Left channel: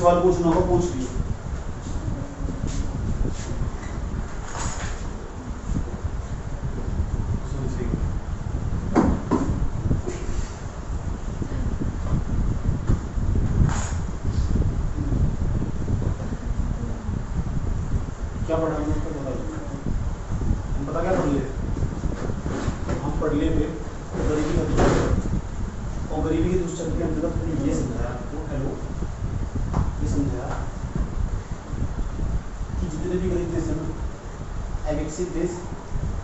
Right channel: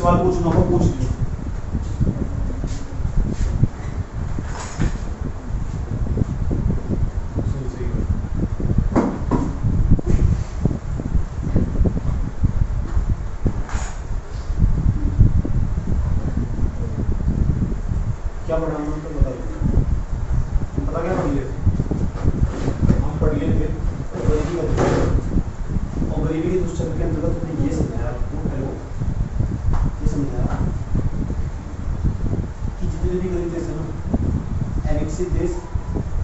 सवाल पूछना होगा पूछ लीजिए। क्या पढ़ा हम तो बताइए, हम पता क्या पढ़ लिए? हम पढ़ लिए थे गरीबी का दुष्चक्र, और गरीबी के दुष्चक्र के अंतर्गत हमने ये समझाया आपको, हेलो ये समझाया कि जितने भी गरीब देश है ना, अविकसित देश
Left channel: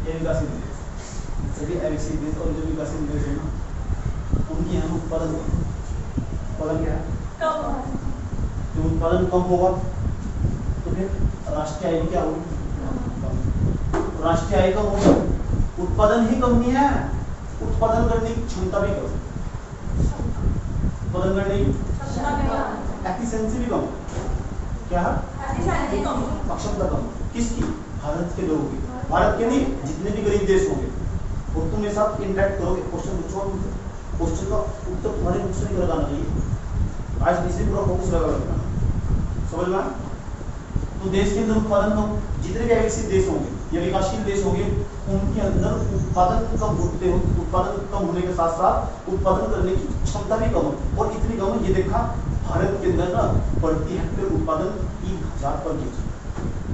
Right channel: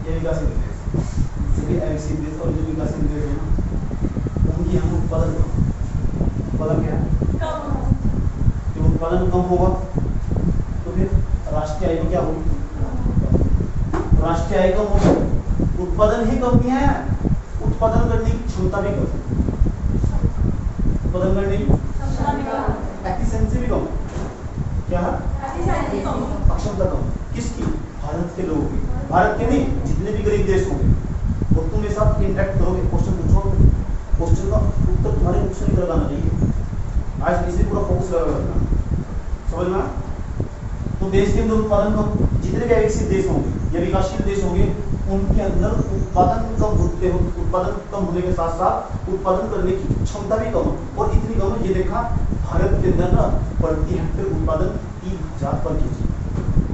या विकासशील देश, सभी अविकसित देश और जो विकासशील देश है ना, उनकी यहाँ उत्पादन क्या है? जब उत्पादन कम होगा तो फिर राष्ट्रीय आय क्या होगी? राष्ट्रीय आय कम होगी, उत्पादन ही कम नहीं है, उत्पादन करने की क्षमता भी कम, उत्पादन करने की एफिशिएंसी भी कम। क्या है? अक्षमता कम। किसकी? भारत के लोगों की। भारत के नहीं, जितने भी गरीब देश होंगे और तुम मेरे साथ इंटरेक्ट करोगे, क्वेश्चन पूछो, क्वेश्चन का उत्तर तुम्हारे मुख से नहीं लगाना चाहिए, आज इसी पूरा फोकस लगा रखना, समझ में? तो देश के अंदर उत्पादन कम, जितने भी विकसित देश होंगे या विकासशील देश होंगे उनके अंदर उत्पादन कम होते हो, उत्पादन कम होने के साथ साथ उत्पादन करने की क्षमता भी कम, और इतनी कम ये देखा भारत के अंदर ना प्रति हेक्टेयर उत्पादन 3000 पर केजी,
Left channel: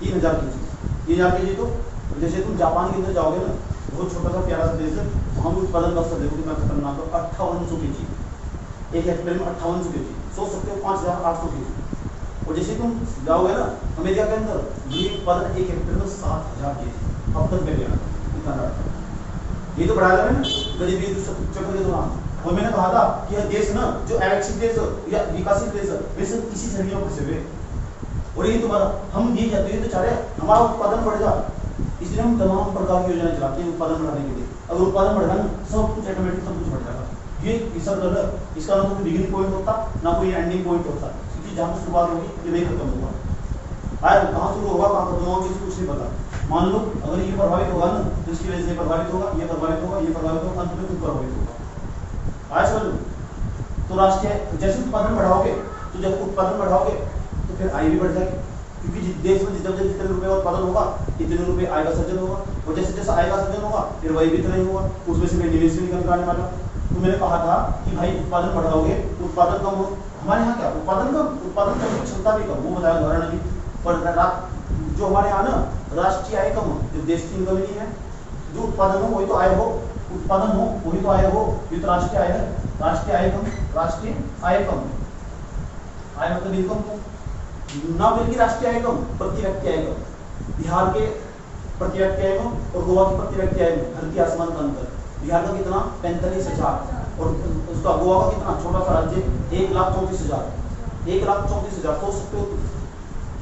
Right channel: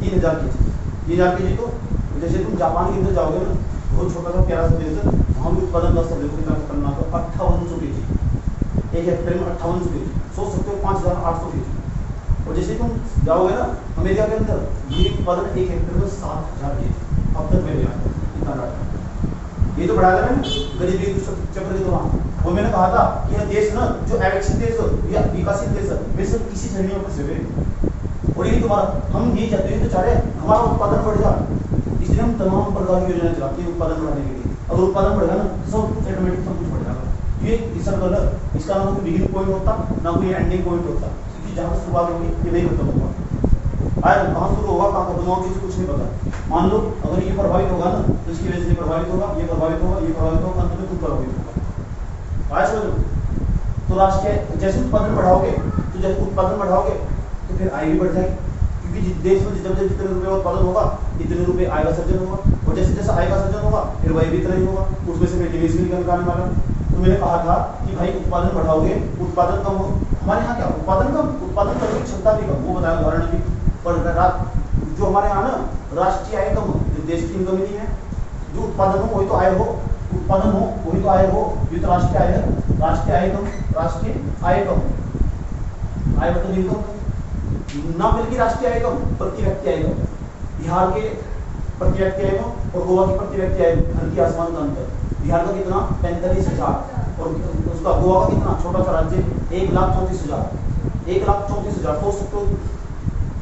3000 केजी, 3000 केजी। तो जैसे तुम जापान के अंदर जाओगे ना, बहुत छोटा सा प्यारा सा देश है, वहाँ भी उत्पादन का स्तर देखो कितना खतरनाक है, 5800 केजी, एक हेक्टेयर में 5800 केजी, सोच सकते हो 5800 केजी। और जैसे तुम जाओगे ना अमेरिका के अंदर, ये उत्पादन एक हेक्टेयर में 7000 केजी अब तक में गया, इतना ज्यादा। ये तो बढ़ा रहे हैं ना गरीबी चक्र के दौरान। और मैंने कहा था कि यह देश ना जो अविकसित देश या विकासित देश है वे सब इसी श्रेणियों में फंसे हुए, और ये तुम्हारा हम ये चाहते हैं तो चाह रहे हैं हमारा उत्पादन बढ़ जाए, इसलिए हम तमाम प्रकार की योजनाएं चलाते हैं उत्पादन बढ़ाने के लिए। अगर उत्पादन बढ़ेगा ना सब कुछ ऑटोमेटिक सब कुछ बढ़ जाएगा। ये सर्कल है, इसका ना कोई बिगिनिंग पॉइंट होता ना कोई एंडिंग पॉइंट होता, क्योंकि जहाँ शुरुआत होगी ये नहीं खत्म होगा, आए कहाँ शुरू होगा कहाँ खत्म होगा किसी कुछ नहीं पता। मान लो अगर ये प्रभावित होगा ना तो इसकी वजह से ये प्रभावित होगा, ये प्रभावित होगा, ये प्रभावित होगा, अंत में खुद प्रभावित होगा। आए समझ लो। तो राष्ट्रीय जैसे उत्पादन बढ़ाओगे तो जब उत्पादन बढ़ाओगे तो फिर आय भी बढ़ जाएगी, क्योंकि देश में जब जब जितने रुपए उत्पादन होगा इतने रुपए आय का सर्जन होगा, और जैसे जैसे आय का सर्जन होगा फिर वही भी इतना ही होगा, उसमें से फिर निवेश भी निकल आने वाला। तो मैंने कहा था कि भाई उत्पादन बढ़ाओगे उत्पादन कम हो, हमारे यहाँ क्या उत्पादन कम, उत्पादन करने की क्षमता भी कम, वो बताया उदाहरण जी। पर जो हमारे यहाँ ना राष्ट्रीय आय कम हो, जो देश की इनकम नहीं है, जो उत्पादन हो वही तो आय हो, उत्पादन हो वही तो आय हो, ये तो राष्ट्रीय आय है। राष्ट्रीय आय कम, राष्ट्रीय आय कम, आय मतलब इनकम ना, बल्कि राष्ट्रीय आय कम, प्रति व्यक्ति आय कम। बिहार के प्रति व्यक्ति आय कम और गोवा की प्रति व्यक्ति आय धरती आसमान का अंतर। बिहार का कितना 45,000 और उसका गोवा का कितना छोटा सा राज्य 1,34,000, 1,34,000। सोच सकते हो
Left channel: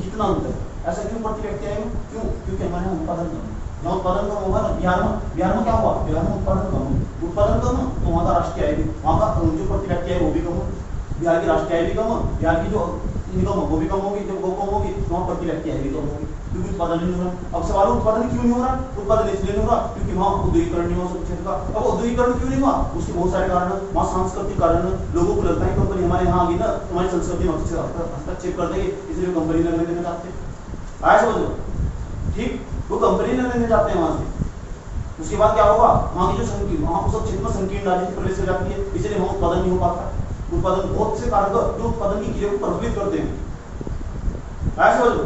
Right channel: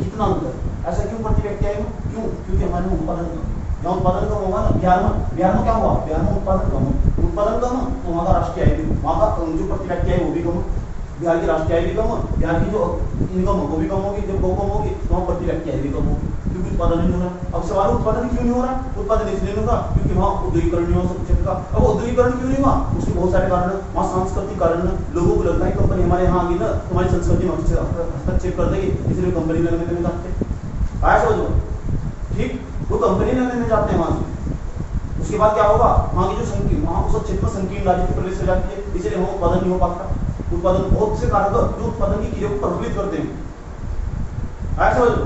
कितना अंतर। ऐसा क्यों प्रति व्यक्ति आय क्यों? क्योंकि हमारे यहाँ उत्पादन कम, जहाँ उत्पादन कम होगा ना, बिहार में क्या हुआ, बिहार में उत्पादन कम हो, उत्पादन कम हो तो वहाँ का राष्ट्रीय आय भी, वहाँ का जो प्रति व्यक्ति आय वो भी कम हो, बिहार की राष्ट्रीय आय भी कम हो, बिहार की जो इनकम हो वो भी कम होगी, जब वो कम होगी तो वहाँ प्रति व्यक्ति आय भी कम होगी, क्योंकि उत्पादन नहीं हो रहा। अब सवाल उत्पादन क्यों नहीं हो रहा? उत्पादन इसलिए नहीं हो रहा क्योंकि वहाँ उद्योगीकरण नहीं हो क्षेत्र का। अब उद्योगीकरण क्यों नहीं हुआ? उसके बहुत सारे कारण है, वहाँ सांस्कृतिक कारण है। लोगों को लगता है कंपनी हमारे यहाँ आ गई ना हमारी संस्कृति में हस्तक्षेप कर देगी, इसलिए कंपनी लगने के लिए चाहते हैं। आया समझो, ठीक, वो कंपनी लगने जाते हैं वहाँ से। उसके बाद क्या होगा, वहाँ की जो संकीर्ण, वहाँ उस क्षेत्र में संकीर्ण राजनीति प्रवेश हो जाती है, इसलिए वहाँ उत्पादन नहीं हो पाता। उत्पादन बहुत से कारक जो उत्पादन की क्रिया को प्रभावित करते हैं। आया समझो,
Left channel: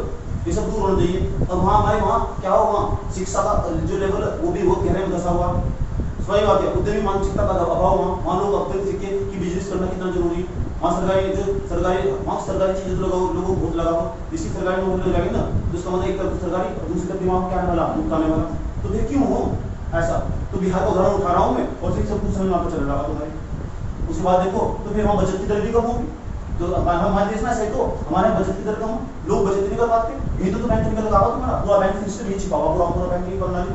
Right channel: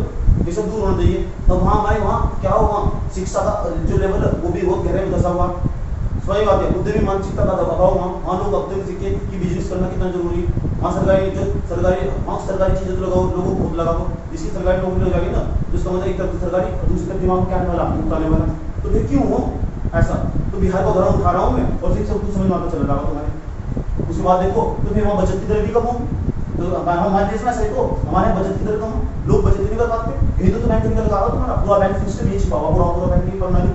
ये सब दूर होना चाहिए। अब वहाँ हमारे वहाँ क्या होगा, शिक्षा का जो लेवल है वो भी बहुत गहरे में धसा हुआ। सही बात है, उद्यमी मानसिकता का अभाव, वहाँ लोग अब तक सीखे कि बिजनेस करना कितना जरूरी। वहाँ सरकारी चीजें लगाओ, लोगों को बहुत लगाओ, जिसकी सरकारी नौकरी हो जाएगी ना तो उसका मतलब एक तरफ सरकारी और दूसरी तरफ दिमाग में क्या आने वाला, मुक्त आने वाला। तो फिर क्यों हो ऐसा? तो बिहार का उदाहरण उठा रहा हूँ मैं और फिर सब कुछ समझ में आता चल रहा है तुम्हारे। उसके बाद देखो तो फिर वहाँ बचत की दर भी कम होगी। तो हमारे देश में ऐसा है, तो हमारे बचत की दर कम हो, लोग बचत नहीं कर पाते। यही तो बैंक निकल का तुम्हारा पूरा बैंक फिर से नहीं छिपा हुआ, पूरा बैंकिंग प्रणाली।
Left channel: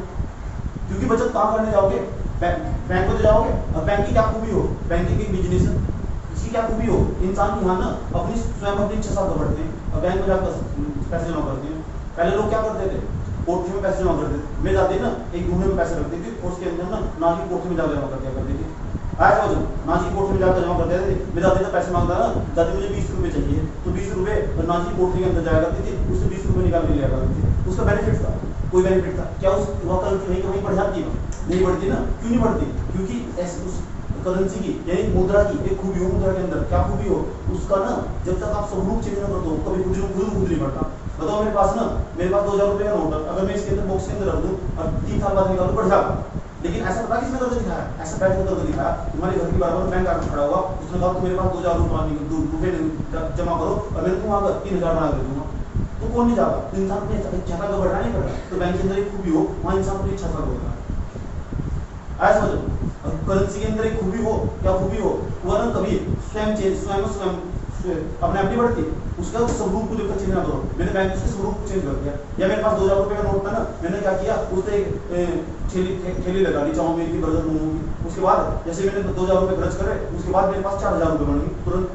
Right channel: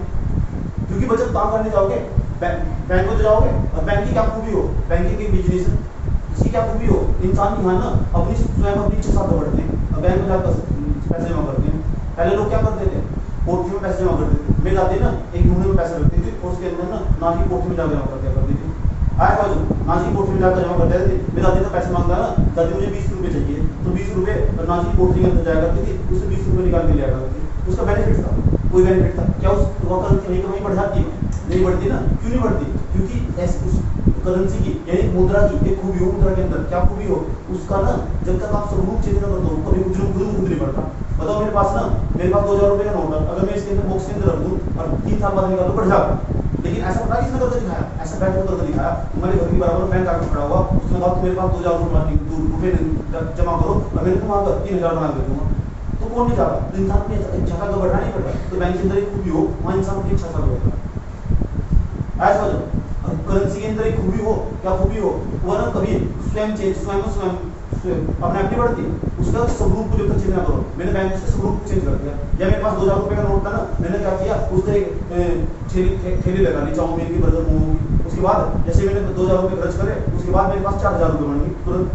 क्योंकि बचत काम करने जाओगे बैंक में तो जाओगे, और बैंक की क्या खूबी हो, बैंकिंग एक बिजनेस है, इसकी क्या खूबी हो, इंसान की यहाँ ना अपनी स्वयं अपनी इच्छा साथ बढ़ते हैं और बैंक में जाकर पैसे जमा करते हैं। पहले लोग क्या करते थे, पोर्टफोलियो में पैसे जमा करते थे, मैं जाते ना एक ढूंढे में पैसे रखते थे और उसके अंदर ना की पोर्टफोलियो में जाकर जमा क्या करती थी। आया समझो, नाजी पोर्टरी में जाकर जमा करते थे। मेरे दादी का पैसे मांगता ना, दादी मुझे 20 रुपए चाहिए, तो 20 रुपए नाजी पोर्टरी के अंदर जाया करती थी, उससे 20 रुपए निकाल के ले आया करती थी। उसका बेनिफिट था, कोई बेनिफिट था क्या? उस करेंसी वहीं वहीं बढ़ जाती है? नहीं बढ़ती ना। क्यों नहीं बढ़ती? क्योंकि उस करेंसी की यानी मुद्रा की एक खूबी हो, मुद्रा के अंदर क्या खूबी हो, उसका ना जब तक आप स्वरूप चेंज ना कर दो कभी खुद नहीं बढ़ता। बताओ मेरे पास 2000 रुपए का नोट है, अगर मैं इसके अंदर बॉक्स के अंदर रख दूं और 3 साल बाद निकालूं बढ़ जाएगा। लेकिन ऐसा पता किसने करके दिखाया? ऐसा बैंक करके दिखाया, तुम्हारे घर के बराबर बैंक आकर खड़ा होगा, उसने कहा मेरे पास 2000 रुपए जमा करो और मेरे को वहां 3000 बना के दूंगा। तो कौन नहीं चाहता? तो इंसान की इच्छा का बढ़ा नहीं पड़ रहा। तो बैंक के अंदर एक खूबी हो, वहां इंसान की इच्छा का बढ़ेगा। ऐसा समझो, करेंसी के अंदर एक खूबी हो, क्या खूबी हो, वरना कभी स्वयं अपने आप नहीं बढ़ती, उसका स्वरूप को जब तक चेंज ना करो। मैंने बैंक से स्वरूप चेंज कर दिया। या मेरे पास 2000 रुपए का नोट था ना, मैंने क्या किया, उससे एक थैली लगा ली चाउमीन की, बर्गर, मोमो की। उसके बाद जैसे मैंने 2000 रुपए खर्च करे, उसके बाद मेरे पास 4000 रुपए बन गए तुरंत।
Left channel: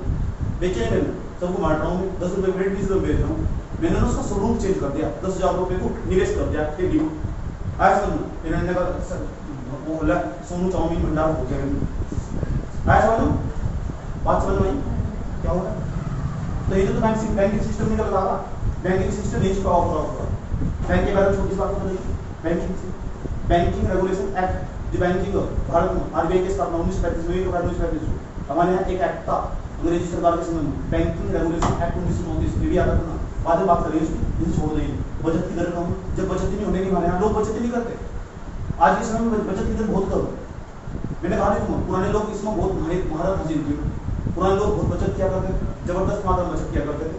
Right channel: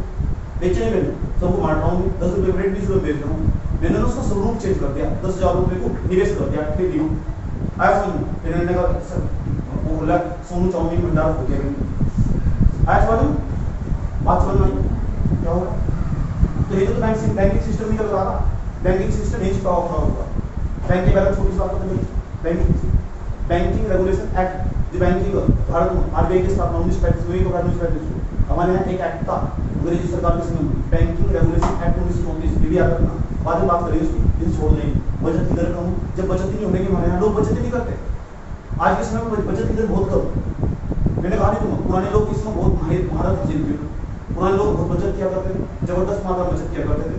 बेचे नहीं मैंने, सबको बांट रहा हूँ, 10 रुपए प्लेट 20 रुपए बेच रहा हूँ। मैंने उसका स्वरूप चेंज कर दिया, 10,000 रुपए को निवेश कर दिया खेती में। आया समझ में? मैंने कहा वो बोला सोनू चाउमीन भंडार हो गया। आया समझ में? बात समझ में आई क्या होगा? तो ये तो बैंकिंग सिस्टम निकल रहा था। बैंकिंग सिस्टम नहीं छुपा होगा। बैंक के बारे में छोटी सी बात नहीं, बैंकिंग रेगुलेशन एक्ट, जो बैंकिंग भारत में आरबीआई की स्थापना 1935 में, 1935 हमारे यहाँ एक एक्ट था अंग्रेजी सरकार के समय में, बैंकिंग रेगुलेशन एक्ट 1929 भी याद रखना। बाद में बात करेंगे उसकी, छोड़ देंगे। बचत की दर कम, जब बचत ही नहीं होने की हमारे यहाँ लोग बचत ही नहीं करते। आज के समय में बचत की दर बहुत कम। मैंने कहा नहीं, पुराने लोग इसमें बहुत महारत हासिल की। पुराने लोग बहुत बचत किया करते थे, जबरदस्त मात्रा बचत किया करते थे,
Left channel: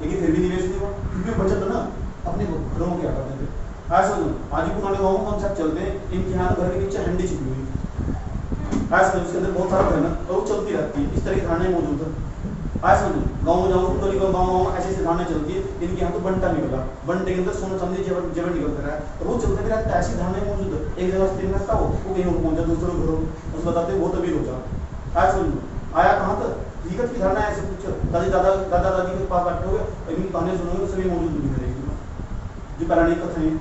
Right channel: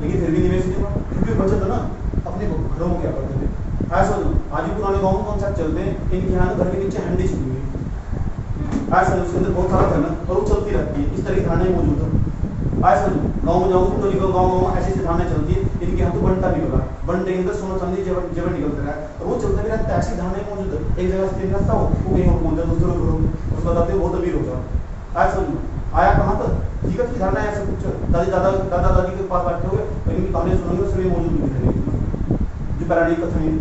लेकिन फिर भी निवेश नहीं हुआ, क्योंकि बचत ना अपने घरों में किया करते थे। ऐसा आज भी पुराने गाँव में कॉन्सेप्ट चलते हैं, इनके यहाँ घर के नीचे हंडी छिपी हुई, ऐसा उसके अंदर बहुत सारा धन और वो चलती रहती है। इस तरह की धारणाएं मौजूद है। ऐसा गाँव में जाओ तो गाँव ऐसी ऐसी धारणाएं चलती है। इनके यहाँ तो बंटा निकला, बंटे के अंदर सोना चांदी जेवर निकलते रहा, और वो चलते भी रहता है। ऐसी धारणाएं मौजूद है, एक जगह स्थिर रहता हो, वो कहीं और पहुंच जाए, दूसरे घरों में उस बताते हैं बहुत अमीर हो जाओ। ऐसा आया कहाँ तक? हकीकत की धारणा ऐसे कुछ दादा दादी के पास बैठे हुए, लेकिन कहानी सुनोगे तो सभी मौजूद नहीं करेंगे जो पौराणिक कथन है।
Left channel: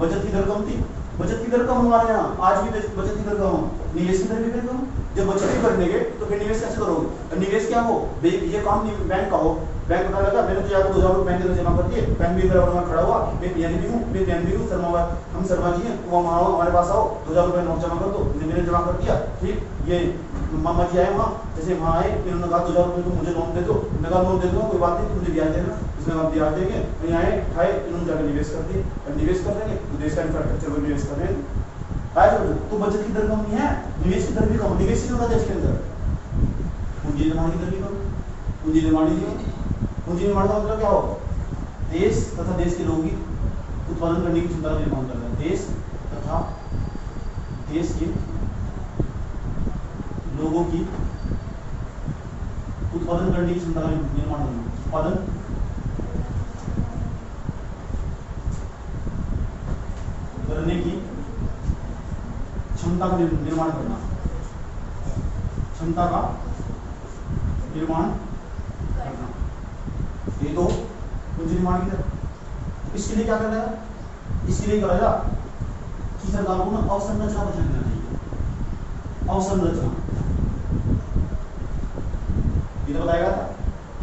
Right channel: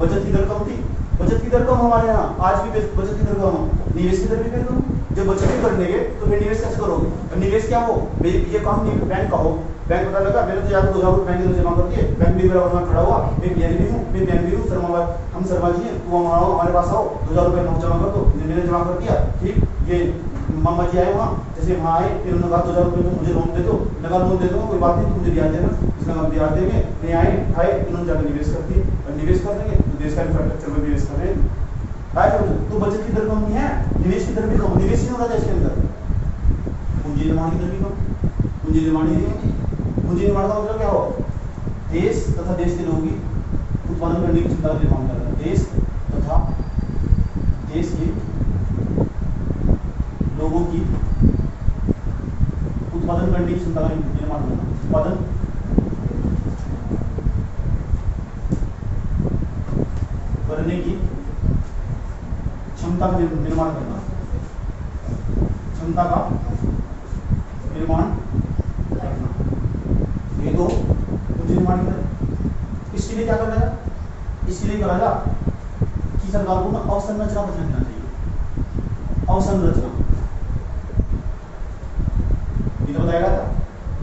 बचत की दर कम थी, बचत की दर कम हमारे यहाँ, आज भी बचत की दर कम, निवेश की दर भी कम। जब बचत ही करने तो फिर निवेश कैसे करोगे? निवेश क्या हो, ये काम नहीं बैंक का हो। बैंक पता लगा मैंने तो जाकर 2000 रुपए बैंक के अंदर जमा कर दिए, बैंक भी मेरा बना खड़ा हुआ, मैं पीएन भी हूँ, हम शर्मा जी हैं, वो हमारे पास आओ, 2000 रुपए नोट जमा कर दो। मैंने जमा कर दिया, ठीक। ये मामा जी आए वहाँ, जैसे वहाँ आए, इन्होंने कहा 2000 रुपए को मुझे लोन दे दो। लगा लोन दे दो, कोई बात नहीं, तो मुझे ब्याज देना। इसमें आप ब्याज देंगे, नहीं आए खाए, इन्होंने जाकर निवेश कर दिए। निवेश कर देंगे तो देश का इंफ्रास्ट्रक्चर में निवेश कर देंगे। तो बचत की दर कम नहीं है, निवेश की दर भी कम। निवेश ही होगा देश के अंदर, पूंजी निर्माण की दर भी कम। पूंजी निर्माण का मतलब क्या हो? देश तथा देश के लोगों की उत्पादन करने की क्षमता का निर्माण करना। देश तथा देश के लोगों की उत्पादन करने की क्षमता का निर्माण करना। उत्पादन करने की क्षमता का निर्माण करना, क्षमता का निर्माण करना, ये तो पूंजी निर्माण की तरह। इसके लिए क्या करना है? इसके लिए करा जा कि सरकार को ना अवसंरचना पर ध्यान देना चाहिए। अवसंरचना ये तो बताएगा था,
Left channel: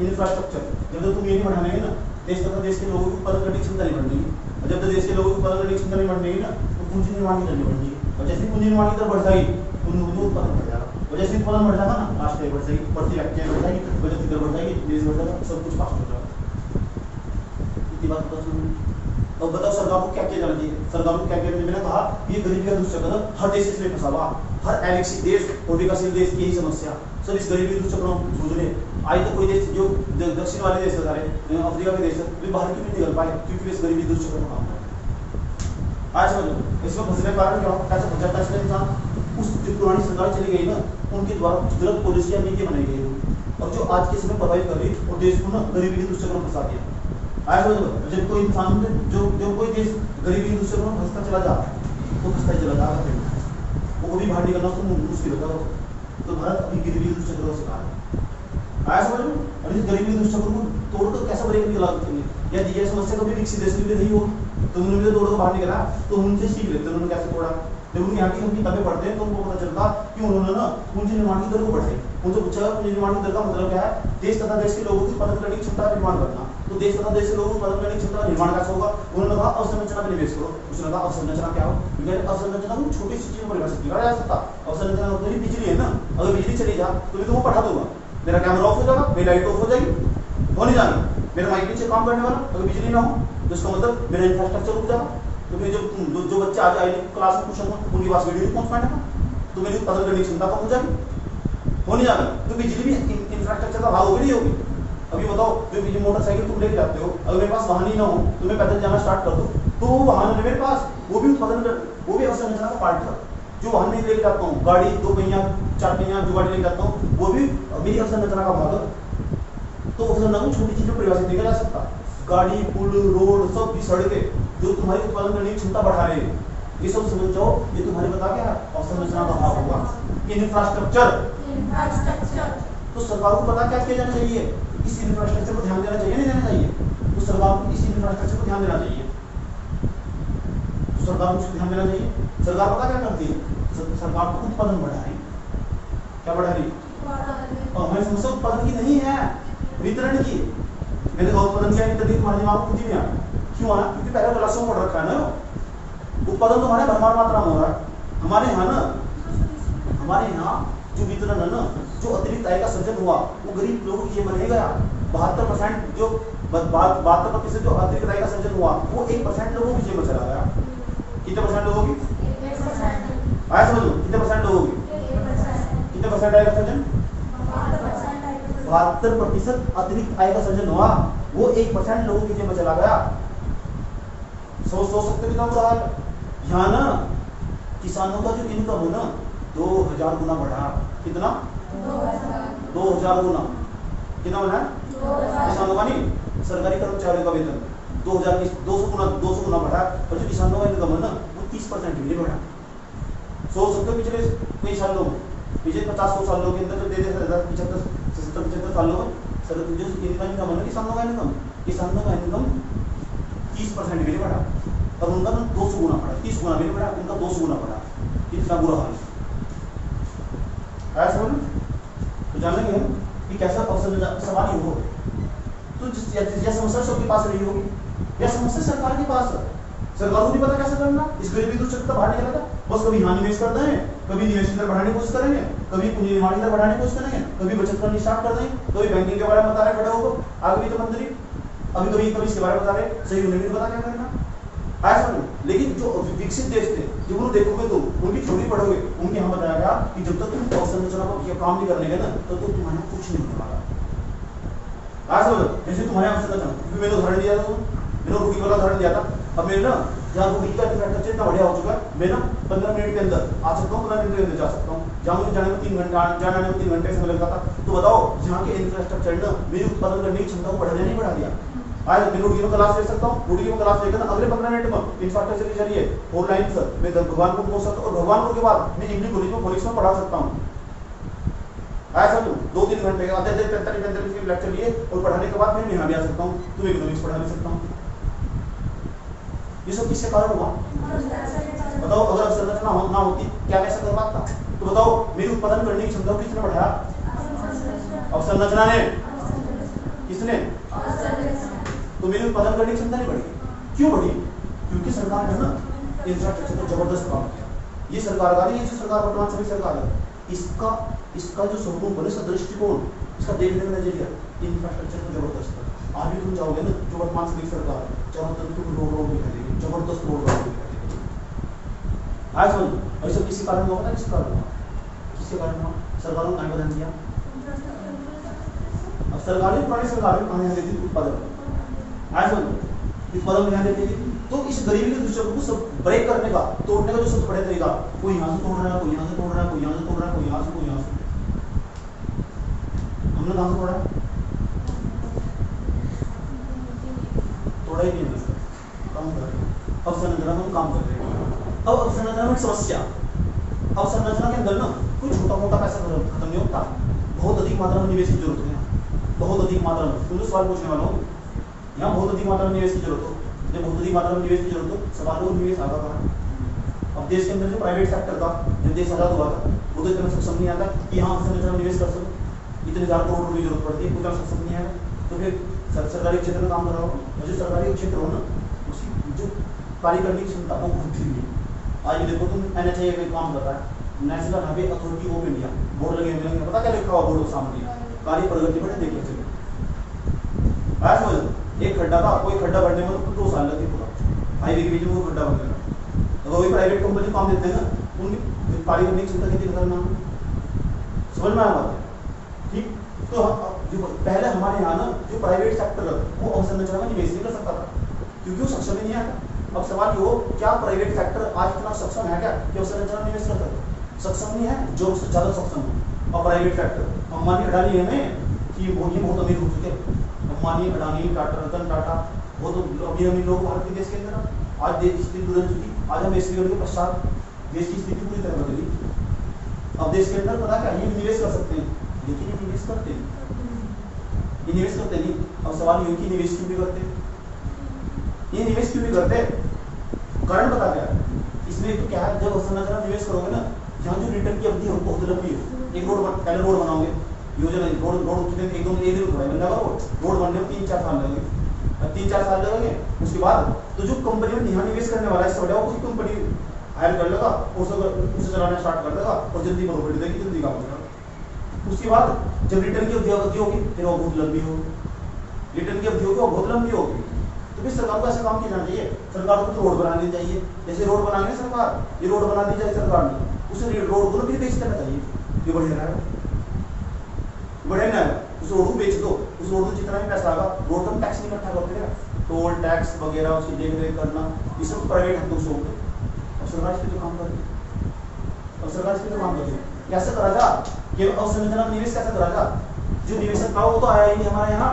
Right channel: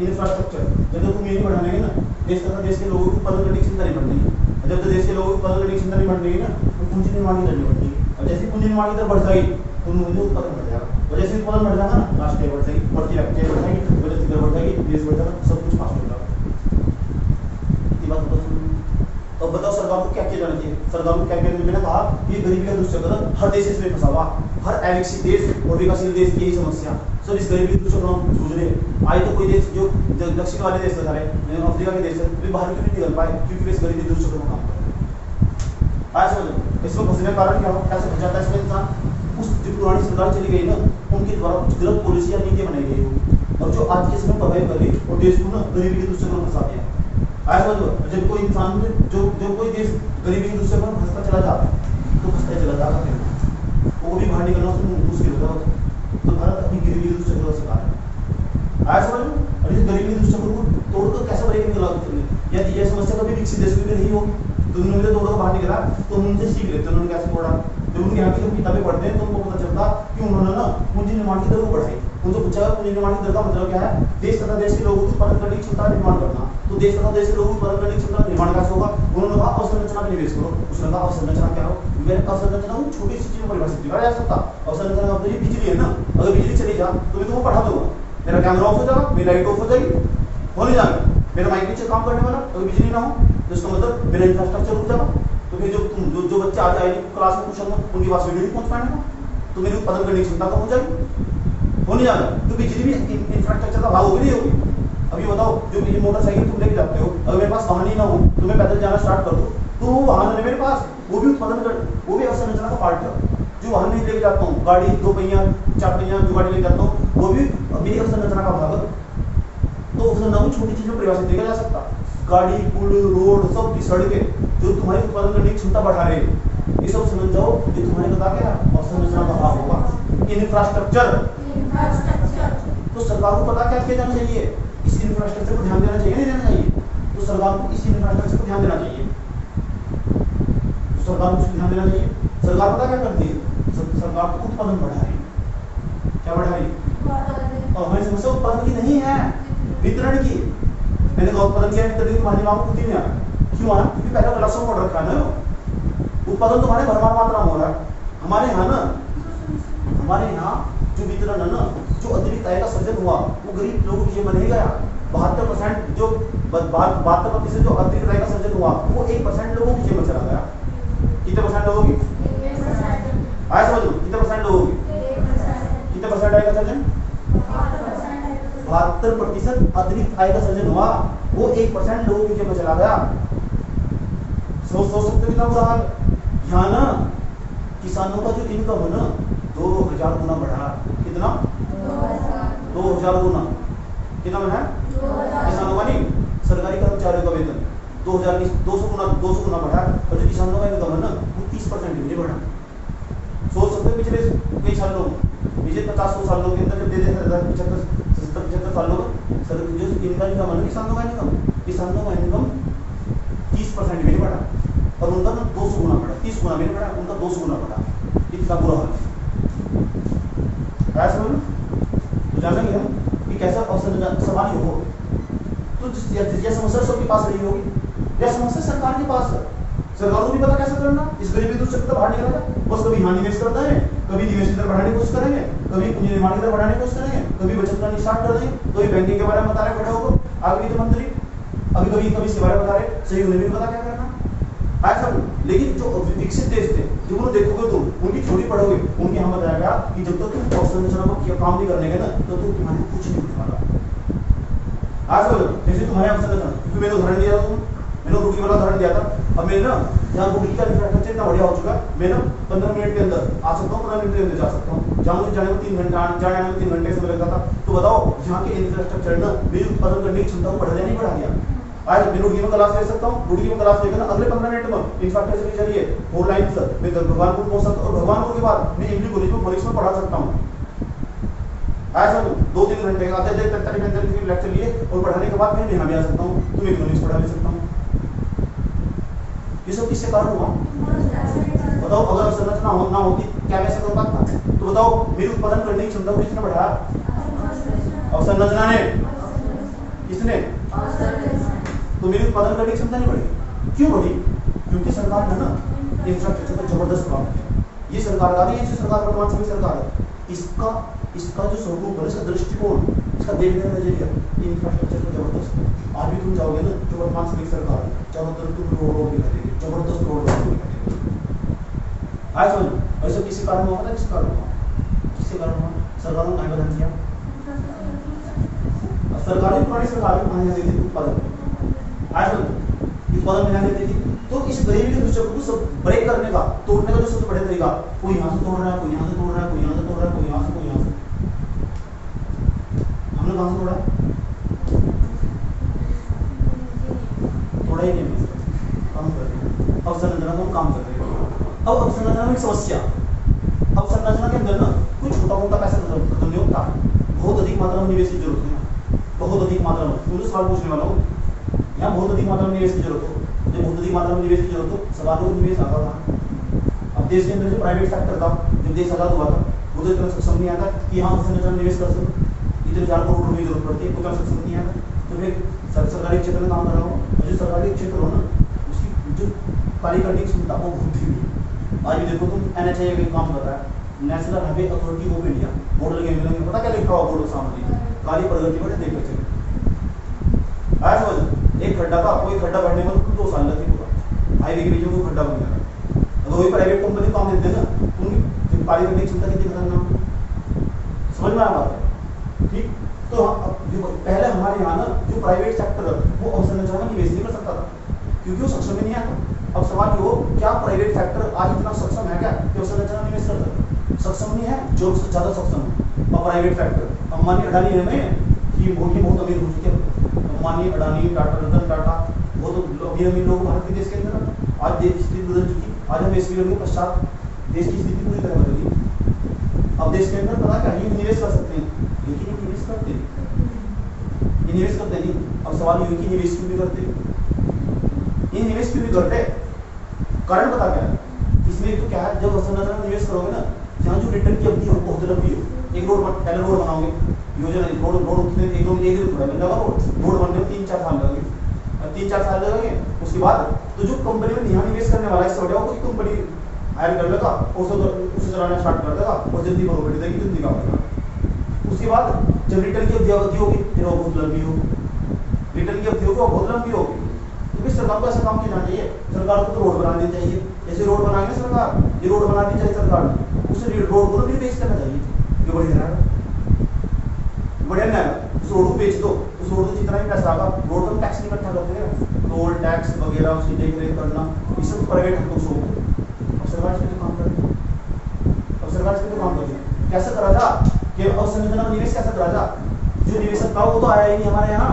इंफ्रास्ट्रक्चर। जब तक तुम ये नहीं बढ़ाने ना, देश तथा देश के लोगों की उत्पादन करने की क्षमता नहीं बढ़ेगी, और जब तक देश के लोगों की उत्पादन करने की क्षमता नहीं बढ़ेगी ना, तो पूंजी निर्माण की दर नहीं बढ़ेगी। और जैसे पूंजी निर्माण की दर बढ़ जाएगी तो उनमें उत्पादन बढ़ जाएगा, और जैसे उत्पादन बढ़ जाएगा ना, राष्ट्रीय बढ़ जाएगी, बढ़ती जाएगी, बचत की दर बढ़ जाएगी, देश बढ़ जाएगा, सब कुछ पास हो जाएगा। इतनी बात बता सुन। तो बताओ सरकार को क्या किया जाना चाहिए? सरकार को क्या किया? मैंने कहा ये गरीबी का दुष्चक्र हर देश इसमें फंसा हुआ, हर विकसित देश और विकासशील देश की यही समस्या, सब इस गरीबी के दुष्चक्र में जूझ रहे। आज तो कोई देश जो दक्षिण वाले देश सारे अफ्रीका के देश वे बाहर क्यों नहीं निकल पाए? क्योंकि वे इस गरीबी के दुष्चक्र में काम कर रहे। आज समझो इसमें फंसने का कारण क्या हो? ऐसा फंस जाता है इसमें इंसान। उस जो पुरानी सरकार चली गई ना, उनके द्वारा कुछ गलत पॉलिसियां नीतियां बनाई गई होगी, और जो आज के समय प्रभावित कर रही और देश को ना गरीबी के दुष्चक्र में फंसा दिया। आज जब कोई इंसान जो कोई देश गरीबी के दुष्चक्र में फंसता चला जाता है तो फंसता चला जाता, वो भी बाहर निकलना उसको मुश्किल होता है। तो भारत अपनी गरीबी के दुष्चक्र का शिकार है। आया समझ लो? और इस गरीबी के दुष्चक्र को तोड़कर कैसे बड़े निकला? यदि यह समस्या कभी विकसित देश में नहीं होगी तो उन्होंने तोड़कर बाहर निकला, तो उनसे सीख लेते उन्होंने कैसे तोड़ा। जब उनके यहाँ की हम किताबें पढ़ते हैं तो उनको पता चलता कि उन्होंने ना पूंजी निर्माण की दर को बढ़ाई। उनसे पूछा गया पूंजी निर्माण की दर का मतलब क्या है? देश तथा देश के लोगों की उत्पादन करने की क्षमता का निर्माण करना। तो देश तथा देश के लोगों की उत्पादन करने की क्षमता का निर्माण कैसे होगा? उन्होंने कहा अवसंरचना में निवेश करो। उसने कहा अवसंरचना क्या हो? अवसंरचना को छोटी सी चीज में परिभाषित किया जा सकता। अवसंरचना मतलब ये बिजली है ना, अगर बिजली चली जा तो मैं तुमको पढ़ा दूंगा, मेरा कैमरा ऑफ हो जाएगा, मेरी लाइट ऑफ हो जाएगी, हो नहीं जाएगी, मेरा माइक नीचे काम करने वाला, अगर बिजली ना हो तो इसका मतलब मेरा इंफ्रास्ट्रक्चर रुक जाएगा। तो फिर जो बच्चे आज आएंगे क्लास में पूछेंगे उनके पास वीडियो नहीं पहुंच पाएगा, तो मेरी उत्पादन करने की क्षमता कम हो जाएगी, हो नहीं जाएगा। तो बिजली भी इंफ्रास्ट्रक्चर का भाग होगी नहीं होगी? अभी बताओ, जो बिजली मोटरसाइकिल तुम लेके जाते हो, अगर मेरे पास वाहन ही ना हो तो मैं पैदल जाना स्टार्ट कर दूं तो वो वाहन है मेरे पास, वो भी उत्पादन कर, वो भी अवसंरचना का पार्ट है। जो वाहन नहीं लेके जाता हूँ, गाड़ी 2 पहिया 4 पहिया जो गाड़ी लेके जाता हूँ, वो भी मेरी अवसंरचना का भाग है। तो अवसंरचना को छोटी चीजों में परिभाषित किया जा सकता। गाड़ी, पुल, रोड, सब की सड़कें जो तुम्हारी उत्पादन करने की क्षमता बढ़ा रहे हैं, ये सब समझ जाओ, ये तुम्हारे बता क्या अवसंरचना का भाग होगा। इंफ्रास्ट्रक्चर, तो सरकार को पता क्या किया जाना चाहिए? इस इंफ्रास्ट्रक्चर को ध्यान देना चाहिए, नहीं देना चाहिए? तो सरकार को इस इंफ्रास्ट्रक्चर को ध्यान देना चाहिए, तो सरकार को ध्यान देना चाहिए। सरकार पता क्या करती है? सरकार को उत्पादन बढ़ा रही, क्या बढ़ा रही? और हमारी समस्या उत्पादन की नहीं है, वितरण की। मैंने कहा उत्पादन क्या है, तभी तुम्हारे दिमाग में बुद्धि में आया। क्यों आना? क्योंकि पहले क्लासों में पढ़ रखा है ना, उत्पादन तुम्हारे भरमार मात्रा में हो रहा है। हमारे यहाँ ना, हमारे यहाँ जो वितरण है ना, जो अतिरिक्त आय का सृजन हुआ वो गरीब लोगों की जेब में नहीं गया। 72% जो 72% जो अतिरिक्त आय का सृजन हुआ वो 1% लोगों की जेब में चला गया। कितने परसेंट लोगों की? आया समझो, कितने परसेंट लोगों की? कितने परसेंट आय का सृजन? 72% अतिरिक्त आय का सृजन हुआ, वो 1% लोगों की जेब में चला गया। सोच सकते हो कितना बुरा हाल। यहाँ ना किसानों का जो इनकम है ना 2000 गुना बढ़ा। कितना? 2000 गुना। कितना बढ़ा? किसानों का नहीं, सरकारी कर्मचारियों का वेतन 200 गुना बढ़ा। और जो किसानों का इनकम है ना वो 30% भी नहीं बढ़ा। सोच सकते हो पिछले कई सालों में, पिछले 50 सालों के अंदर जब दे 75 सालों में सर जो इनका इनकम है ना, किसानों का इनकम 30% भी नहीं बढ़ा। और उनका ना 200 गुना बढ़ा, 30 गुना भी नहीं बढ़ा, उनका 200 गुना बढ़ा। कितना बुरा हाल है समझ। तो जानेंगे हम कि कैसा सवाल ही हो। तो यह समस्या सबके पास रही होगी, यह समस्या सरकार के पास है। सरकार को नहीं पता कैसे करना, इस गरीबी दूर चक्कर बाहर निकलेगा। बस कभी यहाँ निवेश करते हैं, कभी निवेश की दर बढ़ाने की कोशिश करेंगे, कभी पूंजी निर्माण की दर बढ़ाने की कोशिश करेंगे, कभी बचत करनी स्टार्ट कर देंगे, कभी बैंकिंग के बारे में बता रहे खड़े होकर आगे वित्त मंत्री, कभी इसके बारे में बता रहे, सही उन्हें भी नहीं पता क्या करना। ऐसा नहीं। लेकिन जो विकसित देश थे, जो उन्हें देखोगे तुम, उनकी थ्योरी पढ़ोगे, उनके यहाँ बताया गया कि जब तक तुम अवसंरचना को काम नहीं करने गए ना तो तुम्हारे कुछ नहीं होगा। ऐसा हो जैसे तुम्हारे अवसंरचना, क्योंकि मैंने उदाहरण दिया था, मैंने रुकी वाला उदाहरण दिया था। अब मैं ना यहाँ रुकी का इंफ्रास्ट्रक्चर इतना बढ़िया हो चुका है, मैं ना 15 मिनट के अंदर आ सकता हूँ, 15 मिनट के अंदर जा सकता हूँ। जहाँ मुझे जाने में 3 घंटा, जाने में 3 घंटे समय लगता था। तो बताओ यहाँ के इंफ्रास्ट्रक्चर ना मेरी उत्पादन करने की क्षमता को बढ़ा नहीं बढ़ा दिया। आज मैं रोटी में क्लास ले सकता हूँ, रोटी में क्लास लेकर ना अगले 15 मिनट में इंफ्रास्ट्रक्चर के जरिए 4 लाइन मैं भगवानपुर पहुंच सकता हूँ, और भगवानपुर के बाद मैं इंग्लिश कॉलेज में फोनिक्स में पढ़ा सकता हूँ। ऐसा 2-3 घंटे आधे 45 लेक्चर लिए और पढ़ाने के बाद मैं यहाँ भी आ सकता हूँ, तुम इकोनॉमिक्स पढ़ा ले सकता हूँ। ये सब किससे कारण हुआ? बताओ, अगर अवसंरचना ना होती क्या मैं ऐसा कर पाता? तो बताओ मेरी उत्पादन करने की क्षमता को किसने बढ़ाया? अवसंरचना ने। किसने? तो मेरी उत्पादन करने की क्षमता नहीं बढ़ी। क्यों बढ़ी? क्योंकि सरकार ने ना इंफ्रास्ट्रक्चर पर जबरदस्त काम किया। ये सरकार का नहीं है, सरकार वर्तमान सभी सरकार है, इसका जो स्वरूप है, इसका दृष्टिकोण, इसका देखने का नजरिया इंफ्रास्ट्रक्चर का जबरदस्त है। आज भी तुम जाओगे ना जो वर्तमान सभी सरकार है, चारों तरफ तुम रोड दिखा देगी, जबरदस्त रोड दिखा देगी। आज समझ ऐसा किसी कारण हुआ ना, किस कारण हुआ? किसके कारण हुआ? सरकारों ने बदल दिया। अब सरकारी पुरानी सरकार में देती थी उत्पादन, आज उत्पादन में ध्यान देती थी। तो इस गरीबी के दृश्य को सब ब्रेक करने का, तोड़ने का जो सबसे बड़ा तरीका, कोई यहाँ से तोड़ रहा है, कोई यहाँ से तोड़ रहा है, कोई यहाँ से तोड़ रहा है, कोई यहाँ से, कोई यहाँ से। हमने कहाँ से तोड़ा? थोड़ा ही नहीं, काम कर रहे हैं। अवसंरचना को काम कर रहे हैं। अब अवसंरचना में समस्या, अवसंरचना के अंदर ना कोई छोटा मोटा पैसा खत्म नहीं होता, बहुत अधिक मात्रा में निवेश की जरूरत है। बहुत अधिक मात्रा में, तुमसे सवाल पूछने वाला हूँ, यहाँ बहुत अधिक मात्रा में निवेश की जरूरत हो। जब बहुत अधिक मात्रा में निवेश की जरूरत हो, सवालों में निवेश आता था। अब अब देश के अंदर जो प्राइवेट सेक्टर था, जब देश आजाद हुआ था, वो तो इतना सक्षम नहीं आता कि यहाँ संरचना में निवेश कर सको, इतने हजार करोड़ रुपए की जरूरत पड़ती है, उतना सक्षम नहीं आएगा। तो फिर सरकारी क्षेत्र में काम कर रहा हो, जो सरकारी क्षेत्र हो ना, उसकी जो कार्य करने की क्षमता वो बहुत धीमी है। आज देखो तुम NHAI का काम कर रहा है, national highway authority of India, board लगे मिलेंगे, पता क्या लिखा हुआ बोर्ड के सामने, कार्य प्रगति पर देख के चलो। आज समझ, एक खड्डा था, कोई खड्डा भरने में तो 2 साल लगे पूरा, हाईवे के बीच में वो खड्डा बन गया। अगर वही प्राइवेट कंपनी काम देते हैं ना, उनकी कार्य करने की क्षमता कितनी खतरनाक, समझ में आया? ठीक। तो जो पहले हमारे यहाँ ना जो प्राइवेट सेक्टर वो अवसंरचना में निवेश नहीं कर सकता था, क्योंकि वो सक्षम ही नहीं आता। अब सवाल ये हो, क्या प्राइवेट सेक्टर आज इतना सक्षम है क्या कि अवसंरचना में निवेश करता है? सक्षम नहीं है, जो ज्यादा सक्षम है। और प्राइवेट सेक्टर, अंबानी अडानी है ना कि वो ही बहुत अमीर हो चुके हैं, अंबानी अडानी टाटा रतन टाटा, वो तो अमीर लोग भारत के देश के अंदर। आज देश की स्थिति बदल चुकी, आज हम इस के पश्चात देश की स्थिति पूरी तरह बदली। अब देश के अंदर पता क्या, ये निवेश कर सकते हैं, लेकिन ये निवेश करते नहीं, ये निवेश करते नहीं। अब सवाल ये कि निवेश क्यों भी करते, ये निवेश क्यों भी करते, कारण पता क्या है इसमें? तो क्या है, जब अवसंरचना निवेश करोगे ना, जहाँ जो रिटर्न की अवधि हो बहुत लंबी हो, एक रोड पहले रोड बनाओगे, योजना रोड कितने एक दो बन जाएगा, रोड बनने में 3-4 साल लगेंगे, 3-4 साल लगेंगे। उसके बाद तो जो कंपनी में यहाँ निवेश करने वाला है, समझाओ कोई कंपनी हायर कर लेगा और उसे चलाना स्टार्ट कर देगा और जल्दी प्रॉफिट देगी, जल्दी काम करेगा। उसके बाद जब रिटर्न की अवधि होगी फिर वो बहुत लंबी होगी, रिटर्न की अवधि होगी वो बहुत लंबी होगी। तो फिर सरकार को ऐसा काम किया जाना चाहिए, सरकार को तो रोड बनानी चाहिए, जैसे रोड बनाएंगे सरकार, ये रोड बना दी चाहिए सरकार ने, उस रोड को फिर बेच करना चाहिए, ये बढ़िया रहेगा, बढ़िया नहीं आएगा। उस रोड को बेच दो, उस रोड को जितना भी पैसा आएगा, रोड पर टैक्स नहीं इकट्ठा करते हैं, टोल टैक्स वगैरह उसकी देख रेख करना, ये सब प्राइवेट हाथों से होंगे। अब सरकार इस पे तो काम करेगी, अब सरकार इस पे तो काम करेगी। कैसे करा जा कि अवसंरचना में निवेश कैसे करा जा? जो निवेशक था वो तो आया ही नहीं हमारे यहाँ,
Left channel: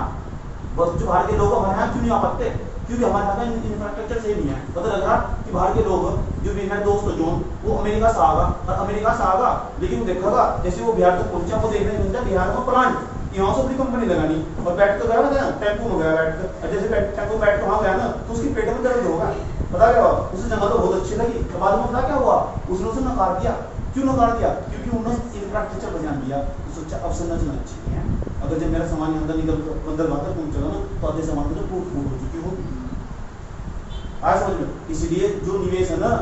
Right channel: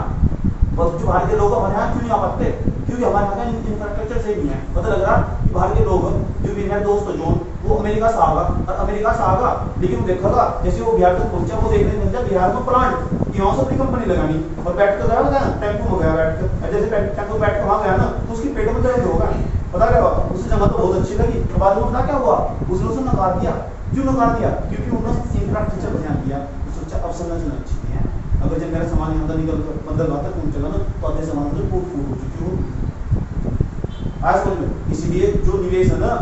बस जो भारतीय लोग हमारे यहाँ क्यों नहीं आ पाते? क्योंकि हमारे यहाँ का इंफ्रास्ट्रक्चर सही नहीं है। पता लग रहा कि भारतीय लोग जो भी मेरे दोस्त जोन वो अमेरिका से आगा, और अमेरिका से आगा, लेकिन वो देखा जैसे वो बिहार तक पहुंचा, वो देखने मिलता बिहार में प्लांट, यहाँ से अपनी कंपनी लगानी, और बैठ कर गया था टेम्पो में गया बैठ कर, जैसे टेम्पो बैठ कर वहाँ गया ना तो उसकी पेट में दर्द होगा। पता क्या हुआ, उसे जगह तो बहुत अच्छी लगी, तो बाद में पता क्या हुआ, उसने उसे नकार दिया। क्यों नकार दिया? क्योंकि उन्होंने इंफ्रास्ट्रक्चर पर ध्यान दिया, सोचा अवसंरचना अच्छी नहीं है, अगर जब मेरा सामान यहाँ निकल अंदर बाहर पहुंचेगा ना तो आधे सामान में फूट हो चुकी होगी। आज समझ में, इसलिए जो निवेश है ना,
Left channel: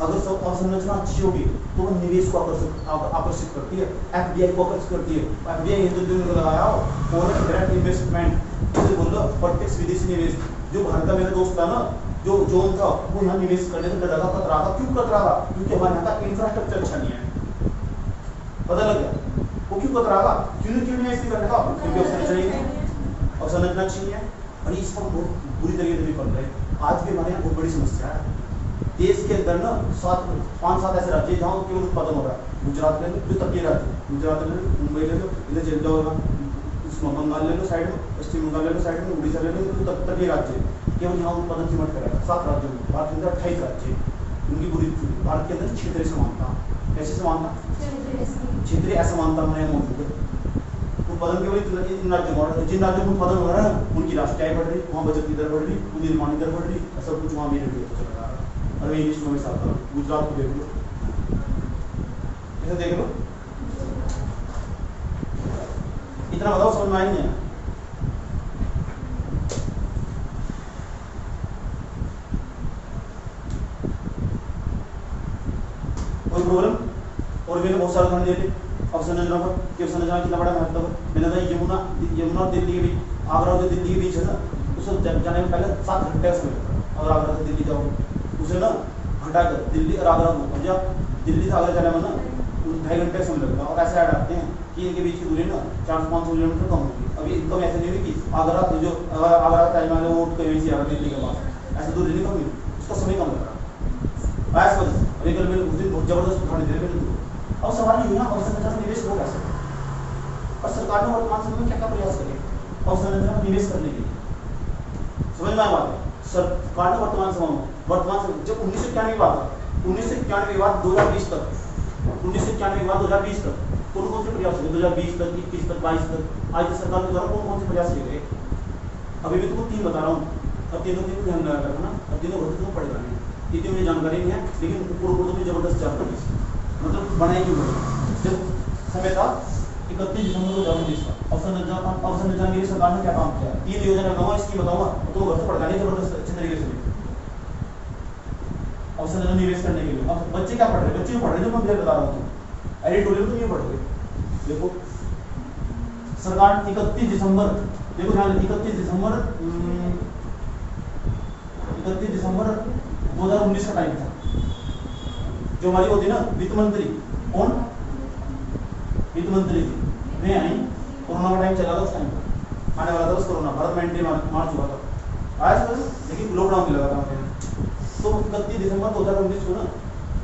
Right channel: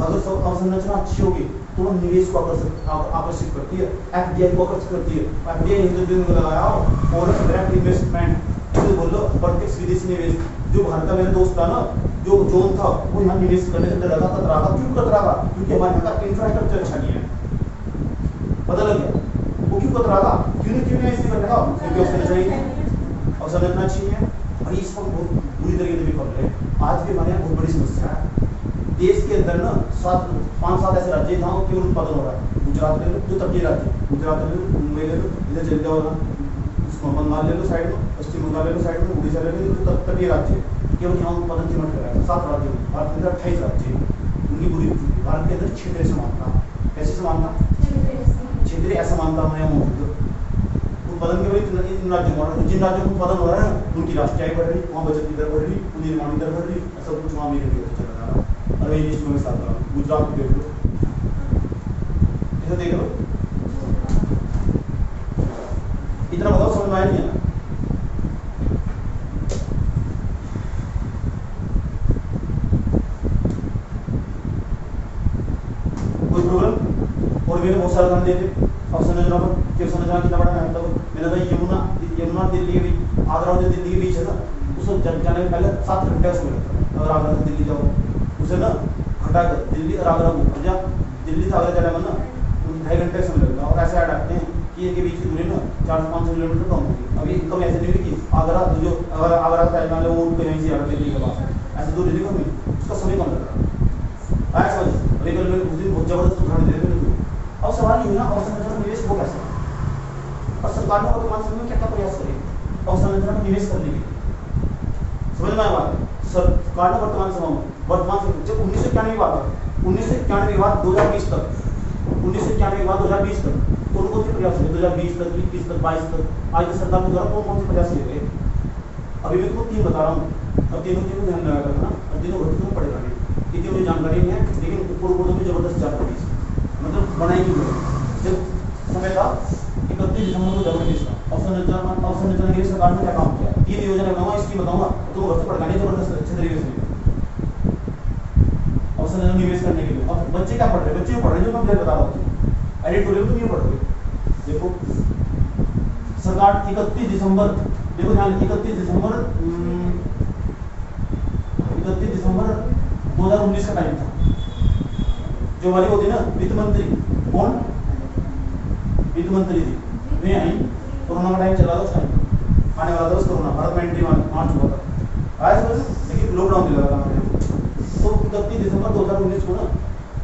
अगर सब अवसंरचना अच्छी होगी तो वो निवेश को आकर्षित करती है, FDI को आकर्षित करती है। FDI हिंदुत्व में लगाया हो, फॉरेन डायरेक्ट इन्वेस्टमेंट, इसे बोल दो प्रत्यक्ष विदेशी निवेश। जो भारत का मेरा दोस्त था ना, जो जोन था, वो यहाँ निवेश करने से डरा था, कतरा था। क्यों कतरा था? क्योंकि हमारे यहाँ का इंफ्रास्ट्रक्चर अच्छा नहीं है। पता लग गया वो क्यों कतरा था, क्यों नहीं इसलिए करने का, क्योंकि अवसंरचना अच्छी नहीं है। और इसको हम बहुत बुरी तरीके से भी कर रहे हैं। आज भी हमारे यहाँ बहुत बड़ी समस्या है। देश के अंदर ना 5-7 ऐसे राज्य जहाँ केवल उत्पादन हो रहा है। गुजरात ले लो, जो तटीय राज्य, गुजरात ले लो, मुंबई ले लो, इधर चले जाओ ना, बंगाल ले लो साइड में, पश्चिम बंगाल ले लो साइड में, उड़ीसा ले लो, जो तटीय राज्य केवल यहाँ उत्पादन की मत करेगा। 7 राज्यों में, भारत के अंदर 28 राज्य, उनकी बुरी भारत के अंदर क्षेत्रीय समानता। कैसी समानता? क्षेत्रीय असमानता हमारे यहाँ मौजूद है। उत्पादन केवल इन राज्यों में, जिन राज्यों में उत्पादन हो रहा है उनकी राष्ट्रीय आय बढ़ रही, वहाँ बचत की दर बढ़ रही, उनकी निर्माण की दर बढ़ रही, सब कुछ वहाँ मेरे चल रहा है। और मैं लिस्ट में साथ रहा हूँ, गुजरात को देख लो, ऐसे देख लो, इतना बताओ समझ में आया नहीं है? कोई प्रॉब्लम? और मैंने बहुत सारा ध्यान देते अवसंरचना पर, कि अवसंरचना कितना बड़ा महत्व है। मैंने कहा यमुना दिल्ली के बीच, आगरा और दिल्ली के बीच है ना, उसको जाने में पहले 7 घंटे का समय लगता है। अगर आगरा से दिल्ली जाओ, उसे ना हटाकर दिल्ली और आगरा को, या दिल्ली से आगरा जाने में ना 2.5 घंटे का समय लगता है। और ऐसे ऐड आते हैं कि इनके बीच की दूरी ना 400-500 किलोमीटर कम होगी। अभी इनकम ऐसे नहीं कि आगरा जो अगर आगरा तय मान लो वो कहीं से आ रहा दिल्ली के पास, ऐसे दूरी नहीं कमी, उसका समय कम लग रहा है। ऐसा अभी कल मैंने उस दिन बहुत जबरदस्त उदाहरण देने के लिए। अब सवाल ये ना, अवसंरचना में निवेश हो कैसे, और सरकार ने वर्तमान समय में क्या क्या प्रयास करे अवसंरचना में निवेश करने के लिए? समझ में आया बात? सरकार ने वर्तमान समय जब 1991 की बात है, 1991 के बाद 2020 तक, 1991 के बाद 2020 तक कौन कौन से प्रयास हुए? 2020 तक, 21 तक, 22 तक आज की सरकार के द्वारा कौन कौन से प्रयास किए गए? अभी मैं तुमको 3 बता रहा हूँ, और तीनों ध्यान लगा करना, और तीनों भर्ती तुम्हें पड़ेगा नहीं। इतनी मुझे जानकारी नहीं है, लेकिन ऊपर ऊपर तो भी जबरदस्त जानकारी है, मतलब बनाई क्यों गई। जब समय था 31 दिसंबर 2019 का, अवसंरचना के लिए सरकार ने क्या काम किया, 3 योजना बताऊंगा, इसकी बताऊंगा तो घर से पढ़ाने जबरदस्त अच्छे तरीके से अवसंरचना निवेश करने के लिए। अब बच्चे क्या पढ़ रहे हैं, बच्चे पढ़ रहे हैं जो मैं बता रहा हूँ, एडिटोरियल तो नहीं पढ़ रहे। देखो सरकार 31 दिसंबर, देखो ध्यान 31 दिसंबर 2019 का टाइम था। जो हमारी होती ना वित्त मंत्री, कौन वित्त मंत्री थी, वे आई, कोरोना का टाइम चला था उस टाइम, आने वाला था उस कोरोना, भारत में एंट्री मार चुका था, आया समझ, लेकिन लॉकडाउन भी लगा था हमारे यहाँ। तो 31 दिसंबर 2019 को ना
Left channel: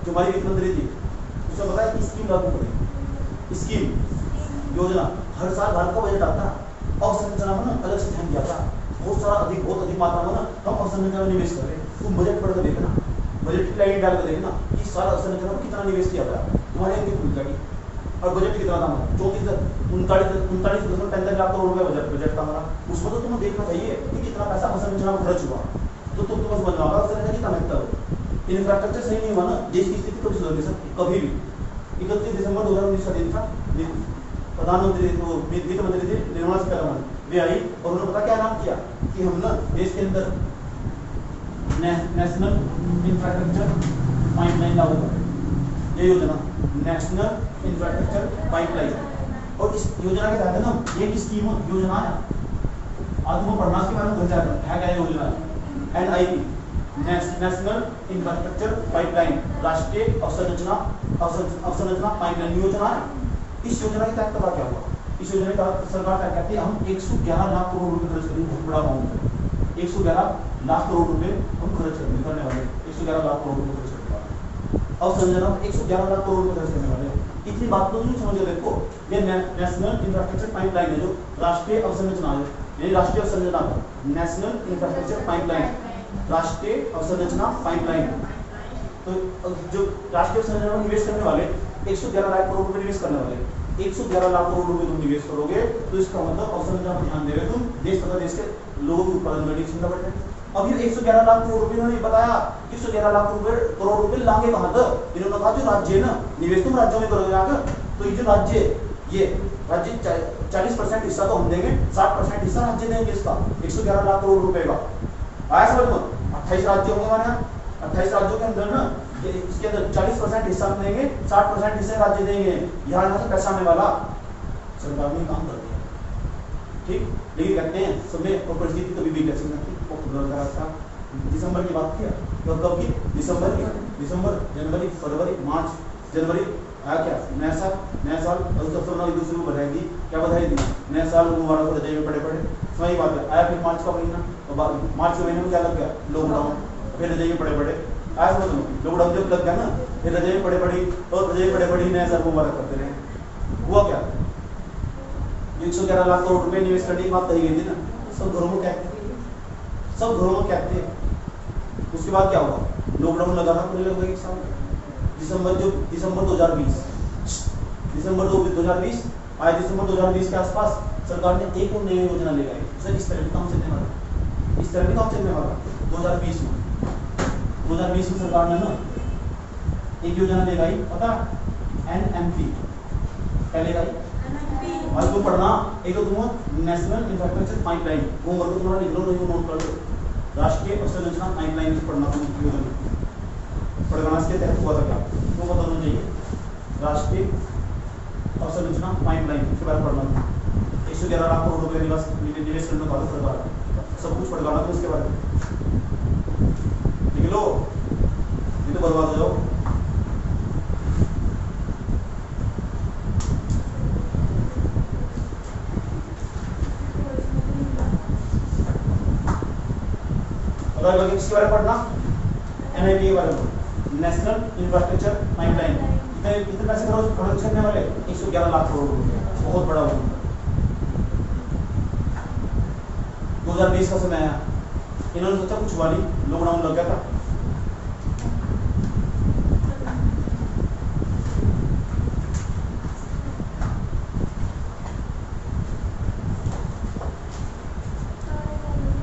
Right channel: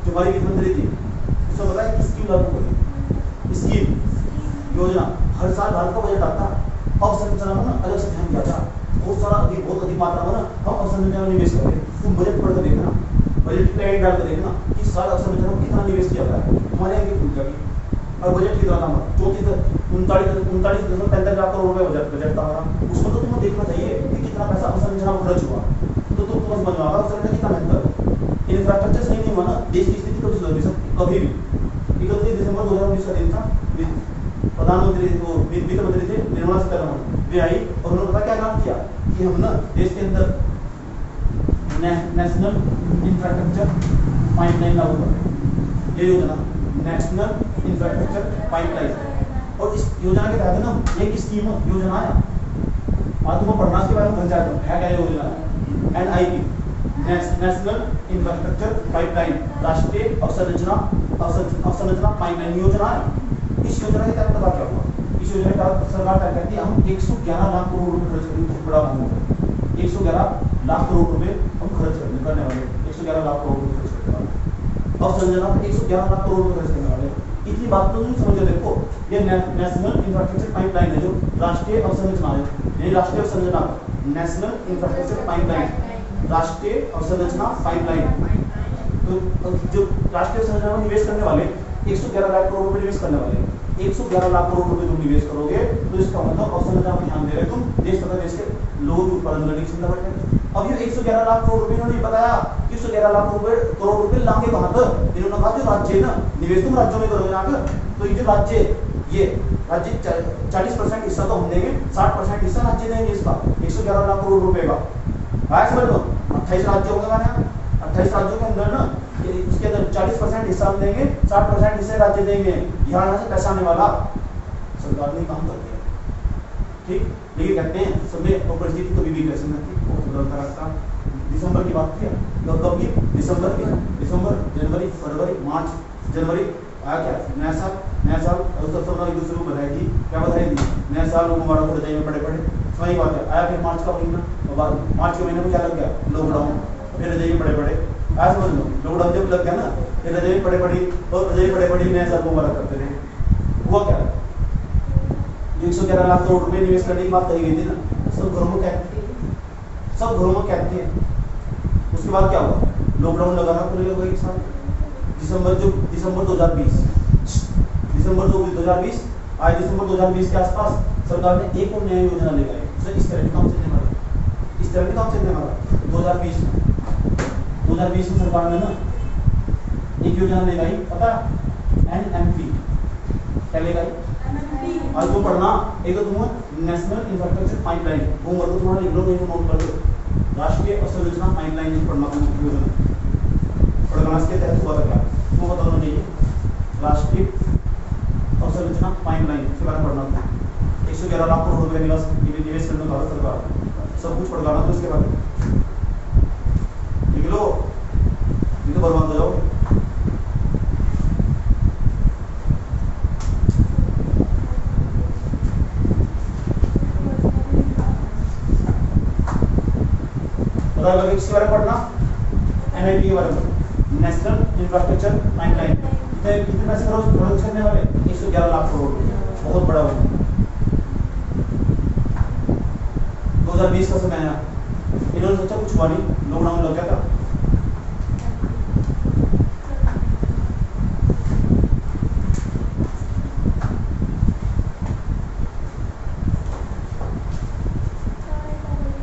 जो हमारी वित्त मंत्री थी, उसने बताया स्कीम लागू करें, स्कीम योजना। हर साल भारत का बजट आता, अवसंरचना में ना अलग से ध्यान दिया था, बहुत अधिक मात्रा में ना हम अवसंरचना में निवेश कर रहे हैं। तुम बजट पढ़ कर देखना, बजट की लाइन डाल कर देखना कि साल अवसंरचना में कितना निवेश किया गया, हमारे यहाँ खुल जाएगी। और बजट कितना था हमारा, 39.35 लाख करोड़ रुपए बजट था हमारा। उसमें तो तुम्हें देखना चाहिए कि कितना पैसा अवसंरचना में खर्च हुआ, तो तुम समझ में आएगा अवसंरचना कितना महत्व है। इंफ्रास्ट्रक्चर सही नहीं हुआ ना, देश की स्थिति कभी सुधर नहीं सकती कभी भी। 31 दिसंबर 2019 का दिन था, प्रधानमंत्री वित्त मंत्री थे निर्मला सीतारमण, वे आई और उन्होंने पता क्या नाम किया कि हम ना देश के अंदर नेशनल इंफ्रास्ट्रक्चर पाइपलाइन लागू कर, ये योजना नेशनल इंफ्रास्ट्रक्चर पाइपलाइन। और इस योजना के तहत ना एक स्कीम योजना है, आज तुम पढ़ना के बारे में भर जाता है क्या योजना है, NIP नेशनल इंफ्रास्ट्रक्चर पाइपलाइन, राष्ट्रीय अवसंरचना पाइपलाइन योजना है। इस योजना के तहत पता क्या हुआ, इस योजना के तहत सरकार क्या कहती है, हम 111 लाख करोड़ रुपए खर्च करेंगे, बहुत बड़ा अमाउंट है, 111 लाख करोड़ रुपए हम खर्च करने वाले, 111 लाख करोड़ रुपए खर्च करने वाले, अवसंरचना में 111 लाख करोड़ रुपए खर्च करने वाले। इतनी बात तो नहीं समझो, देखो ये नेशनल इंफ्रास्ट्रक्चर पाइपलाइन है, जो राष्ट्रीय अवसंरचना है, ये राष्ट्रीय अवसंरचना, नेशनल इंफ्रास्ट्रक्चर पाइपलाइन, राष्ट्रीय अवसंरचना पाइपलाइन। तो जो राष्ट्रीय अवसंरचना में निवेश करने वाले 111 लाख करोड़ रुपए निवेश करने वाले, 111 लाख करोड़ रुपए तुम निवेश करोगे तो इसका मतलब अवसंरचना पर ध्यान देगा तुम, देश तथा देश के लोगों की उत्पादन करने की क्षमता बढ़ जाएगी। अब ये 111 लाख करोड़ रुपए इन्होंने बताया, 111 लाख करोड़ रुपए लाएंगे कहां तक, इन्होंने कहा जो राज्य है ना, निवेश तुम राज्यों में करोगे आगे, तो ये जो राज्य, ये राज्य 40% हिस्सा तो हम देंगे, 60% हिस्सा राज्य देंगे इसका, 111 लाख करोड़ रुपए का। आया समझ में, 28 राज्य होंगे हमारे यहाँ, 28 राज्यों के अंदर ना इसके अंदर 40% हिस्सा हम देंगे, 60% हिस्से राज्य देंगे, यहाँ से पैसा आने वाला सरकार ने काम कर दिया, ठीक। लेकिन कहते हैं समय और परिस्थिति कभी भी कैसे नहीं बदलता रहता। दिसंबर की बात किया, कब की, दिसंबर, जनवरी, फरवरी, मार्च, जनवरी आया क्या, नया साल, और सब एक दूसरे को बधाई दी, क्या बधाई दी, नया साल मुबारक हो, रजाई में पड़े सही बात है। आया फिर मार्च का महीना, और बाद मार्च के महीने में क्या लग गया, लॉकडाउन, फिर रजाई में पड़े आया समझ लो, लॉकडाउन जब लग गया ना, फिर रजाई पड़े और रजाई पड़े नया साल मुबारक करते रहे। हुआ क्या, 111 लाख करोड़ रुपए निवेश करने की बात कही गई थी ना, सब घरों में कहते हैं। उसके बाद क्या हुआ, लॉकडाउन लगा था पूरे लगभग एक साल, दिसंबर 2020 आए, दिसंबर 2020 के आसपास सरकार ने एक और नई योजना ले आई, सर इस तरह भी काम चलने वाला 2020 में सरकार ने ना एक योजना ले आई, पता NMP क्या ले आई, आज वो पढ़ना, एक तो तुम नेशनल इंफ्रास्ट्रक्चर पाइपलाइन, होमवर्क को थोड़ा लिख लो, नहीं तो नोट कर लो, राष्ट्रीय अवसंरचना पाइपलाइन पढ़ना योजना पढ़ना। इसके तहत हुआ था क्या, वो बताना चाहिए, राष्ट्रीय अवसंरचना पाइपलाइन के बारे में पढ़ना था, 111 लाख करोड़ रुपए निवेश करने भारत सरकार, सब कुछ पढ़ना था इसके बारे में, लिख लो, ये तो बर्बाद हो जाओ। इसके बारे में पढ़ना, NIP के बारे में, नेशनल इंफ्रास्ट्रक्चर पाइपलाइन, कितने पैसे खर्च करने वाले, 111 लाख करोड़ रुपए, बहुत बड़ा हो। 2020 का समय है, इन्होंने सोचा कुछ हुआ नहीं, लॉकडाउन लग गया था,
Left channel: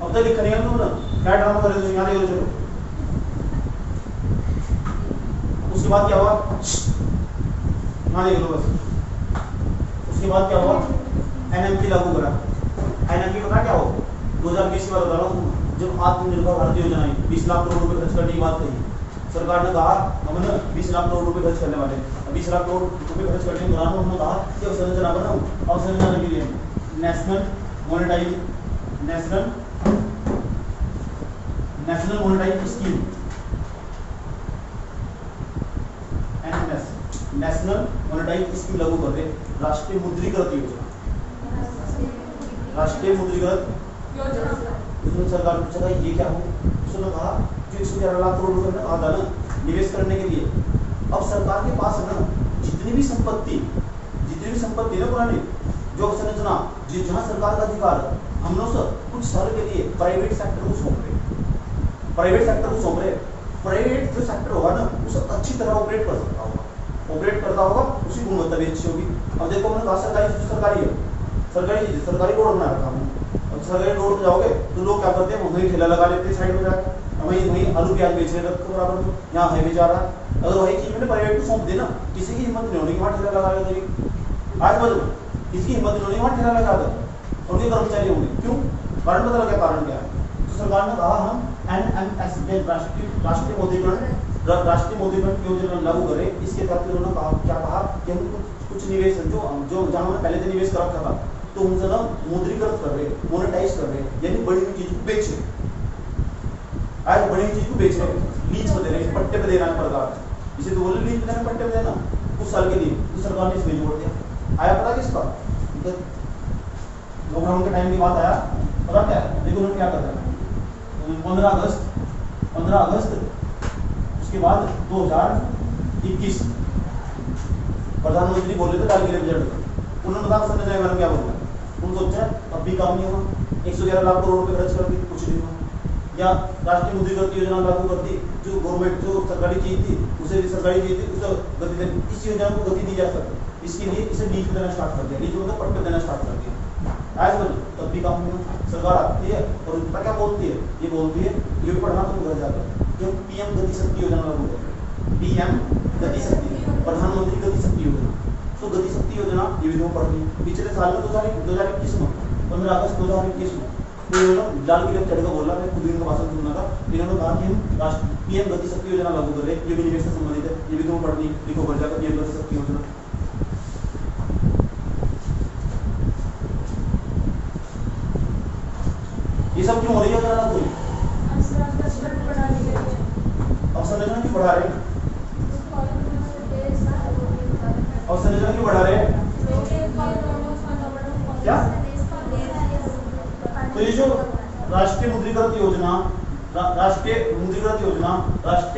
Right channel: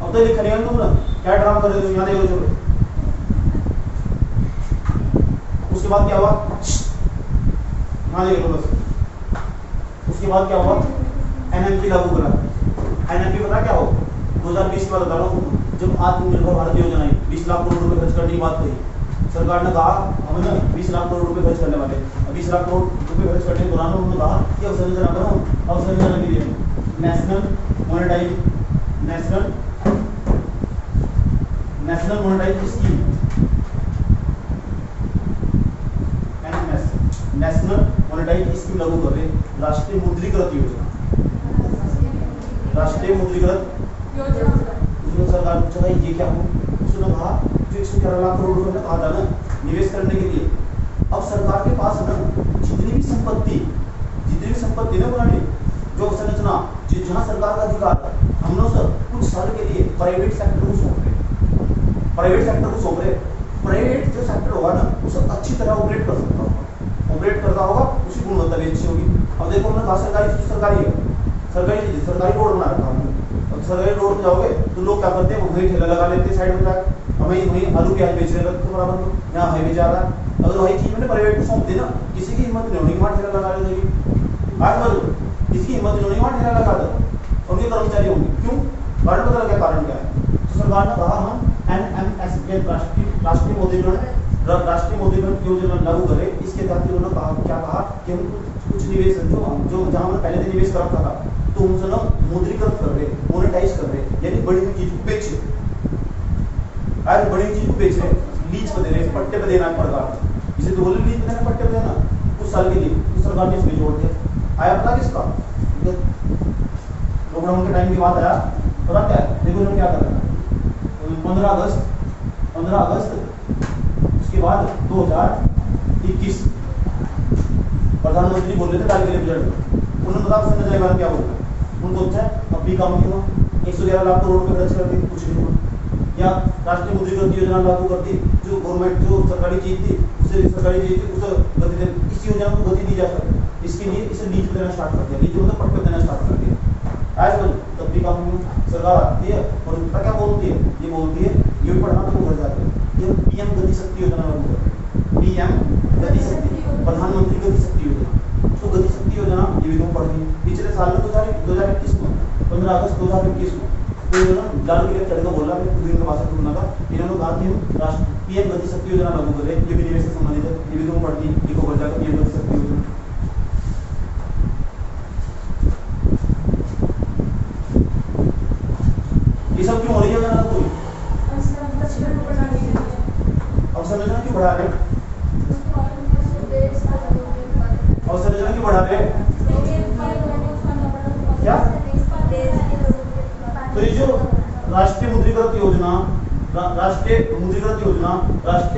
अब तो लिख रहे हैं तुम ना, क्या ड्रामा कर रहे हो, यहाँ देखो, चलो उसके बाद क्या हुआ, हाँ देख लो बस, उसके बाद क्या हुआ, एनएमपी लागू करा। एनएमपी पता क्या हो, 2020 की बात बता रहा हूँ, जब आत्मनिर्भर भारत योजना आई, 20 लाख करोड़ रुपए खर्च करने की बात कही, सरकार ने कहा हम ना 20 लाख करोड़ रुपए खर्च करने वाले, 20 लाख करोड़ रुपए खर्च करने के दौरान उन्होंने कहा कि अवसंरचना बनाओ, अवसंरचना के लिए national monetize scheme, NMS, national monetize scheme लागू कर रहे, राष्ट्रीय मुद्रीकृत योजना, राष्ट्रीय मुद्रीकृत योजना। उसने सरकार ने पूछा ये क्या हो, उसने कहा जो 111 लाख करोड़ रुपए कहा था ना निवेश करने के लिए, अब सरकार के पास है ना जितनी भी संपत्ति ना पुरानी जो संरचना जहाँ सरकार का अधिकार था, हम लोग सब कुछ साल के लिए प्राइवेट सेक्टर को सौंप रहे, प्राइवेट जो सेक्टर होगा ना उसे अच्छी तरह ऑपरेट कर सकता होगा, ऑपरेट करता होगा, उसकी गुणवत्ता भी अच्छी होगी। अब देखो हमने कहा सरकारी रोड बना रखा हमने, और सरकारी रोड पे जाओगे तो लोग क्या करते हैं, वहीं ठेला लगा लेते हैं साइड में जाकर, वहीं आलू प्याज बेच रहे हैं बराबर में, यहाँ हाईवे जा रहा है। अगर वही चीज मैंने प्राइवेट को सौंप दी ना, किसी की हिम्मत नहीं होगी वहाँ ठेला लगा देगी, आज बोलो किसकी हिम्मत नहीं होगी वहाँ ठेला लगा दे, उनके कर्मचारी होंगे, क्यों, कारण पता लगा कारण क्या है। तो सरकार ने कहा हम एनएमएस राष्ट्रीय मुद्रीकरण योजना लागू करे, इसके तहत उन्होंने कहा क्या कहा कि हम कुछ निवेश जो जहाँ हमने पहले से निवेश कर रखा था तो उनसे ना मुद्रीकृत कर रहे, मोनेटाइज कर रहे, यानी बड़ी हुई चीज को बेच रहे, आज बड़ी हुई चीज को बेच रहे, लीज पे दे रहे, पट्टे पे देना है सरकार, इसे तो बोले लीज पे देना, पट्टे पे देना कुछ साल के लिए, तो सरकार ने इसमें जोड़ दिया। आया पता किसका, लॉकडाउन के टाइम की बात आया, पता क्या है, देखो उन्होंने क्या कर रहा है, 15 अगस्त उसके बाद 2021 प्रधानमंत्री बोल रहे थे दाल के लिए बजट का, उन्होंने बताया संजय जायसवाल क्या बोल रहा है, उनको अच्छा अब भी काम नहीं हुआ, 111 लाख करोड़ रुपए खर्च कर दी, कुछ नहीं हुआ, या राष्ट्रीय मुद्रीकृत योजना लागू कर दी, जो गवर्नमेंट जो सरकारी चीज थी उसे गति दे, इस योजना को गति दी जा सकती, इसके लिए इसे लीज देना स्टार्ट कर दिया, लीज मतलब पट्टे देना स्टार्ट कर दिया, आज तब भी काम नहीं हुआ। सरकार आती है और उनका क्या बोलती है, ये बोलती है ये भी पढ़ना तो घर जाकर कि हम पीएम गति शक्ति योजना लागू करें, पीएम गति शक्ति, प्रधानमंत्री गति शक्ति योजना, तो गति शक्ति योजना ये भी तुम पढ़नी है। पिछले साल में 2021 में 15 अगस्त 2021 में तो लाल किले चढ़कर बोला, मैं खुद इनका भाषण सुनना था, इन्होंने कहा कि हम पीएम गति शक्ति योजना लागू कर रहे, ये भी निवेश से संबंधित है, ये भी तुम पढ़नी, लिखो पढ़ जाकर पीएम गति शक्ति योजना। ये सब क्यों हो रही है योजना कोई, अब संरचना क्यों बढ़ा रहे, और संरचना क्यों बढ़ा रहे हैं क्या, तो ये जो राष्ट्रीय मुद्रीकृत योजना, राष्ट्रीय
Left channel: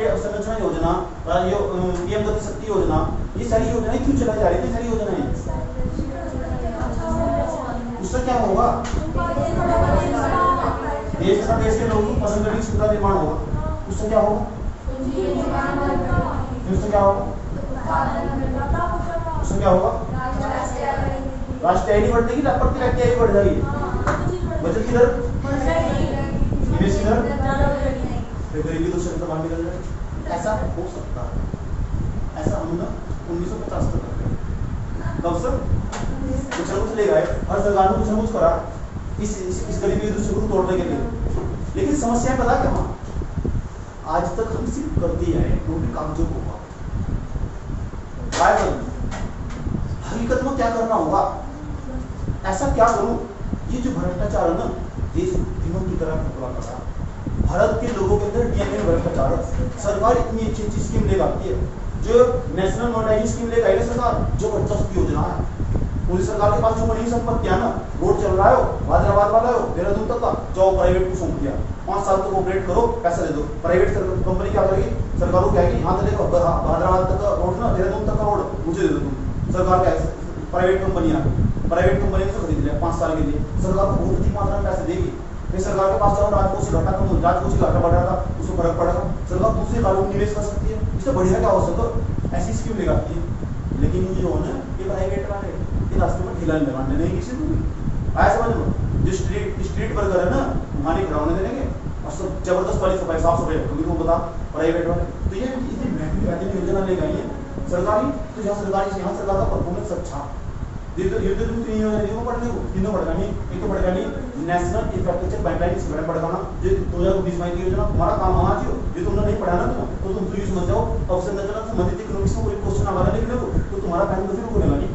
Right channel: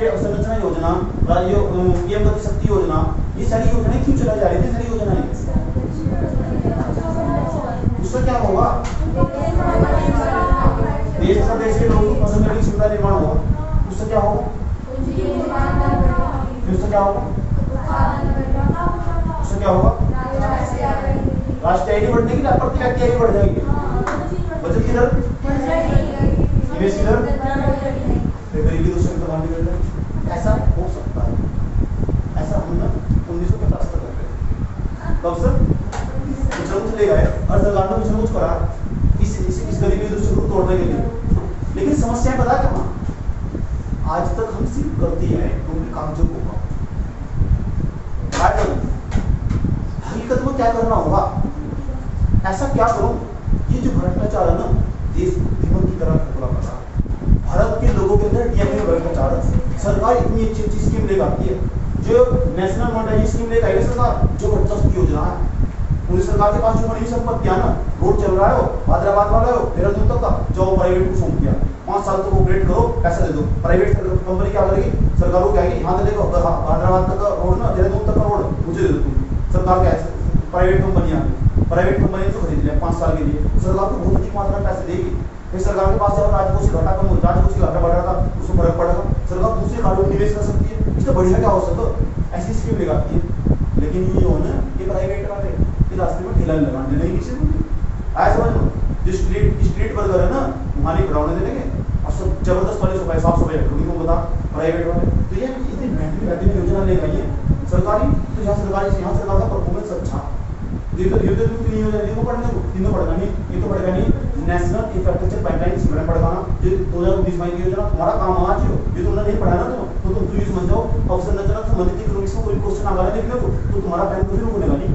अवसंरचना योजना, पीएम गति शक्ति योजना, ये सारी योजनाएं क्यों चलाई जा रही थी, सारी योजनाएं, उससे क्या होगा, देश के लोगों की पसंद की सुविधा निर्माण होगा, उससे क्या होगा, उससे क्या होगा, उससे क्या होगा, राष्ट्रीय आय बढ़ने की, प्रति व्यक्ति आय बढ़ जाएगी, बचत की दर, निवेश की दर, फिर गरीबी दूसरे का निकल जाए, ऐसा हो सकता है, ऐसा हम ना 1950 तक कर रहे, कब से कुछ ना कुछ ले गए, हर सरकार ने कुछ ना कुछ करा इस गरीबी दूसरे को तोड़ने के लिए, लेकिन समस्या पता कहाँ, आज तक हम सिर्फ करती है नौकरी काम जो होगा, हकीकत में क्या करना होगा, ऐसा क्या करूं, ये जो भ्रष्टाचार है ना देश दीमक की तरह फैला कर रहा है, भारत के लोगों के अंदर डीएमए में भ्रष्टाचार है, सरकार इतनी अच्छी स्कीम लेकर आती है, जो नेशनल मॉनेटाइज स्कीम लेकर आई है सरकार, जो जबरदस्त योजना है, पूरी सरकार के पास जो बड़ी संपत्तियां ना, रोड चल रहा है हो, हैदराबाद वाला हो, देहरादून तक का, जाओ प्राइवेट को सौंप दिया, 5 साल तक ऑपरेट करो, पैसा दे दो, प्राइवेट कंपनी क्या करेगी, सरकार को कहेगी यहाँ तक देखो हैदराबाद तक का रोड ना, देहरादून तक का रोड मुझे दे दो तुम, सरकार क्या है, प्राइवेट कंपनी को खरीद लिया 5 साल के लिए, सरकार को बहुत अधिक मात्रा में पैसे देगी, फिर सरकार के पास जाओ, राजकोषीय घाटा बढ़ रहा था, उसमें फर्क पड़ेगा, सरकार दूसरे कारों में निवेश कर सकती है, इससे बढ़िया क्या हो सकता, ऐसी स्कीम लगाती है, लेकिन ये हो ना ये प्राइवेट वाले ये रास्ते में ठेला लगाने नहीं किसी को भी, आया समझ लो, जो स्ट्रीट वर्कर है ना वहाँ नहीं खड़ा होने देंगे, और सब जबरदस्त वाली सफाई साफ सफाई रखोगी वो बता प्राइवेट वाले। तो ये इतनी महंगी योजना ले गई है सरकारी, तो यहाँ सरकारी से यहाँ सरकार का परफॉर्मेंस अच्छा ये तो तुम तीन योजना जिनको पढ़ने को तीनों पढ़ेगा नहीं, एक तो पढ़ेगा नहीं नेशनल इंफ्रास्ट्रक्चर पाइपलाइन सिस्टम पढ़ेगा ना जो 2020 की योजना तुम्हारा काम आज हो, ये तुमने नहीं पढ़ा ना तो तुम तो ये समझ जाओ अवसंरचना संबंधित इकोनॉमिक्स में कोई क्वेश्चन आएगा नहीं लिखने को तो तुम्हारा बैंक तो फिर बोलेगा नहीं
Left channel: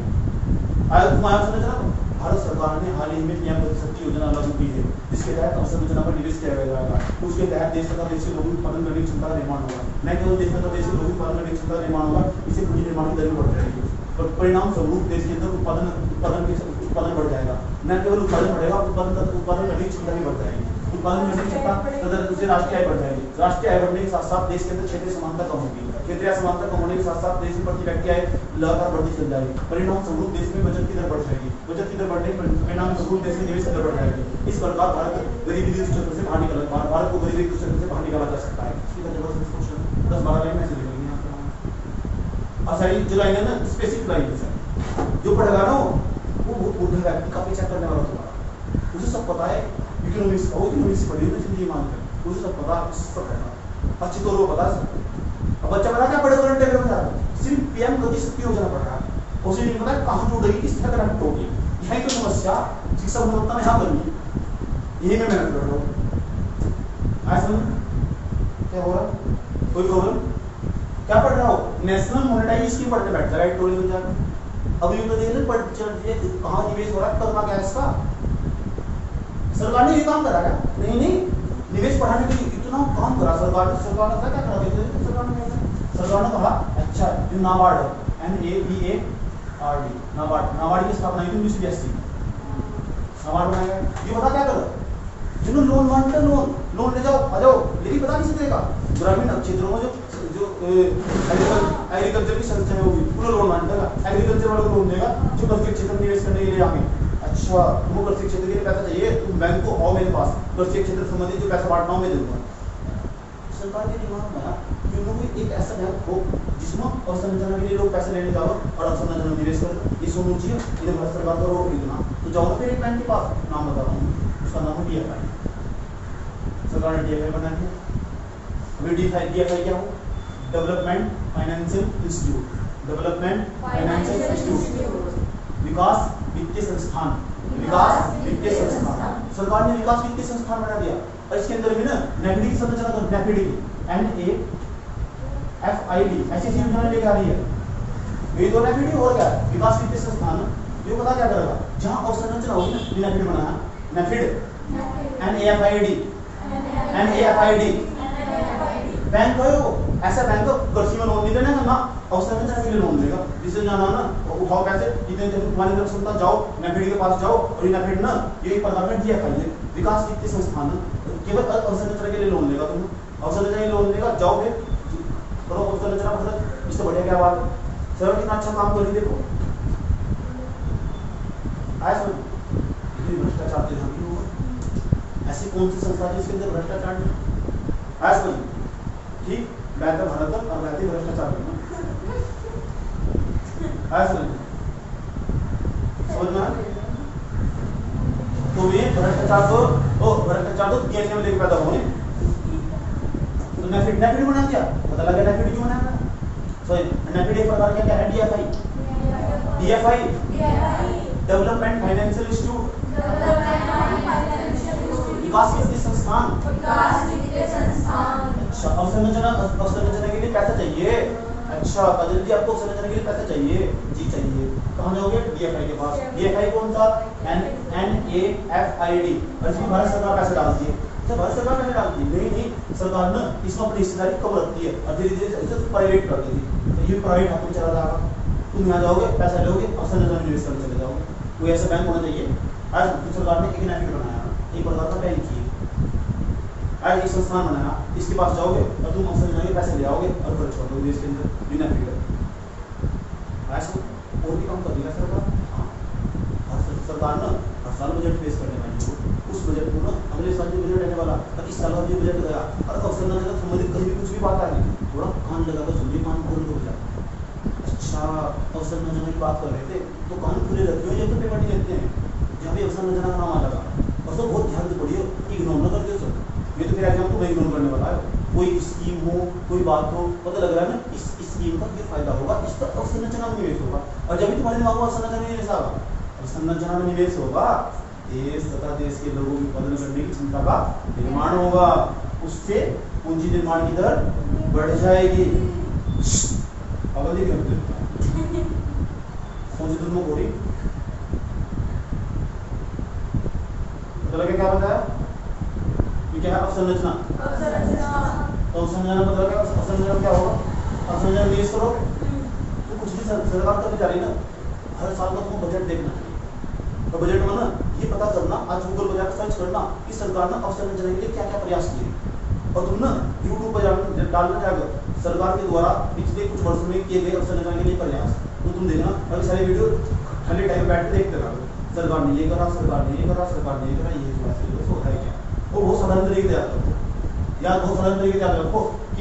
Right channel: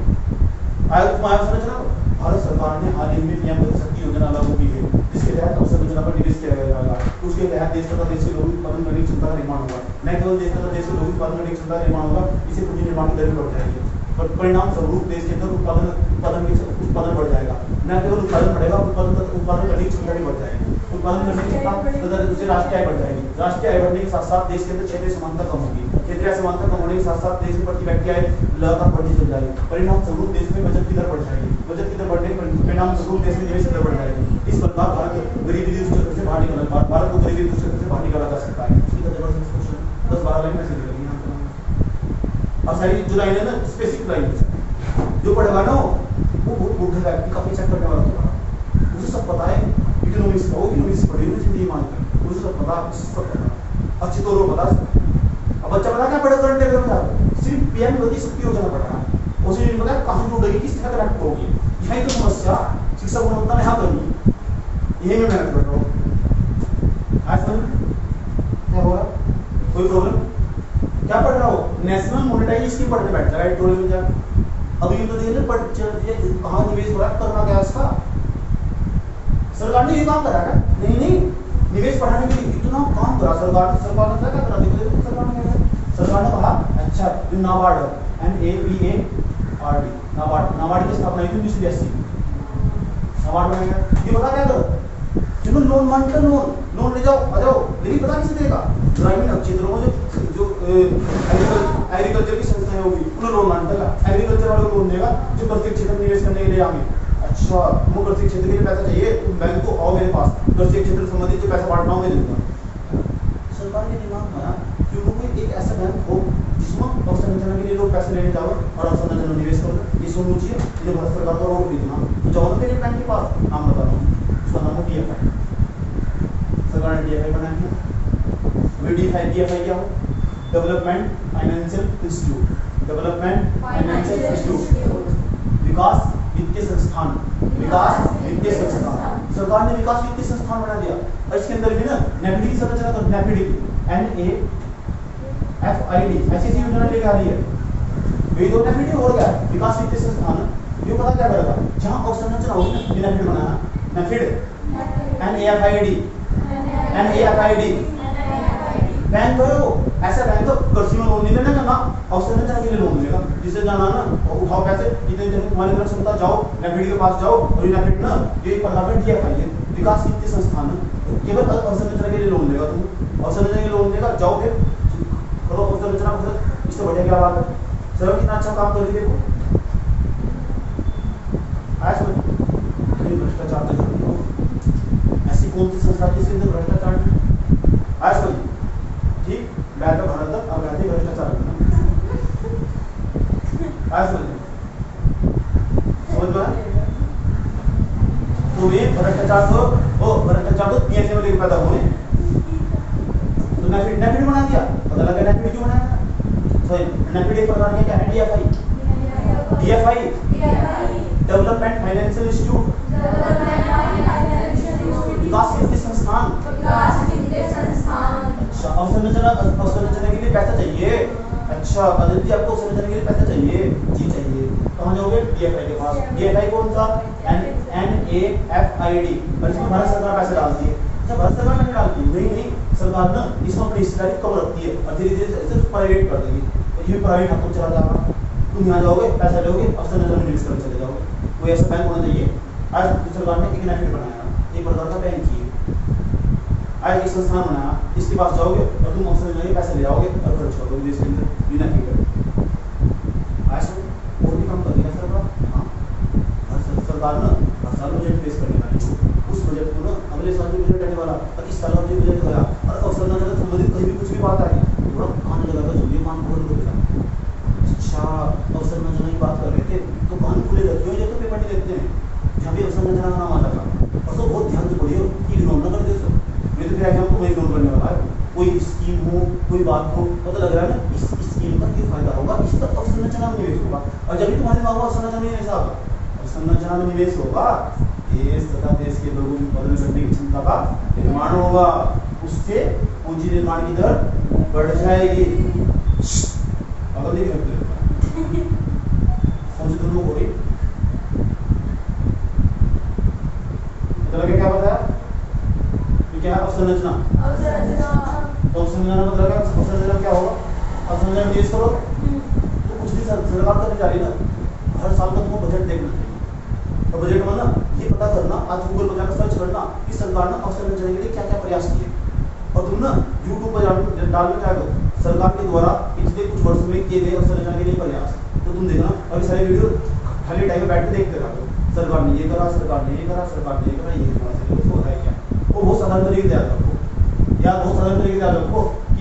आएगा। तुम अवसंरचना भारत सरकार ने हाल ही में पीएम गति शक्ति योजना लागू की है, जिसके तहत अवसंरचना पर निवेश किया जाएगा। तो उसके तहत देश तथा देश से लोगों उत्पादन करने की क्षमता का निर्माण होगा, न केवल देश तथा देश से लोगों उत्पादन करने की क्षमता का निर्माण होगा, इससे पूंजी निर्माण की दर बढ़ जाएगी। परिणाम स्वरूप देश के अंदर उत्पादन बढ़ जाएगा, न केवल उत्पादन बढ़ेगा उत्पादन करने की क्षमता भी बढ़ जाएगी, उत्पादन करने की क्षमता तथा उससे राष्ट्रीय आय बढ़ जाएगी। राष्ट्रीय आय बढ़ने के साथ साथ देश के अंदर क्षेत्रीय समानता कम होगी, क्षेत्रीय समानता कम होने के साथ साथ देश में प्रति व्यक्ति आय लगातार बढ़ती चल जाएगी। परिणाम स्वरूप देश में बचत की दर बढ़ जाएगी, बचत की दर बढ़ने के परिणाम स्वरूप देश में निवेश की दर बढ़ जाएगी। इस प्रकार भारत गरीबी चक्र से बाहर निकला, भारत को गरीबी चक्र से बाहर निकाला जा सकता है। जबरदस्त क्वेश्चन 10-12 लाइन में से लिखेंगे अब सारी जो लाइन है ना स्पेसिफिक लाइन है, जो पढ़ेगा ना वो बहुत बुढ़े व्यक्ति का पीछा करने वाला होगा, उसे सब पता है इकोनॉमिक्स का, वो इकोनॉमिक्स पढ़ी ना जिंदगी मानकर उसे सब पता, उसे सब पता अच्छी तौर पर पता। अब बच्चा पता क्या पढ़े करंट अफेयर में जा रहा है, सिर्फ पीएम गति शक्ति योजना पढ़ रहा है, उसे नहीं पता कहाँ जुड़ेगी किस तरह कनेक्ट होगी। यही तो समस्या शिक्षा गुणवत्ता में यहाँ करनी, यही में मेहनत कर रहा हूँ। आज क्या हो रहा कोई प्रॉब्लम क्या पढ़ रहा हो, नेशनल मॉनेटाइज स्कीम पढ़ने बैठ जाएगा एडिटोरियल में जाकर। अभी तो देखिए कहाँ निवेश हो रहा है, करना क्या है इसका, सरकार ने ये काम करा है नहीं निवेश बढ़ाने के लिए इतना काम करा सरकार ने क्या करा देखो सरकार ने कहा अच्छा नाबार्ड NABARD नाबार्ड की स्थापना की 1982 नाबार्ड बनाएगा। ये बता क्या करो जिन्होंने लोन मांगते लोन ले जाओ आ जाओ, लेकिन पता किसी देगा ग्रामीण क्षेत्रों में जो एग्रीकल्चर की संस्थाएं होगी उन्हें लोन मान देगा, एग्रीकल्चर वालों को लोन देगा जो कृषि क्षेत्र में निवेश करने के लिए आगे। अच्छा तुमको कृषि क्षेत्र के लिए पैसा चाहिए, तुम बैंक को आओ मेरे पास, कृषि क्षेत्र संबंधित जो पैसा बांटना हो मैं दूंगा। सरकार के दिमाग में आया कि उनको एक ऐसा बैंक हो जिसमें अवसंरचना के लिए लोग पैसे लेने जाओ और अवसंरचना में निवेश करो, ये सोचना चाहिए। इन्हें भारत सरकार को रोड खरीदना तो जाओ फिर एक बैंक के पास, नाम बता रहा हूँ उसका नाम है DFI। सरकार ने DFI बनाया है। DFI क्या हो, development financial institute, development financial institute, विकास वित्तीय संस्थान, विकास वित्तीय संस्थान। सरकार ने विकास वित्तीय संस्थान बना दिया और इसके अंदर भी ना NAFID की संरचना कर, NAFID की NAFID ऐसी योजना लेके आ रही है। ये दो NAFID और क्या विकास वित्तीय संस्थान, ये पता क्या करेगा जहाँ अवसंरचना होगी ना NAFID बनाया NAFID NAFID बैंक है वो ऐसा बैंक कृषि में लोन नहीं देना ना अवसंरचना के लिए लोन देगा, जिससे जाना ना उठाओ पैसे जितने दिन तुम्हारी तरफ क्षमता जाओ NAFID के पास जाओ और NAFID ना ये प्रकार में DFI है विकास वित्तीय संस्थान केवल अवसंरचना के लिए लोन देगा, तुम अवसंरचना के लिए लोन देगा जाओ फिर करो अवसंरचना पर, इससे बढ़िया क्या बात है। सर कितना अच्छा काम कर रही देखो आया समझ भ्रष्टाचार तो ऐसी कौन सी संस्था है जिसके अंदर भ्रष्टाचार नहीं आया समझ ठीक बैठ भारत और वैसे भ्रष्टाचार आया समझ में तो ये भ्रष्टाचार तो PSA में लेकर पैदा हुए तो NAFID बना दिया, पता लगा NAFID क्यों बनाया सही। NAFID एक प्रकार का क्या है DFI डेवलपमेंट फाइनेंशियल इंस्टीट्यूट, विकास वित्तीय संस्थान। अच्छा अवसंरचना के लिए पैसा चाहिए, अच्छा अदिल जी आपको अवसंरचना के लिए पैसा चाहिए जी चाहिए, कहाँ जाओगे DFI के पास। DFI कौन सा NAFID और इसमें भारत सरकार पैसे डालती है। अच्छा भारत सरकार पैसे डालती है नहीं सरकार ना इसमें अपनी हिस्सेदारी कम रखती है और धीरे धीरे इसे प्राइवेट कर देगी, तो ये प्राइवेट हाथों में चला जाएगा। तुम यहाँ जाओगे पैसा लोगे अवसंरचना में निवेश करने चले जाओगे, कोई ऐसा बैंक होना चाहिए। आज सरकार ने एक NAFID बनाया, एक प्रकार का बैंक ही आज एक संस्थान बनाया, इसके पास जाओगे और तुम अवसंरचना के पैसे ले आओगे और खर्च कर दोगे इसके लिए NAFID आज और भी काम कर देगा सरकार। हाँ सरकार ना हर साल बजट पेश करने वाली हो, उस बजट को ना अगले साल जो बजट आने वाला 25 साल का जो बजट होगा और अवसंरचना संबंधित कहीं भी कुछ भी बात आ गई थोड़ा कान लगाकर सुनिए, कान खोल कर बेटा। अच्छा अवसंरचना की बात कर रहे थे तो कान खुले रखे हो जब तो पेपर देखते हैं जहाँ भी अवसंरचना का नाम आ लगा और तो बहुत ध्यान से पढ़ियो, इग्नोर न कर दो सब। ये तो फिर एग्जाम तो वही करने वाला है। कोई स्कीम हो, कोई बात हो, पता लग रहा है ना इस स्कीम का ये फायदा होगा, इसका अवसंरचना में निवेश होगा, और जब भी तुम्हारे दिमाग में अवसंरचना में निवेश होगा, अवसंरचना में निवेश होगा, देश तथा देश के लोगों की उत्पादन करने की क्षमता का निर्माण होगा, उससे पूंजी निर्माण की दर बढ़ जाएगी। अगर नहीं करते कौन सी दोनों हो रही मतलब क्या बताया, ये क्या है अवसंरचना। तो अवसंरचना मतलब क्या, अवसंरचना क्या होगा, अवसंरचना निवेश करो तो कुछ भी सरकार करने जा रही है ना, हर साल का तुमको बजट देखना चाहिए, और बजट में ना ये पता करना, आज गूगल पर जाकर सर्च करना कि सरकार ने अवसंरचना के लिए क्या क्या प्रयास किए, और तुम ना यूट्यूब पर डालना चाहोगे सरकार के द्वारा पिछले कुछ वर्षों में किए गए अवसंरचना के लिए प्रयास, तो तुम देखना अभी सारे वीडियो खाली टाइम में बैठ के देखते रहो, सरकार ने ये करा, सरकार ने ये करा, सरकार ने ये करा, ये हो रहा है क्या, वो बहुत साधारण तरीके से आता है, या बहुत साधारण तरीके से आता है कि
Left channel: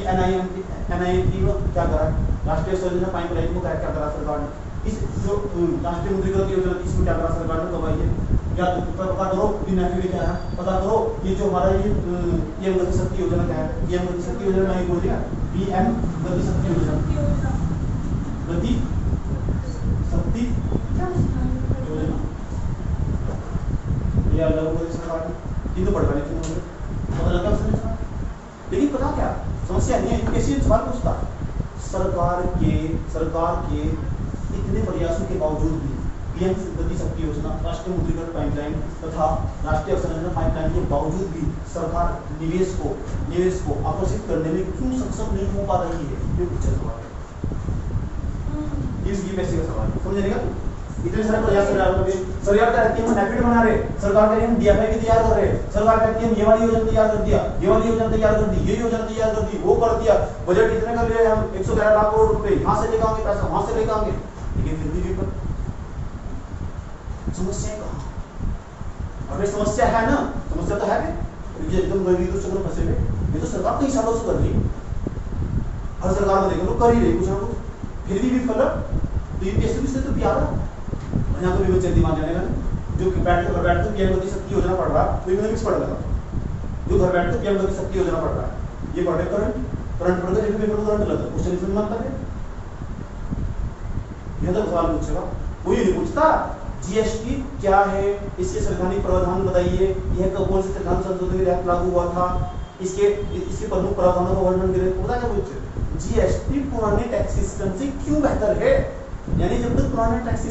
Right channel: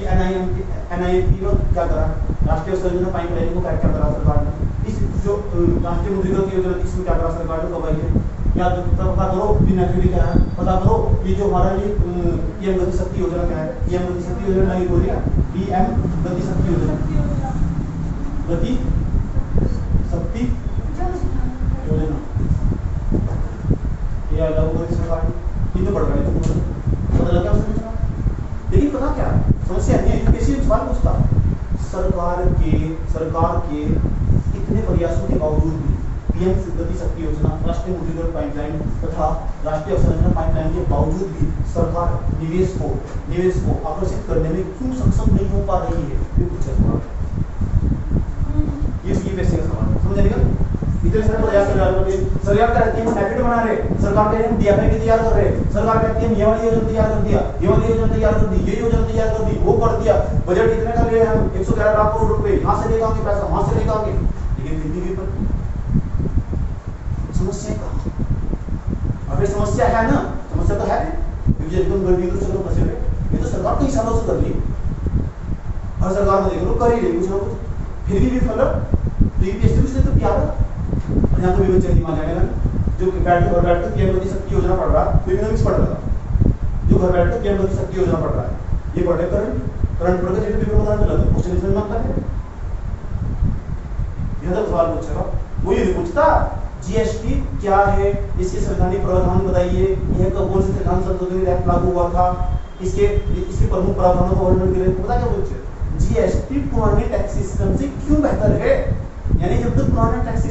NIP क्या करा, राष्ट्रीय अवसंरचना पाइपलाइन को क्या क्या करा सरकार ने, इस जो राष्ट्रीय मुद्रीकृत योजना इसमें क्या करा सरकार ने, कब आई है, या तो पता करो पीएम क्या है, पता करो ये जो हमारा ये पीएम गति शक्ति योजना क्या है, पीएम गति शक्ति योजना नहीं बोल रही है, पीएम गति शक्ति योजना, गति शक्ति योजना, ये अलग गति सरकार तीन तो पढ़ रही थी, पता लगा उसने, लेकिन पता क्या समस्या नहीं है, कैसी सवाल पूछता, सरकार के इतने प्रयासों के बावजूद भी पीएम गति शक्ति योजना, राष्ट्रीय मुद्रीकृत पाइपलाइन तथा राष्ट्रीय अवसंरचना पाइपलाइन के बावजूद भी सरकार निवेश को आकर्षित करने में क्यों सक्षम नहीं हो पा रही है, ये पूछा सवाल, ये पैसे का सवाल समझ नहीं गया। इतने सारे प्रयास सरकार कहती है नैपिड बना रहे, सरकार कहती है DFI की तैयार कर रहे, सरकार कहती है ये वाली योजना तैयार कर दिया, ये वाली योजना तैयार कर दी, ये योजना तैयार कर दी, वो कर दिया, बजट इतने का ले हम 111 लाख करोड़ रुपए यहाँ से लेकर आएंगे, पैसा वहां से लेकर आएंगे, लेकिन फिर भी समस्या कहाँ, अगर समस्या है ना, समस्या तो है क्योंकि एकदम गरीबी तो चलो फंसे हुए, ये तो सरकार कई सालों से कर रही है, हर सरकार में देख लो कर ही रही कुछ ना कुछ, फिर भी विफल, तो ये इसलिए तो क्या है, यहाँ को भी बच्चे दिमाग जाएगा जो बैठ कर पीएम गति शक्ति योजना पढ़ रहा है, इकोनॉमिक्स पढ़ रहा है, जो घर बैठ कर पीएम गति शक्ति योजना पढ़ रहा है, ये पढ़े करंट पढ़ के जैसे पेपर उदाहरण मिला था क्वेश्चन इसमें मानता है, यह तो सवाल पूछेगा, वो ये नहीं पूछता जीएसटी क्या है, इसके संवैधानिक प्रावधान बताइए, यह कौन से संविधान संशोधन के तहत लागू हुआ था, इसके प्रमुख प्रावधानों का वर्णन करें, पता क्या पूछे, जीएसटी पुराने टैक्स सिस्टम से क्यों बेहतर है, यानी जब तक पुराना टैक्स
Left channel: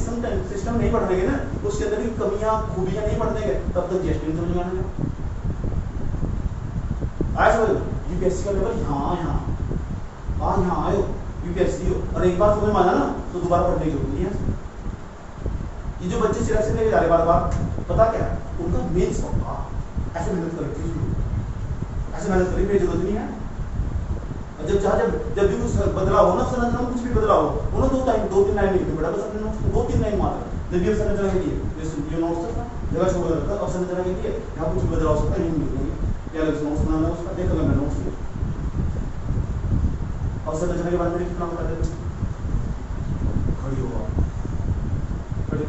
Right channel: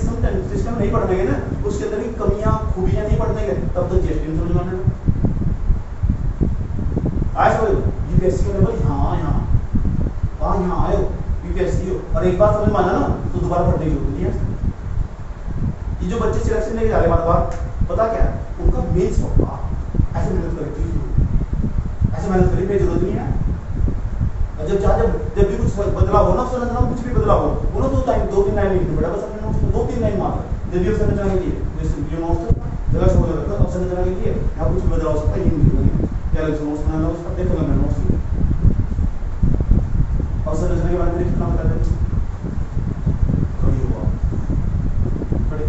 सिस्टम नहीं पढ़ देंगे ना, उसके अंदर की कमियां खूबियां नहीं पढ़ देंगे, तब तक जीएसटी समझ में आने आज यूपीएससी का लेवल यहाँ आयो यूपीएससी हो, और एक बार समझ में आना ना तो दोबारा पढ़ने की जरूरत नहीं है। ये जो बच्चे सिलेक्शन लेके जा रहे बार बार, पता क्या है उनका मेन पक्का, ऐसे मेहनत करने की जरूरत नहीं है, जब भी कुछ बदलाव हो ना संरचना कुछ भी बदलाव हो, उन्होंने 2-3 लाइन लिखनी पड़ा, बस अपने नोट्स 2-3 लाइन मार जब भी संरचना के लिए ये नोट्स जगह छोड़ रखा, अब संरचना के लिए यहाँ कुछ भी बदलाव हो सकता है, नहीं लिखेंगे क्या अलग से नोट्स बनाना, उसका देखोगे मैं नोट्स और संरचना के बारे में कितना बता देते खड़ी होगा खड़े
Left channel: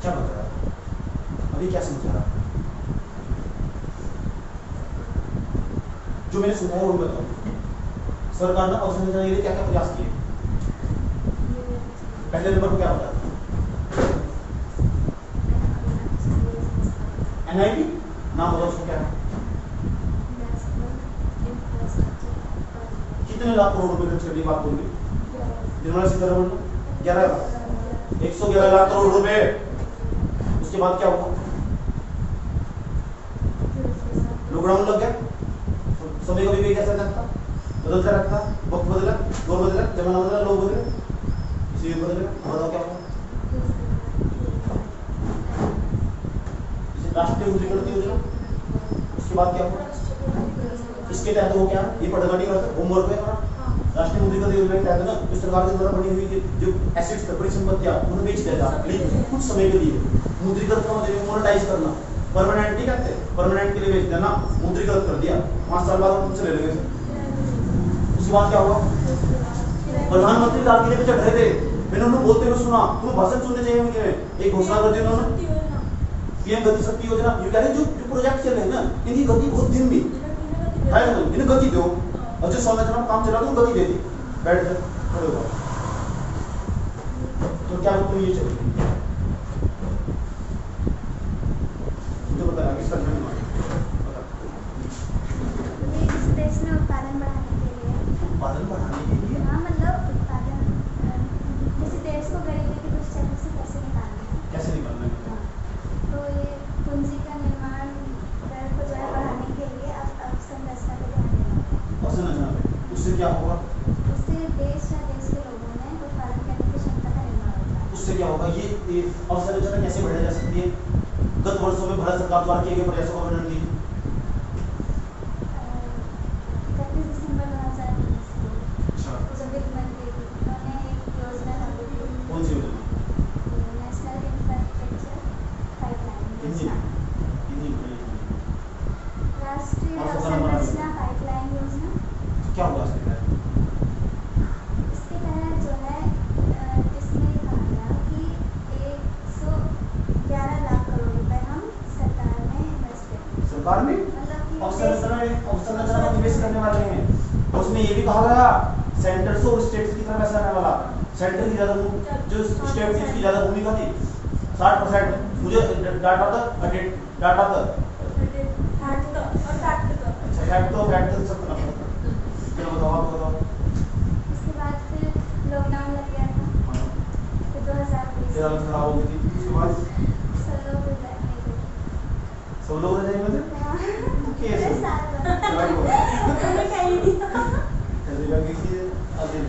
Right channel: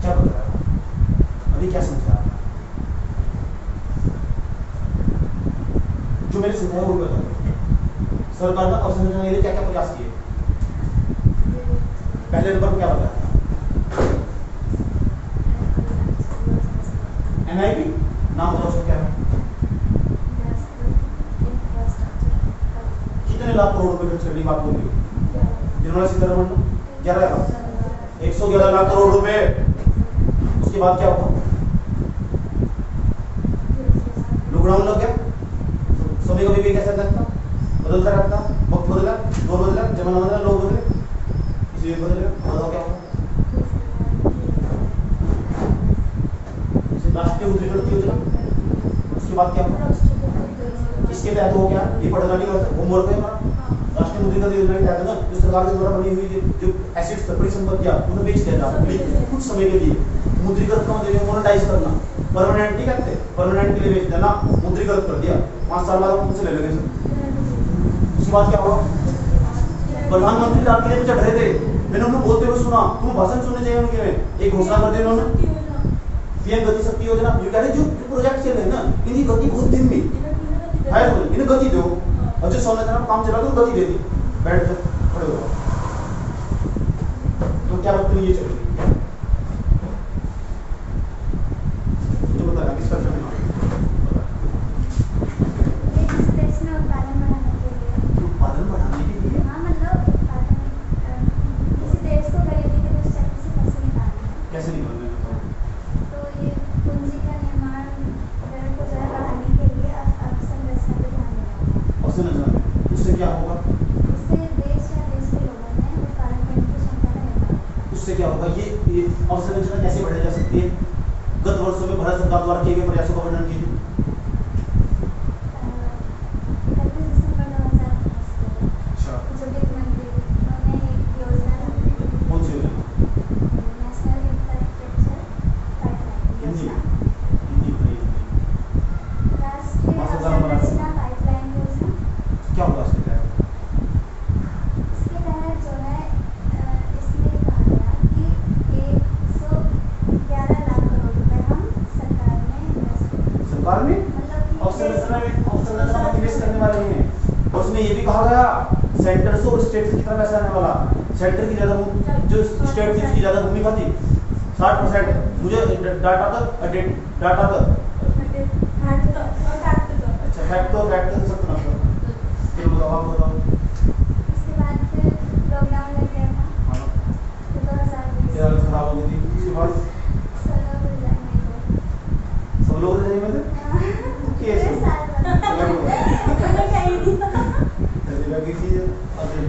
क्या बता रहा है अभी, क्या समझा जो मैंने समझाया वो बताओ, सरकार ने अवसंरचना के लिए क्या क्या प्रयास किए, पहले नंबर क्या बताया, NIP नाम बताओ उसका क्या है, कितने लाख करोड़ रुपए खर्च करने की बात होगी, निर्मला सीतारमण 111 लाख करोड़ रुपए, उसके बाद क्या हुआ, लॉकडाउन लग गया, समय कभी भी कैसा लगता, बदलता रहता, वक्त बदला, दौर बदला, जमाना बदला, लोग बदले, इसलिए बदलेगा, बताओ क्या हुआ, राष्ट्रीय मुद्रीकृत योजना, उसके बाद क्या हुआ, इसके तहत हो क्या, ये पढ़ना नहीं करता, होमवर्क है हमारा, राष्ट्रीय मुद्रीकृत योजना के तहत ना जो सरकार के द्वारा बनी हुई जो एसेट्स परिसंपत्तियां उन्हें बेच दिया जाता है कुछ समय के लिए, मुद्रीकृत का मतलब मोनेटाइज करना, परमानेंट नहीं करते, परमानेंट के लिए बेच देना, मुद्रीकृत कर दिया, 5 साल बाद उनसे ले लेंगे। उसके बाद क्या हुआ, प्रधानमंत्री लाल किले पे चढ़ रहे थे, मैंने उन्हें बोलते हुए सुना, तुम्हें भाषण सुनने चाहिए उनके, एक घोषणा कर दी उन्होंने, पीएम गति शक्ति योजना ये कह रहे जो प्रोजेक्ट चल रहे हैं ना इनकी गति बहुत धीमी है, तो इन्हें गति दो और जो संरचना में काम चला तो गति दे दी, बैठ कर खड़े हो तो क्या लगता है ये चलेगी तो बताना किस तरह से उत्पादन बढ़ाने के लिए कैसे निकालना है तो ये पूंजी का निर्माण दर को जरा बढ़ाने के लिए अवसंरचना पे ध्यान देना। अवसंरचना उससे क्या होगा? इससे देश या देश के लोगों में उत्पादन करने की क्षमता का निर्माण होगा। उससे क्या होगा? ये अवसंरचना कैसे बढ़ाई जा सकती है? गत वर्षों में भारत सरकार द्वारा किए गए प्रयासों का वर्णन कीजिए। 31 दिसंबर 2019 को जो वित्त मंत्री उन्होंने एक योजना लागू की। कौन सी योजना? नेशनल इंफ्रास्ट्रक्चर पाइपलाइन योजना। राष्ट्रीय अवसंरचना पाइपलाइन योजना। क्या होगा इसके तहत? इसके तहत जो है इसमें कहा गया कि 111 लाख करोड़ रुपए हम सरकार में इन्वेस्ट करेंगे। सरकार में अवसंरचना में निवेश करने वाले हैं और उसमें ये भी कहा गया सेंटर से और स्टेट की तरफ पैसा आने वाला। सेंटर की ज्यादा जो स्टेट थी उसकी ज्यादा भूमिका थी 60%। मुझे डाटा तक अच्छा फैक्ट तो सब ना चलो बताओ आप बताओ। उसके बाद फिर लॉकडाउन लग गया था। हां तो 2020 तेरा खराब हो गई थी उसके बाद सब लोग रह गए थे कैसे चला गया ऐसे लगी थी अभी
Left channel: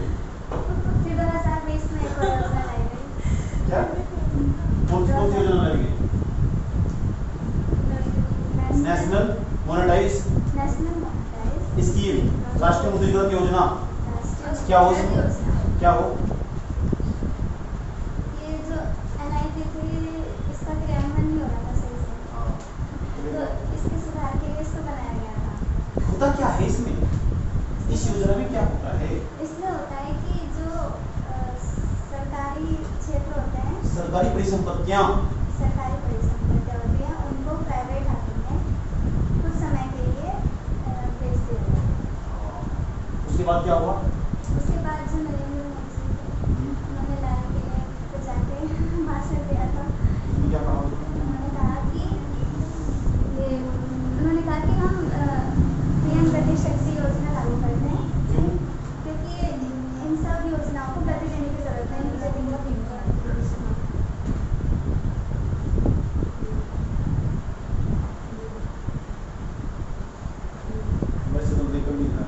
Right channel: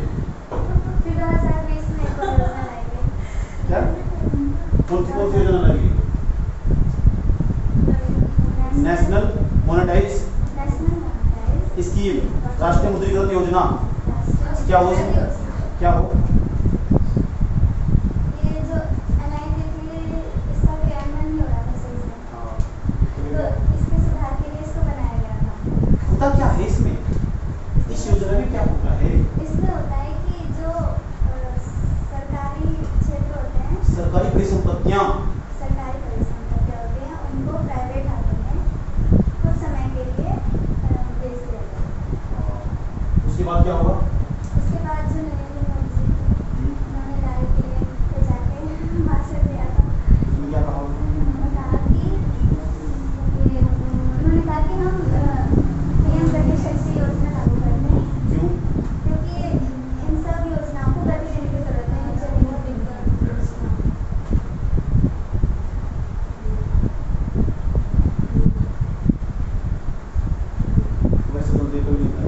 फिर 2020 में एक और योजना लाई गई। क्या कौन सी योजना लगी? नेशनल मोनेटाइज स्कीम, राष्ट्रीय मुद्रीकरण योजना। क्या हो क्या हो? ये जो NIP थी इसका क्रियान्वयन नहीं हो रहा था सही से, तो इसके सुधार के लिए इसको बनाया गया था। होता क्या है इसमें? इस योजना में क्या होता है? इसमें होता है कि जो सरकारी क्षेत्र होते हैं, सरकारी परिसंपत्तियां होती हैं उनको प्राइवेट हाथों में कुछ समय के लिए बेच दिया जाता है। उसके बाद क्या होगा? उसके बाद जो नरेंद्र मोदी जी उन्होंने राय के जाके भाषण दिया था। क्या कहा? उन्होंने कहा कि हम पीएम गति शक्ति योजना लागू करते हैं। क्यों? क्योंकि इन सब योजनाओं को गति देने की जरूरत है। वैसे तो देखो नहीं था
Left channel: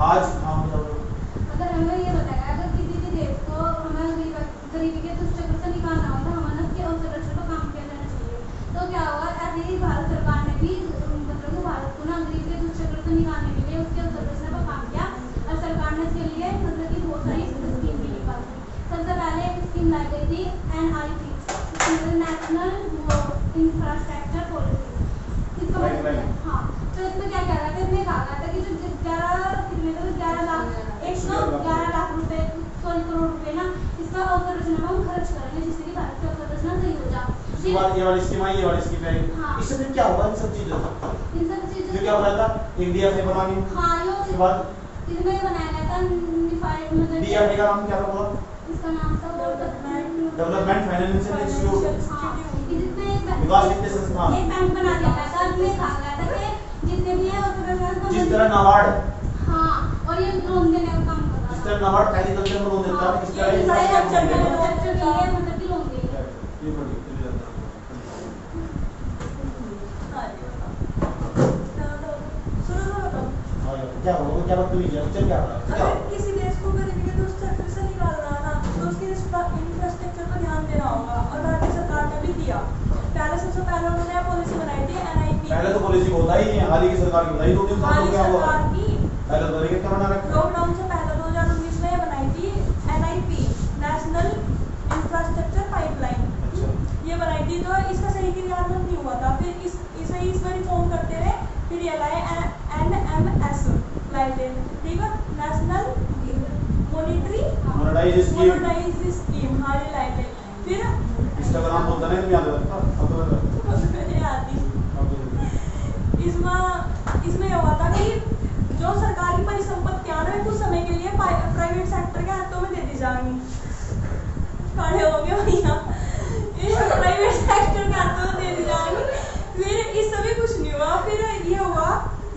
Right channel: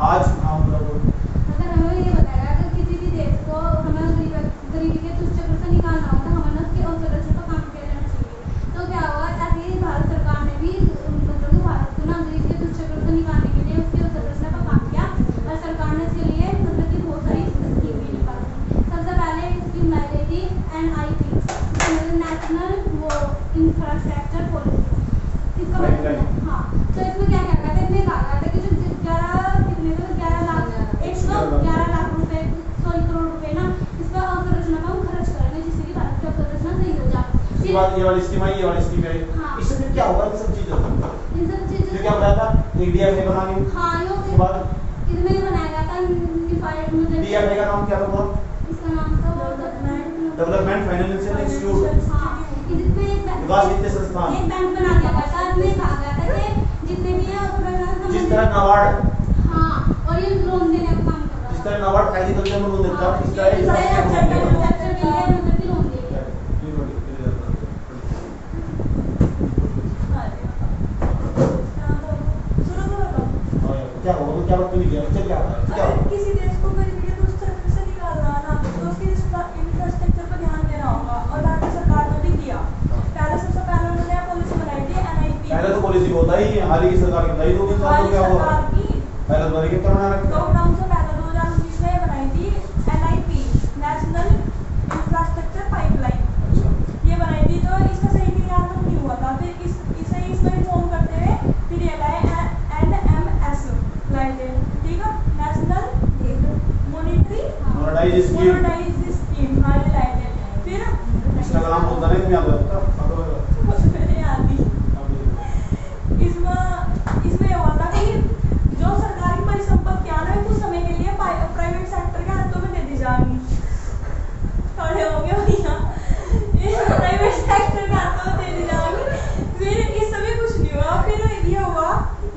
आज हम अगर हमें ये बताया अगर किसी भी देश को हमें गरीबी के दुष्ट चक्र से निकालना हो तो हमें उसके अवसंरचना पर काम किया जाना चाहिए। तो क्या हुआ, ऐसे ही भारत सरकार ने भी मतलब भारत को ना गरीबी के दुष्ट चक्र से निकालने के लिए उसके अवसंरचना पर काम किया और सरकार ने इसके लिए मतलब की बहुत सारी स्कीम भी निकाली। सबसे पहले एक स्कीम लाई गई थी NIP, नेशनल इंफ्रास्ट्रक्चर पॉलिसी। हाँ, तो इसमें क्या क्या था? इसमें कहा गया था कि जो 11 लाख रुपए 100 करोड़ रुपए ना इसका अवसंरचना पर हम खर्च करेंगे जिससे कि भारत की अवसंरचना सही हो जाए। उसके बाद ये वाली स्कीम आई, ये वाली स्कीम आई। हाँ। इससे फिर क्या होगा? इन सब चीजों का इन सब चीजों जो क्या बनाया था? DFA बनानी। हाँ, उसके बाद इसमें बनाया गया था यूनिफाइड मतलब DFA का नाम क्या था? इसका नाम था डेवलपमेंट फाइनेंशियल इंस्टीट्यूट, विकास वित्तीय संस्थान। एक बैंक बना दिया गया था। इसमें कहा गया था कि जितने भी है जिस तरह नाबार्ड, हाँ, और ये लोन देने का काम कर रहा है। जिस तरह नाबार्ड एग्रीकल्चर में लोन देता है, इस तरह इंफ्रास्ट्रक्चर के लिए मतलब कि लोन देगा। ये पढ़िए क्या होगा? तो क्या बात नहीं किया क्या होगा? क्या अगर किसी देश को गरीबी के दुष्ट चक्र से निकालना है ना तो उसके इंफ्रास्ट्रक्चर पर ध्यान देना होगा और भारतीय सरकार ने भी किया। सबसे पहले उन्होंने पॉलिसी बनाई थी NIP। पहले तो पॉलिसी होता ही है, हाल ही की सरकार की बताई 2-3 साल हो गया होगा। पहले तो तरीके क्या बना रखा? लॉकडाउन से पहले 2019 में बनाई थी NIP, नेशनल इंफ्रास्ट्रक्चर पाइपलाइन। अच्छा ये बनाई थी, तो इसका सही क्रियान्वयन नहीं हुआ था। फिर इसे रिफॉर्म करते मोनेटाइज स्कीम मोनेटाइज स्कीम हाँ ये लाइन है। फिर इंस्टाग्राम बोलता नहीं तुम्हें याद रहता अब मैंने याद नहीं। इसमें ये हुआ था कि जो सरकारी परिसंपत्तियां ना कुछ समय के लिए प्राइवेट सेक्टर के हाथों में दे दी जाएंगी। खड़े हो गए भैया, प्राइवेट सेक्टर के हाथों में दे दी जाएंगी। फिर इस समय कुछ नहीं हुआ। फिर ये हुआ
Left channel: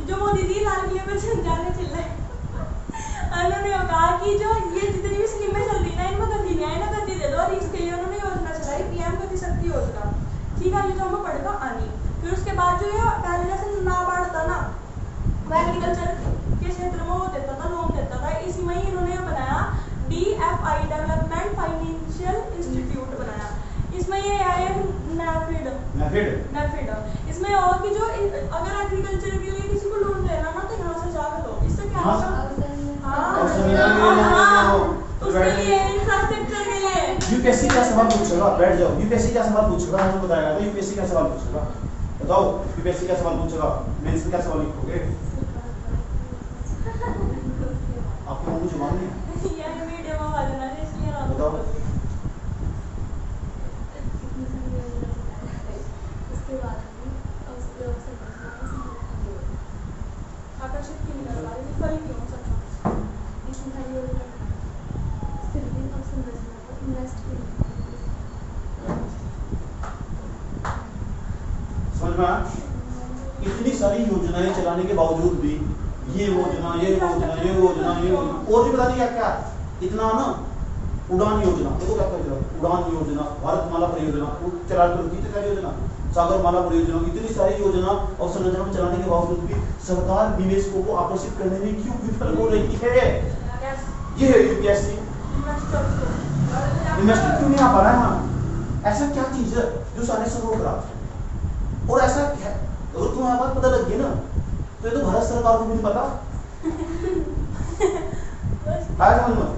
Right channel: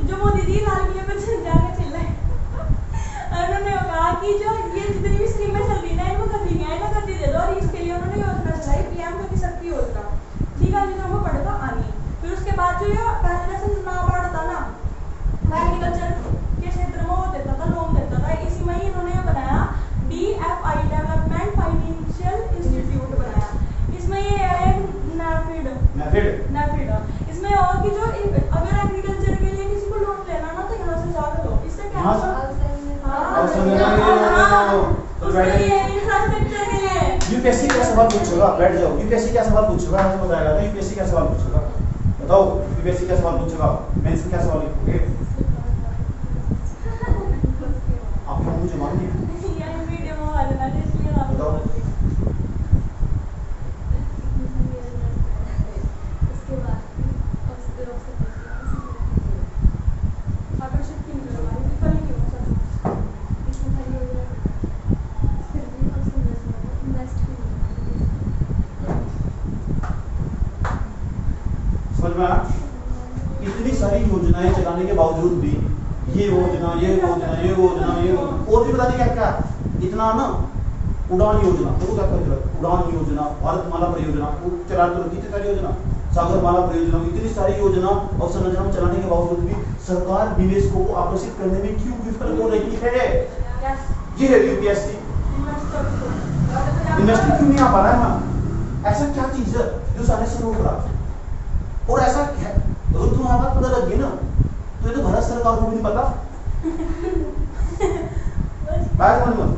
जो मोदी जी लाल किले पे झंडा चिल्लाए, उन्होंने कहा कि जो ये जितनी भी स्कीमें चल रही ना इनको गति नहीं है, इन्हें गति दे दो। और इसके लिए उन्होंने योजना चलाई पीएम गति शक्ति योजना। ठीक है, जो हमें पढ़ेगा आनी। फिर उसके बाद जो ये पहले जैसे नाबार्ड होता ना, वो एग्रीकल्चर के क्षेत्र में वो देता था, लोन देता था। इसी में ही इन्होंने बनाया DFI डेवलपमेंट फाइनेंशियल इंस्टीट्यूट बनाया। इसमें ये है नेफिड। इसमें और कि जो अगर एग्रीकल्चर के लिए किसी को लोन लेना ना तो यहाँ से जाकर लो। इससे क्या होगा? उसके लिए इंफ्रास्ट्रक्चर के लिए यूपीएससी क्या सवाल पूछेगा? बैठ जाओ। यूपीएससी क्या सवाल पूछेगा? मुझे बताया था यूपीएससी क्या सवाल पूछेगा, बताओ। यूपीएससी क्या सवाल पूछेगा? मेंस में क्या सवाल लिखोगे? आपको मुंह जुबान नहीं है यार वीडियो में आ जाना है इसलिए ना बताओ। उसके बाद आकर्षक क्यों करवा रही थी? फल क्यों सरकार इसमें खाली हो गया फिर भी अब संरचना को इन्वेस्ट समझ में आया? इतनी सारी योजनाएं चलाने के बावजूद भी ये योजना और भी बता दी क्या इतना ना। उड़ान योजना देखो क्या कर, उड़ान योजना, भारतमाला परियोजना, चला कितनी सारी योजना, सागरमाला परियोजना, इतनी सारी योजना और संरचना में चलाने के बावजूद भी सरकार निवेशकों को आकर्षित करने में क्यों विफल हो रही है? ये है यूपीएससी। इन्वेस्टर क्यों नहीं आ पा रहा है? हाँ, ऐसा क्या चीज है जो सारे से रोक रहा? और ऐसा अगर तुम्हें बात पता लग गई ना तो ये तो भारत सरकार को भी नहीं पता।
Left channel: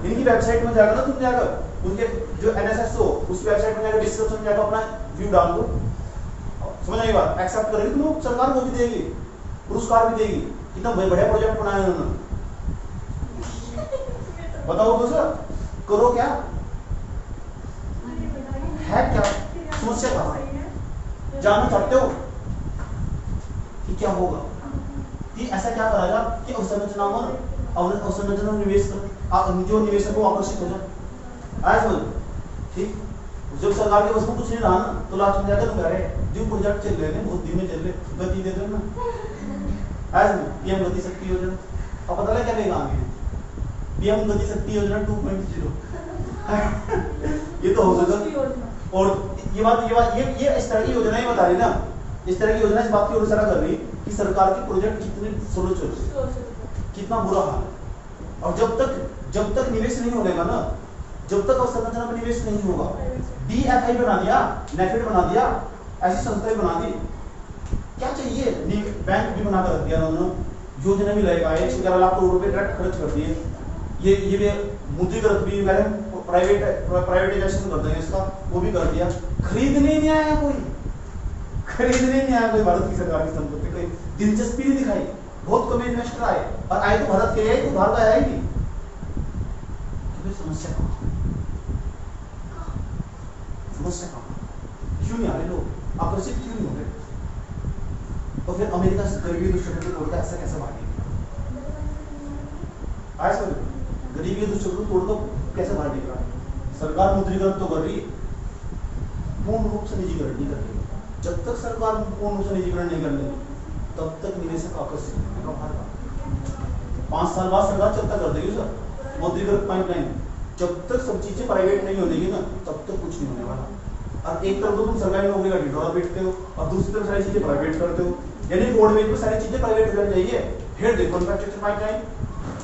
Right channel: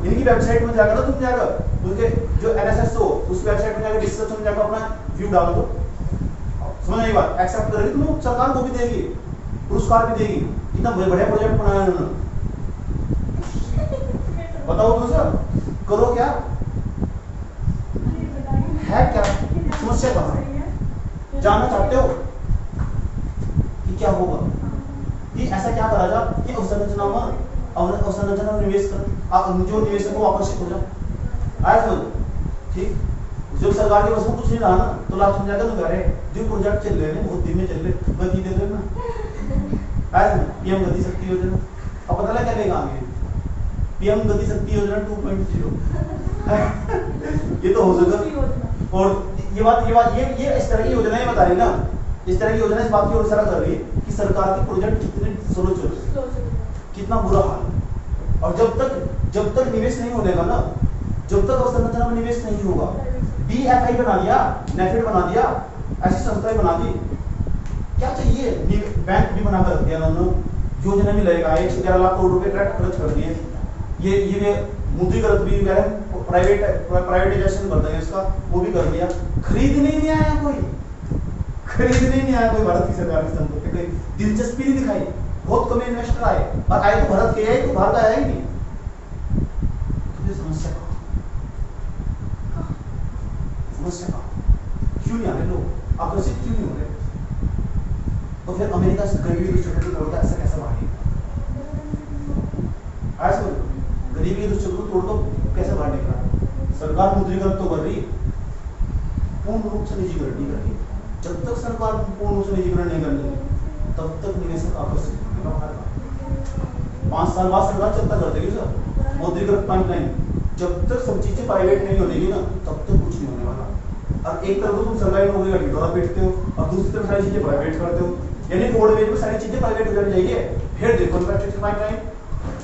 इनकी वेबसाइट में जाकर ना तुम जाकर उनके जो NSSO उस वेबसाइट में जाकर डिस्क्रिप्शन में जाकर अपना व्यू डाल दो। समझ आई बात? एक्सेप्ट करेगी तुम, सरकार को भी देगी, पुरस्कार भी देगी। इतना बढ़िया प्रोजेक्ट बनाया उन्होंने। बताओ तो सर, करो क्या है? क्या समस्या कहाँ है? जानना चाहते हो कि क्या होगा? कि ऐसा क्या करा जाए कि अवसंरचना में निवेश जो निवेशक को आकर्षित हो जाए। आया समझ? ठीक, जब सरकार के बस में कुछ नहीं रहा ना तो लास्ट में जाकर तुम कह रहे जो प्रोजेक्ट चल रहे हैं बहुत धीमे चल रहे, गति दे दो ना। आया समझ? पीएम गति शक्ति योजना। अब पता लगा क्या लेगा आगे? पीएम गति शक्ति योजना 2.0। ये तो हो सकता। और ये इस तरह की योजनाएं बता रही ना, इस तरह की योजना इस बात की ओर इशारा कर रही है कि सरकार के प्रोजेक्ट कितने स्लो चल रहे, कितना बुरा हाल है। और जब तक निवेश नहीं होगा ना, जब तक अवसंरचना में निवेश नहीं होगा, DFI बना दिया, नेफिड बना दिया, ऐसी संस्थाएं बना दी, क्या चाहिए? बैंक भी बनाकर रख दिया उन्होंने, योजना भी लगेगा, 111 लाख करोड़ रुपए खर्च कर दिए। ये मुद्रीकृत भी प्राइवेटाइजेशन कर देंगे इसका, वो भी कर दिया। खरीदने नहीं आया कोई, भारत की सरकार की संपत्ति कोई दिलचस्पी नहीं दिखाई। बहुत कम इन्वेस्टर आए, और आए तो भारत के आए, तो बाहर का आया ही नहीं। तो फिर समस्या कहाँ? क्यों नहीं आ रहे लोग? आकर्षित क्यों नहीं हो रहे? तो फिर अमेरिका से गरीबी दुष्चक्र को तोड़कर ऐसा कैसे भागेगा? आया समझ? गरीबी दुष्चक्र को तोड़कर कैसे बाहर निकल रहा है? सरकार मुद्रीकरण तो कर रही, पूर्ण रूप से निजीकरण नहीं कर रही। जब तक सरकार पूर्ण रूप से निजीकरण नहीं करेगी तब तक निवेशक आकर्षित होगा बाहर का। 5 साल बाद सरकार चलता कर देगी सर मुद्रीकृत पाइपलाइन। जब तक सब चीजें प्राइवेट नहीं होगी ना तब तक कुछ नहीं होने वाला। और एक तरफ तो तुम सरकारी नौकरी का ढिंढोरा पीटते हो और दूसरी तरफ सारी चीजें प्राइवेट करते हो। यानी रोडवेज में सारी चीजें प्राइवेट हो जानी चाहिए। फिर देखो इंफ्रास्ट्रक्चर पाइपलाइन,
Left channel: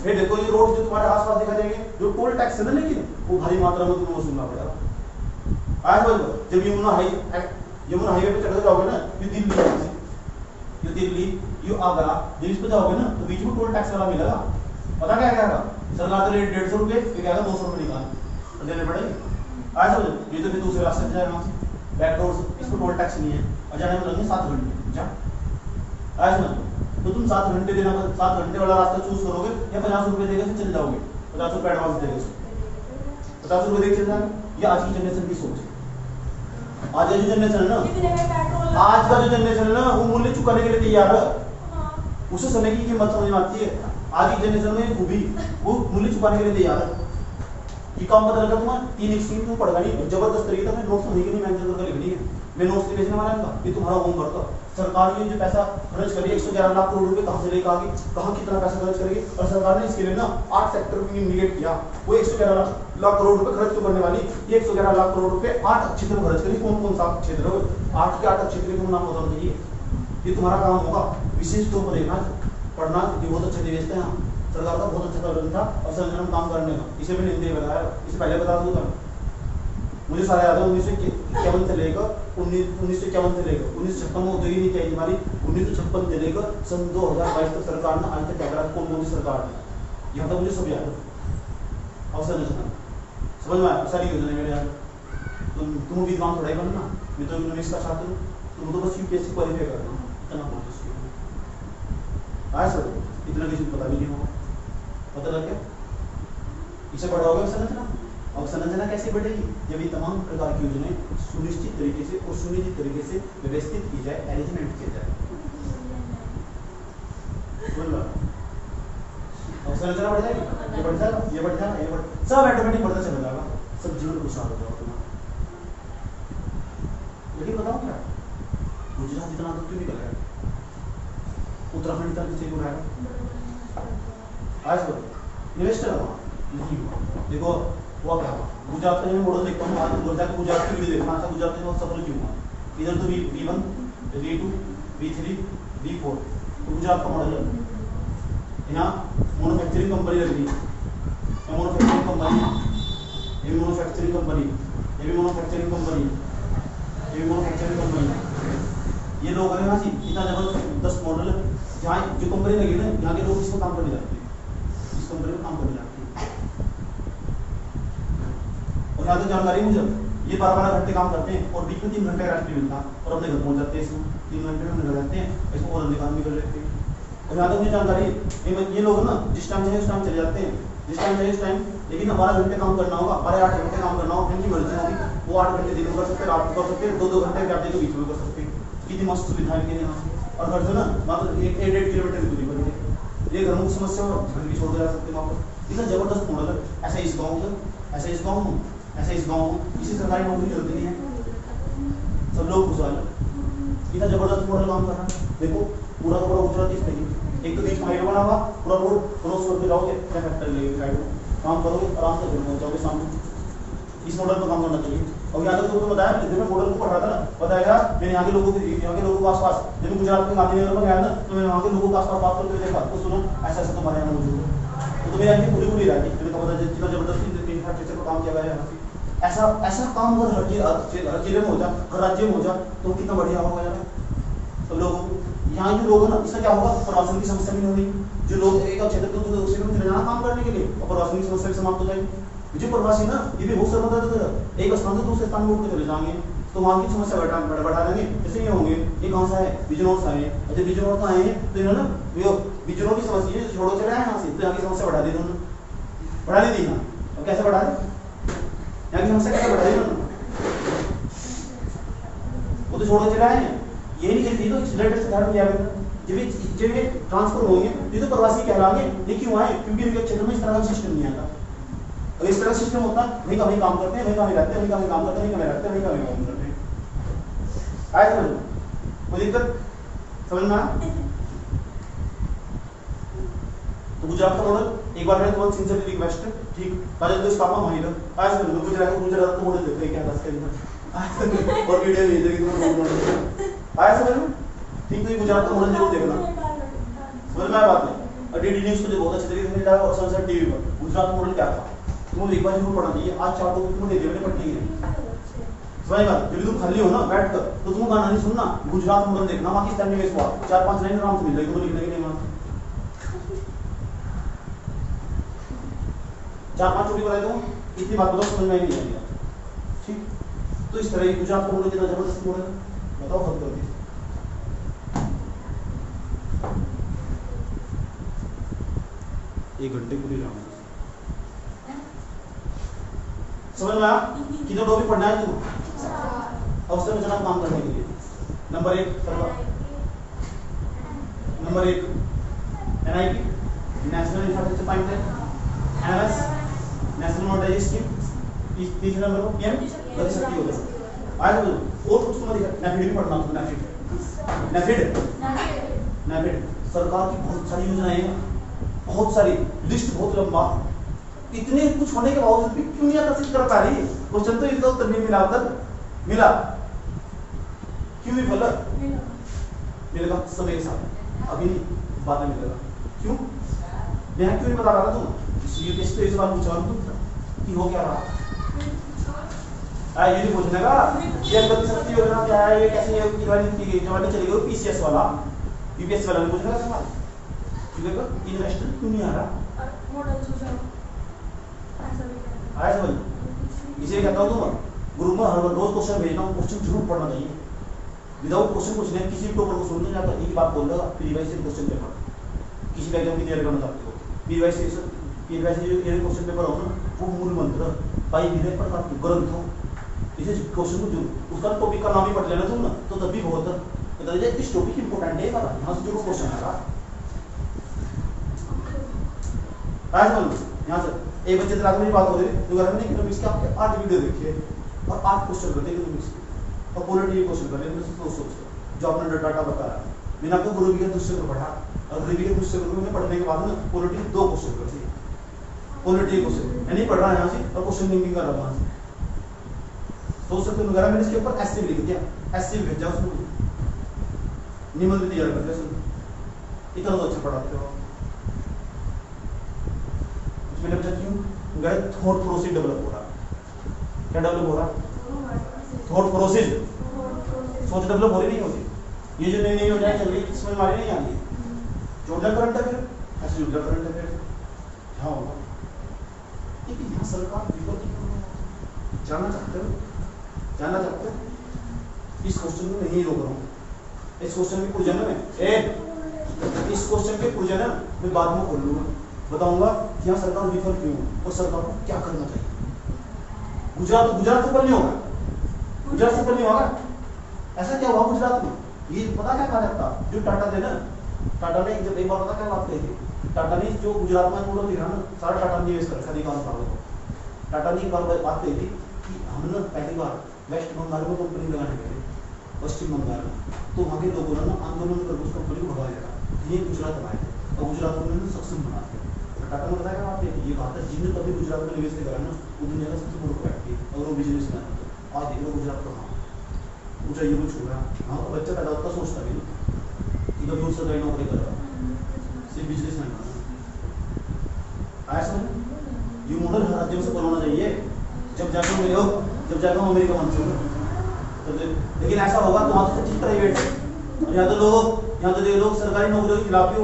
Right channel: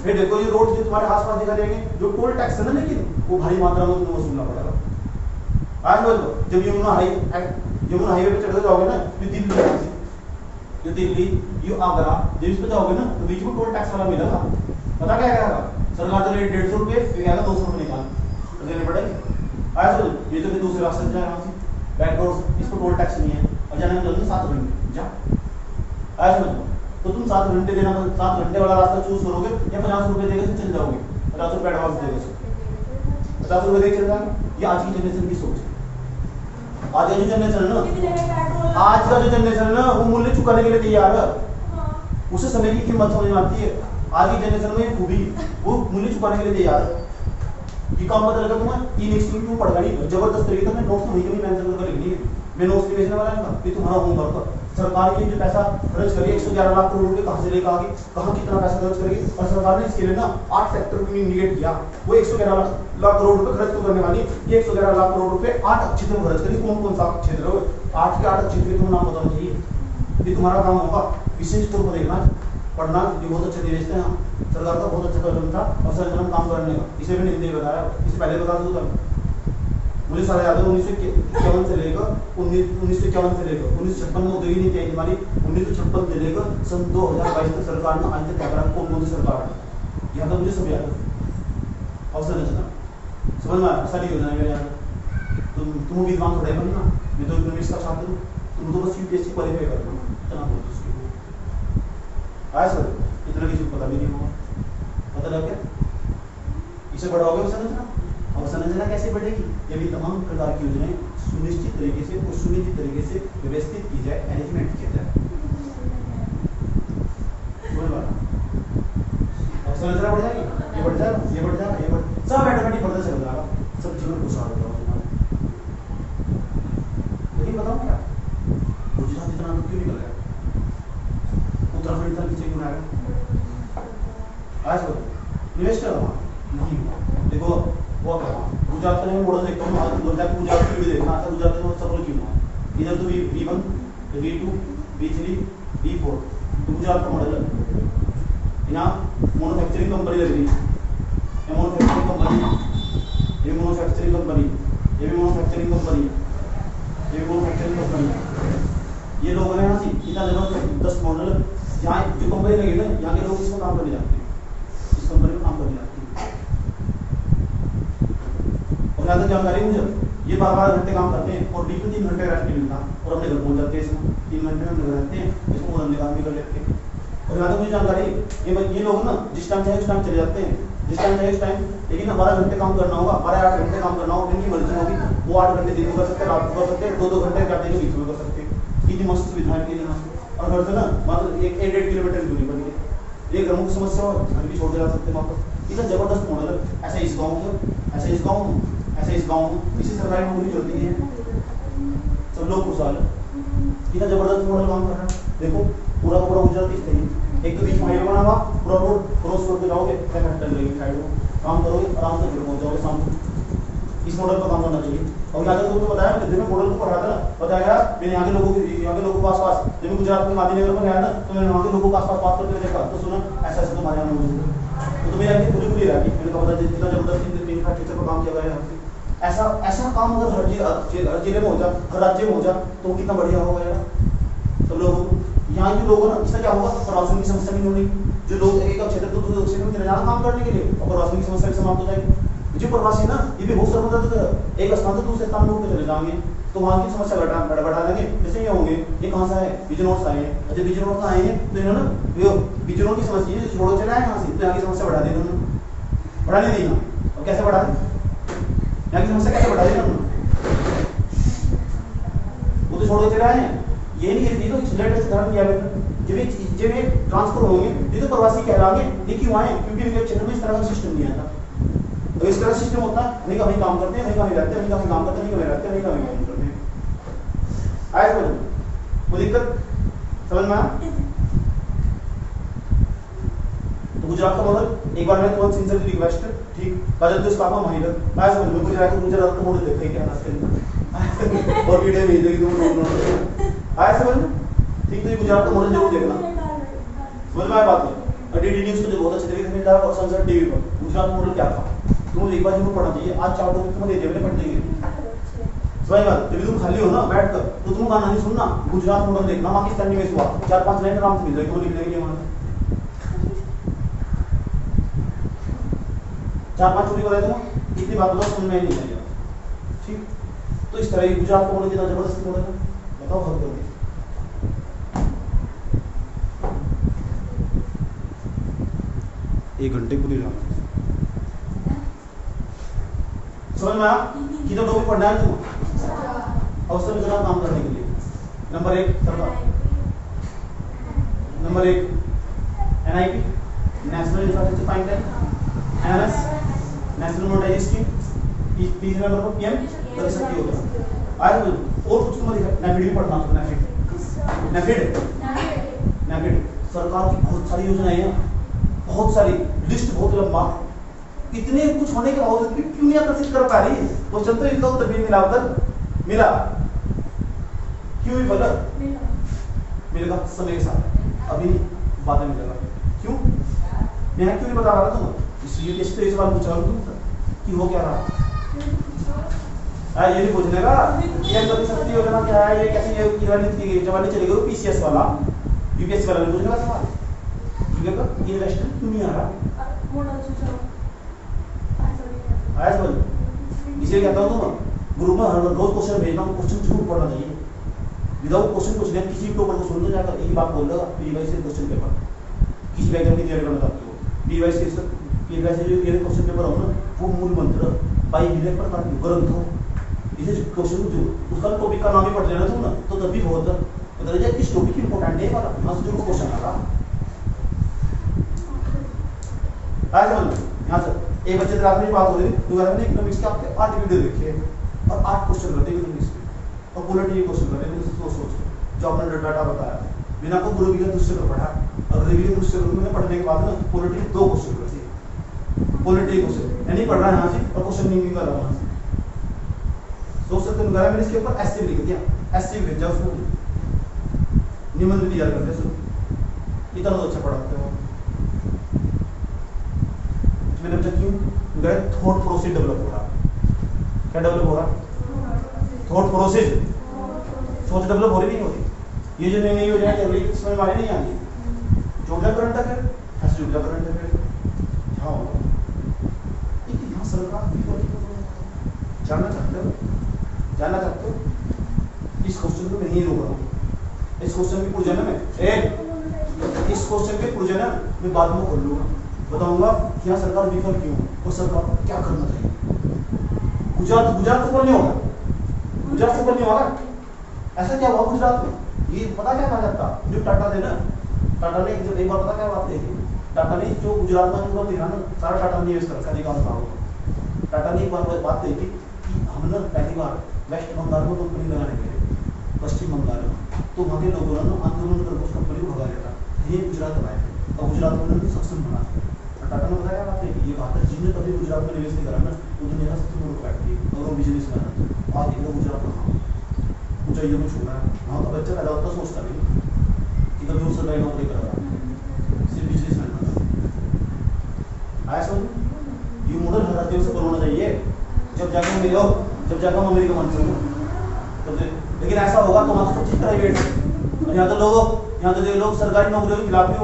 फिर देखो ये रोड जो तुम्हारे आसपास दिखाई देंगे, जो टोल टैक्स है ना, लेकिन वो भारी मात्रा में तुम्हें वसूलना पड़ेगा। आज जब यमुना हाईवे पे चढ़ जाओगे ना, दिल्ली यू आगरा जब इस पे जाओगे ना तो बीच में टोल टैक्स वाला मिलेगा। पता क्या कहेगा? सरकार तो रेट 150 रुपए, फिर कहेगा 200 रुपए निकाल तो देने पड़ेगे। आज समझो, ये तो फिर दूसरे रास्ते से जाएगा, बैक रोड, इस पर टोल टैक्स नहीं है और जाने में लगेंगे 7 घंटे। जा आज समझो, तो तुम 7 घंटे देना, 7 घंटे वाला रास्ता चूज करोगे या 50 रुपए देकर चले जाओगे, 50 रुपए एडवांस देगा। 50 रुपए देख चल रहा है। ये आज की जनरेशन की सोच है। आज की जो जनरेशन है ना, आज का जो जनरेशन है ना, वो मूल्य चुकाने के लिए तैयार है। उसे समय की कीमत समझ में आती है। आज की जनरेशन में खूबी वो मूल्य चुकाने के लिए तैयार है। ये काम पता लगा तुम्हें, तीन एक्सट्रीम तुम पढ़ेगा नहीं, जबरदस्त तरीके से नोट्स तो नहीं मेंशन करके लिखनी है। मैं नोट्स लिखने वाला है, ये तुम्हारा होमवर्क है। सरकार ने जो पैसा खर्च करी 111 लाख करोड़ रुपए कहां से लेकर आ गई, कहां कितना पैसा खर्च करेगी, और सरकार ने इसके लिए ना 8 सेक्टर को इंडिकेट किया। वो 111 लाख करोड़ रुपए खर्च क्यों करने वाली, ये 111 लाख करोड़ रुपए 8 क्षेत्रों में खर्च करेगी। कौन कौन सा क्षेत्र है? 8 के 8 क्षेत्र को नाम बताना चाहिए। ये तुम्हारा काम होगा। विशेष तौर पर देखना, पढ़ना, ये बहुत अच्छे निवेश हैं। सरकार का बहुत अच्छा कदम था और संरचना काम करने का। इसे मैंने हिंदी बताया, इसे पहले बता दूं था। मुझे सारा याद है 1951 से लेकर 1956 में औद्योगिक नीति आई हमारी। 1956 से लेकर सन 2022 तक सरकार ने आज तक क्या करा, कौन कौन सी सरकार है, यहाँ तक मुझे सब याद है। अवसंरचना समझ में आया, सारी योजना मेरे याद। तुम विद्वान थोड़ा ही बनना, मैं तो इकोनॉमिक्स का छात्र हूँ, तुम तो बस यूपीएससी क्वालिफाई करना, इतना बहुत आया सर। इतना किसी को पता भी नहीं होगा, पता लग गया। इसे बढ़ा होगा अवसंरचना। अवसंरचना कैसे बढ़ेगी, जब ये तमाम प्रकार की योजनाएं सुनिश्चित तरीके से और सुनिश्चित तरीके से व्यवस्थित की जाए, अरेंजमेंट किया जाए। अवसंरचना बढ़ जाएगी, ये बढ़ जाएगा, ये बढ़ जाएगा, ये बढ़, सब ऑटोमेटिक बढ़ता चल जाएगा, सब जीवन खुशहाल हो जाएगा तुम्हारा। लेकिन बताओ क्या गुजरात इतना तो क्यों निकल गया, उत्तराखंड इतना पीछे क्यों आएगा? आज इन्वेस्टर हुआ नहीं हुआ। देखो वो क्या गुजरात का जो मॉडल देखता हूँ, आज गुजरात की वीडियो देखना। अच्छा गुजरात में सफल क्यों हुआ? इधर तो V1, V2, V3, V4 तो गुजरात का मॉडल है। यहाँ मैन्युफैक्चरिंग कंपनी लग रही है, मैन्युफैक्चरिंग कंपनी, ये मैन्युफैक्चरिंग कंपनी, ये भी मैन्युफैक्चरिंग कंपनी, ये भी मैन्युफैक्चरिंग कंपनी। ये लोग हैं यहाँ से इतना जबरदस्त मॉडल है। यहाँ जो कंपनी लगी ना, यहाँ के लोग इसमें काम करने जाते हैं, इस कंपनी में काम करने जाते हैं। और यहाँ तक जानकारी मुझे ये 12 घंटे काम करते हैं और बीच में 3 घंटे रेस्ट मिलता और अपने घर पहुंच जाते हैं। इसमें 3 घंटे में रहते हैं, इसको और निकाल भी कर लेते हैं। और यहाँ तक मुझे जानकारी ये लोग ना जिस टाइम चाहे उस टाइम चले जाते हैं, जिस टाइम चाहे उस टाइम। लेकिन 12 घंटे काम करना होगा, 12-8 घंटे काम करना होगा, इनकी मर्जी होगी। वो 8 घंटे दिन में कर सकते हैं, रात को कर सकते हैं, 2-2 घंटे रात के बीच में कर सकते हैं। कितनी मस्त सुविधाएं के यहाँ से। और घर से ना मतलब 1-1.5 किलोमीटर की दूरी पर ये घरों की समस्या हो, घर भी छोड़ के जा सकते हैं वापस। इतना जबरदस्त मॉडल है। ऐसा इस गाँव में, ऐसा इस गाँव में, ऐसा इस गाँव में, इसी सरकारी नौकरी चलती है, सब लोग खुशहाल है। इतना जबरदस्त मॉडल काम कर रहा है। देखो पूरा पूरा गुजरात इस तरीके, एक तो बीच में हाईवे बना हुआ, पूरा रोड क्रॉस करके जाओगे, क्या फैक्टर लगेगी साइड में, काम करोगे आराम से घर पहुंच जाओगे सामने। इस मॉडल पर काम करना चाहिए। और यहाँ तक तुमको बताया, जब मैं मॉडल को पढ़ा था बताया, मैंने यहाँ के लोगों के आसपास, जब मैं गुजरात में गांधीनगर में गया ना, तो मैंने वहाँ के लोगों के आसपास बात करके देखा तो सुना ऐसा ऐसा तुम्हारे यहाँ मौजूद है। तो तुम्हें यहाँ पूरी पूरी रही, मैंने कहा जितना जबरदस्त इंफ्रास्ट्रक्चर पर काम किया गया है। ऐसा काम अगर हर जिले में हो जाए, हर राज्य में हो जाए तो कितना बढ़िया होगा यार। तो लोग यहाँ के लोग ना, इससे क्या होगा, प्रवासन की समस्या भी नहीं होगी। जो लोग एक क्षेत्र से दूसरे क्षेत्र में चले जाना काम करने के लिए, और प्रवासन की समस्या भी समाप्त हो जाएगी। जो प्रवासी ना ये भी बहुत समझदार, एक स्थान से दूसरे स्थान में उठ चले जाएंगे तो वहाँ की समस्या बढ़ा देंगे। जैसे ये होंगे, ये कहाँ से है, बिजनौर से आए हैं, जब बिजनौर से आए हैं तो इन्होंने बिजनौर की समस्या छोड़ो चला है यहाँ से, तो यहाँ की समस्या बढ़ा दी उन्होंने, बढ़ा ली थी यहाँ। और कैसे बढ़ा दी, यहाँ की समस्या कैसे बढ़ा दी उन्होंने, वो तो छोड़ो चला है। ये नहीं कहती तो डायरेक्ट से धारण किया गया। जब ये ट्रांसफर होंगे ये तो प्रवासी कहलाएंगे। ये क्यों आए, क्योंकि इनके क्षेत्र में इस तरह का सिस्टम नहीं आता। अगर इस तरह सिस्टम होता, वहीं का वहीं काम करते हैं, वहीं का वहीं रहते हैं, वहीं का वहीं काम करते हैं, वहीं का वहीं रहते हैं, वहीं का वहीं काम करते हैं। आए समझ, कोई दिक्कत समझ में आया? तो गुजरात का मॉडल एक बार मैं बहुत सिंसियरली रिक्वेस्ट है, ठीक राजन तो इस काम में मानिएगा। आए समझ में, गुजरात का मॉडल देखते हैं क्या था इसके और वीडियो भेज देगी तुम। आया समझ में, ठीक। तो ये गुजरात का मॉडल जरूर देखना, समझ में आया बात नहीं। डीडी न्यूज़ पे बहुत अच्छे तरीके से मिलता है और सनसद टीवी पर गुजरात मॉडल क्या था तुम एक बार जरूर पढ़ना चाहिए। आज 4 लोग तुम्हें देवने पढ़ते हैं, सही बात। जब तुम खाली हो ना बैठ कर तो तुम गाना नहीं सुनना, गुजरात मॉडल देखना। पाकिस्तान में इस बार 4-5 लाइन आराम से मिल जाएगी तुम्हें लिखने के लिए। वहां 4-5 छोटी बनाई दूँ, इतनी बात बताओ समझ में नहीं आएगा, ठीक। तो इस तरह गुजरात का मॉडल कितना जबरदस्त मॉडल है, बताओ हल कर। 1 घंटे पूरी रहना। समझ में आया? कितने टॉपिक पढ़ना है तुम अवस्था में जनाब काम करने के लिए? नंबर 1 सरकार, number 1 NIP national infrastructure pipeline, NMS national monetisation scheme, तीसरे नंबर पर PM गति शक्ति योजना। आज और कुछ समझ नेफिड भी पढ़ना तुम नेफिड सरकार की बहुत सारी योजनाएं हैं, बहुत सारी लिस्ट बहुत लंबा, इतने कुछ होने के बावजूद भी क्यों नहीं आकर्षित कर पा रही? क्वेश्चन तो इसका उत्तर भी मिला, उत्तर मिला, क्यों भी फल मिलेगा समय के साथ, अभी नहीं बाद में मिलेगा। क्यों मैं क्यों नहीं बता रहा था तुम? इसलिए टेस्ट से इस बार पूछा तुम कि वो क्या रहा ये नहीं पूछने का ये गति शक्ति योजना क्या है, ये कैसे ये जवानी चली गई PCS वाला UPSC वाला नहीं पूछने का सवाल, क्योंकि ये नेशनल क्यों नहीं आ रहा? मॉडल सूचना आया समझ? इसलिए कहता हूँ तुम ग्रुप में हर रोज क्वेश्चन भेजना, क्वेश्चन जरूर पढ़ना चाहिए। विदाउट क्वेश्चन पूछने किसी भी टॉपर को सुन नहीं जाता, एक बात बोल देगा प्रीवाइज से क्वेश्चन पेपर किसी भी एग्जाम की तैयारी करना चाहते हो, प्रीवाइज से जो क्वेश्चन पेपर हो ना वो मूल मंत्र बाई विवेक प्रकार की ग्रंथ हो, इसे क्वेश्चन को जो उसका टॉपिक का नाम ही पढ़ लेना तुम ना तो तभी बहुत पता चले किस टॉपिक इंपॉर्टेंट है, पता यहाँ से जरूर क्वेश्चन आएगा। आया समझ? यहाँ से एक बच्चे रात में बात हो रही तो घर में इकोनॉमिक्स के आपके 8 वीडियो देखिए और 8 क्वेश्चन करते हैं इकोनॉमिक्स के और पॉलिटी क्वेश्चन करते हैं सोच जो आपने डाटा बताया बिना को गुरु के दूसरे को पढ़ा और गुरु के दूसरे को में पढ़ने के बाद ना पॉलिटी 2 क्वेश्चन करती है, पॉलिटी क्वेश्चन यानी पढ़ रहा है यहाँ से और क्वेश्चन नहीं कर रहा वहाँ से सोच सकते हैं। मैंने इसके ऊपर ऐसे लिख दिया, ऐसे भी भेज जाओ उसको निबंध भी तैयार करते हैं, इतना तो अच्छा पढ़ाते हो। मैंने पूछा क्यों गए थॉट प्रोसेस डेवलप हो रहा, क्या डेवलप हो रहा? थॉट प्रोसेस, सोच डेवलप हो रही नहीं होती। ये जो नई नई योजनाएं चल रही समझ में आ रही नहीं आ रही, जो करंट अफेयर ऐसे जो करंट अफेयर हाँ होगा। लेकिन यहाँ सरकार जानना चाहते हो, जानना चाहते हो इस क्वेश्चन को मैं नहीं रोक रहा हूँ, इस क्वेश्चन की पूजा में इस क्वेश्चन के पूजा ना मैं बाद में कर लूंगा, बताऊंगा कि यहाँ सरकार विफल क्यों और सरकार को क्या करना चाहिए। गुजरात सफल नहीं होगा, गुजरात सफल नहीं होगा। ऐसा क्या हुआ गुजरात में? ये पता क्या कहा जाता जो टाटा थे ना, टाटा ने जब एक बार पता क्या बात कही थी, टाटा ने जो गुजरात में पूरा दिखा ना सारा टाटा ने निवेश कर निकाल रहा। टाटा ने एक बार बात कही थी कि हम ना पहली बार वेस्ट बंगाल में कंपनी लगाने गए, पश्चिम बंगाल में, तो वहाँ के लोगों ने आंदोलन कर उस कंपनी को भगा दिया था। ये गुजरात बनाए थे और गुजरात को उन्होंने सक्षम बना दिया। टाटा ने बताया बात ये कहा था जिसने कभी गुजरात में निवेश नहीं करा ना वो दुनिया का सबसे बड़ा फैक्ट्री और वो बिजनेस मैन। आज देखो गुजरात का ऊंचाइयों को छू रहा है। हाँ तो बच्चा पैदा होता सोचता भी कि कभी वो सरकारी नौकरी करेगा, सिर्फ बिजनेस मैन बना। आया समझ? ये मॉडल हटाते से होना चाहिए। जब जाकर मिले हो, जब जाकर अमेरिका मान सकते, लेकिन ऐसा होगा तो वहाँ तो सब चीज प्राइवेट है और यहाँ तो लोग सरकारी नौकरियों के खिलाफ भी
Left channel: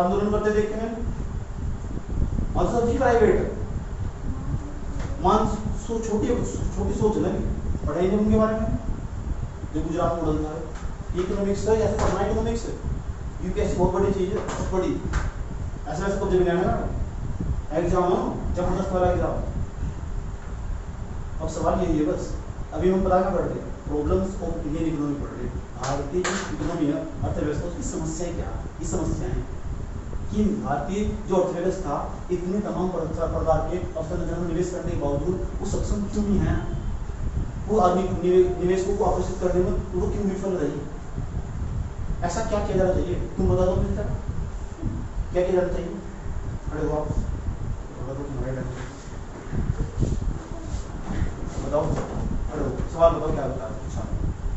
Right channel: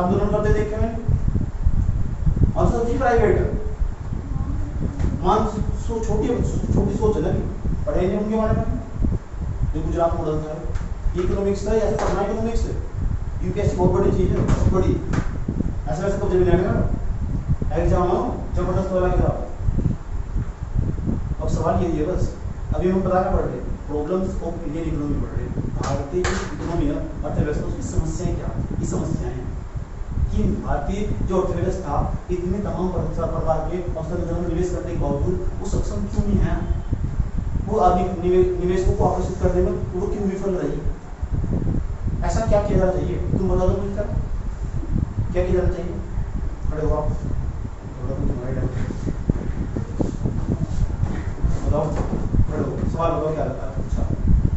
आंदोलन करते देखे हैं और सब चीज प्राइवेट है। मान छोटी सोच है ना, पढ़े नहीं उनके बारे में। जो गुजरात मॉडल था इकोनॉमिक्स था, ऐसे पढ़ना इकोनॉमिक्स है। यूपीएससी बहुत बड़ी चीज है, बहुत बड़ी। ऐसे वैसे कब जब ना एग्जाम हो जबरदस्त वाला एग्जाम। अब सवाल यही है बस, अभी हम पता क्या पढ़ रहे हैं, प्रॉब्लम्स ऑफ इंडियन इकोनॉमी पढ़ रहे हैं। भारतीय इकोनॉमी है, अर्थव्यवस्था, उसकी समस्याएं क्या, ये समस्याएं कि भारतीय जो अर्थव्यवस्था इतने तमाम प्रकार के अवसर में निवेश करने के बावजूद वो सक्षम क्यों नहीं है, वो आदमी निवेशकों को आकर्षित करने में वो क्यों विफल रही? ऐसा क्या किया जाना चाहिए? तुम बता दो मिलकर क्या किया जाना चाहिए? खड़े हो आप, थोड़ा तो तुम्हारे टाइम बताओ, खड़े हो, सवाल बताओ क्या लगता है? अच्छा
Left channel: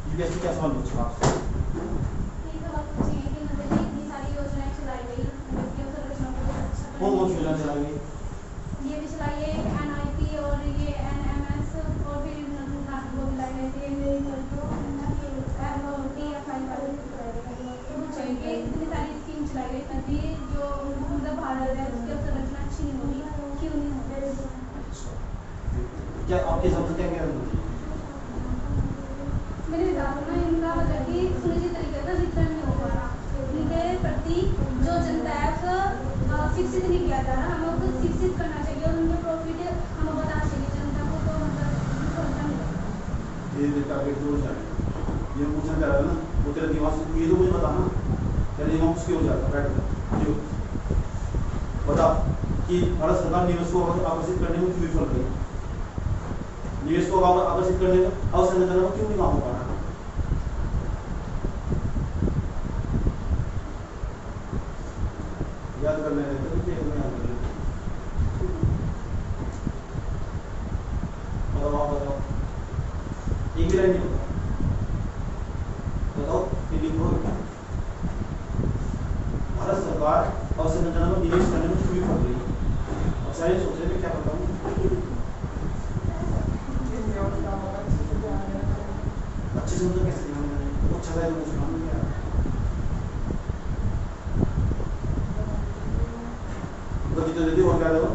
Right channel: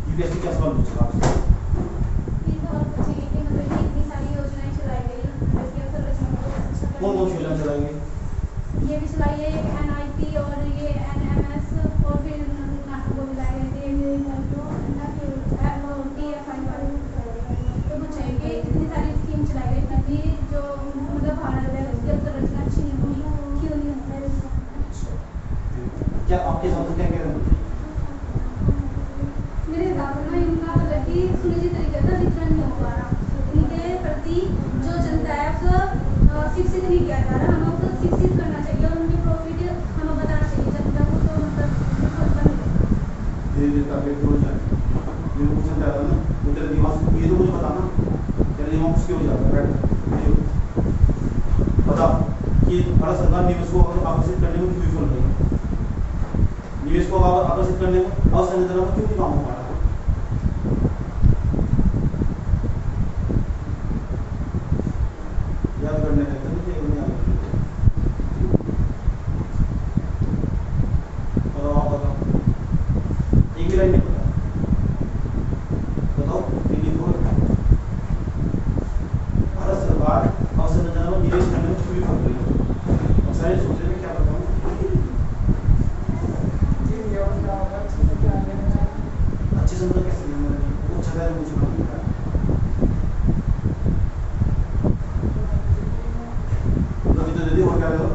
यूपीएससी क्या सवाल पूछा आपसे? कौन कौन सी योजना चलाई गई? ये भी चलाई है NIP और ये NMS और फिर वो लाई है चाहिए। इतनी सारी स्कीम चलाई गई तभी जो मतलब भारत है उसकी संरचना अच्छी नहीं होगी, क्यों नहीं होता? क्या आपके हिसाब से क्या कह रहे हैं? मेरे हिसाब से ना इनका गति सुनिश्चित तरीके से वितरण नहीं हो पा रहा, इनके प्रति जो जनता है शिक्षित नहीं किया जा रहा। हमें उसको शिक्षित करना चाहिए और उनके प्रॉफिट हमें बताना चाहिए जनता को, तो मतलब धीरे धीरे करके हो जाएगा। ये पूछना चाह रहा है ना, वो तेरा दिमाग से ये तो मुझे बताना, तेरा दिमाग क्यों हो जाता है? बैठ बता कि भारत सरकार निवेश को आकर्षित करने में क्यों विफल रही है? निवेश को आकर्षित करने में अवसंरचना में क्यों नहीं काम हो पा रहा? याद करने याद कर बताओ, एक ही लाइन नहीं बताओ, लिखो। भारत सरकार अवसंरचना में निवेश करने में क्यों विफल रही है? और सारे सोच रहे क्या बताऊं? अच्छे से मतलब कैसे वो अच्छा है कुछ ना मतलब इतना जल्दी और क्या रहे हो?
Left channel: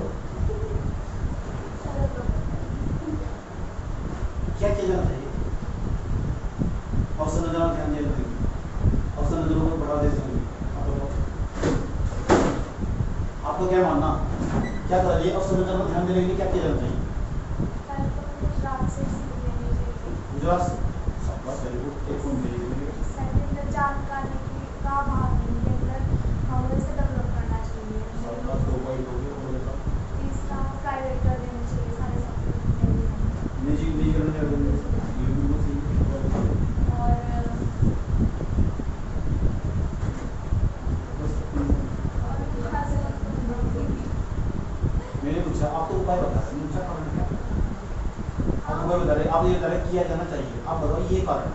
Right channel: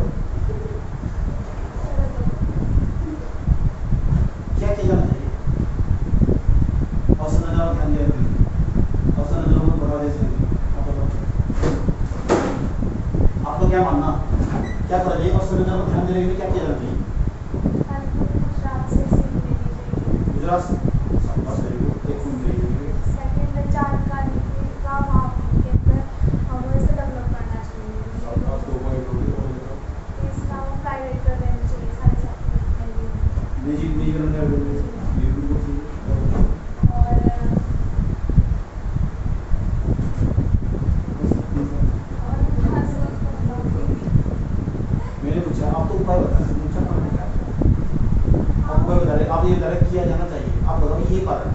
क्या क्या जाना चाहिए? अवसंरचना में ध्यान दिया जाए, अवसंरचना को बढ़ावा दे सकते। आपका क्या मानना, क्या करें? अवसंरचना में ध्यान देने के लिए क्या किया जाना चाहिए? गुजरात से बस वेरी गुड, एक फुल चाहिए। सेकंड जानकारी का भाव के अंदर हमें से डेवलप करना चाहिए। और 2 पॉइंट हो गए, और बताओ। इसका प्राइवेट कर देना चाहिए सारे सब्जेक्ट। निजी नहीं करने चाहिए, ये भी बहुत सही है। मैंने पूछा, आप तो उपाय बता रहे हैं, पूछा कहाँ है? आप उपाय बता रहे, आप ये बता रहे किया जाना चाहिए। आप बताओ ये कारण,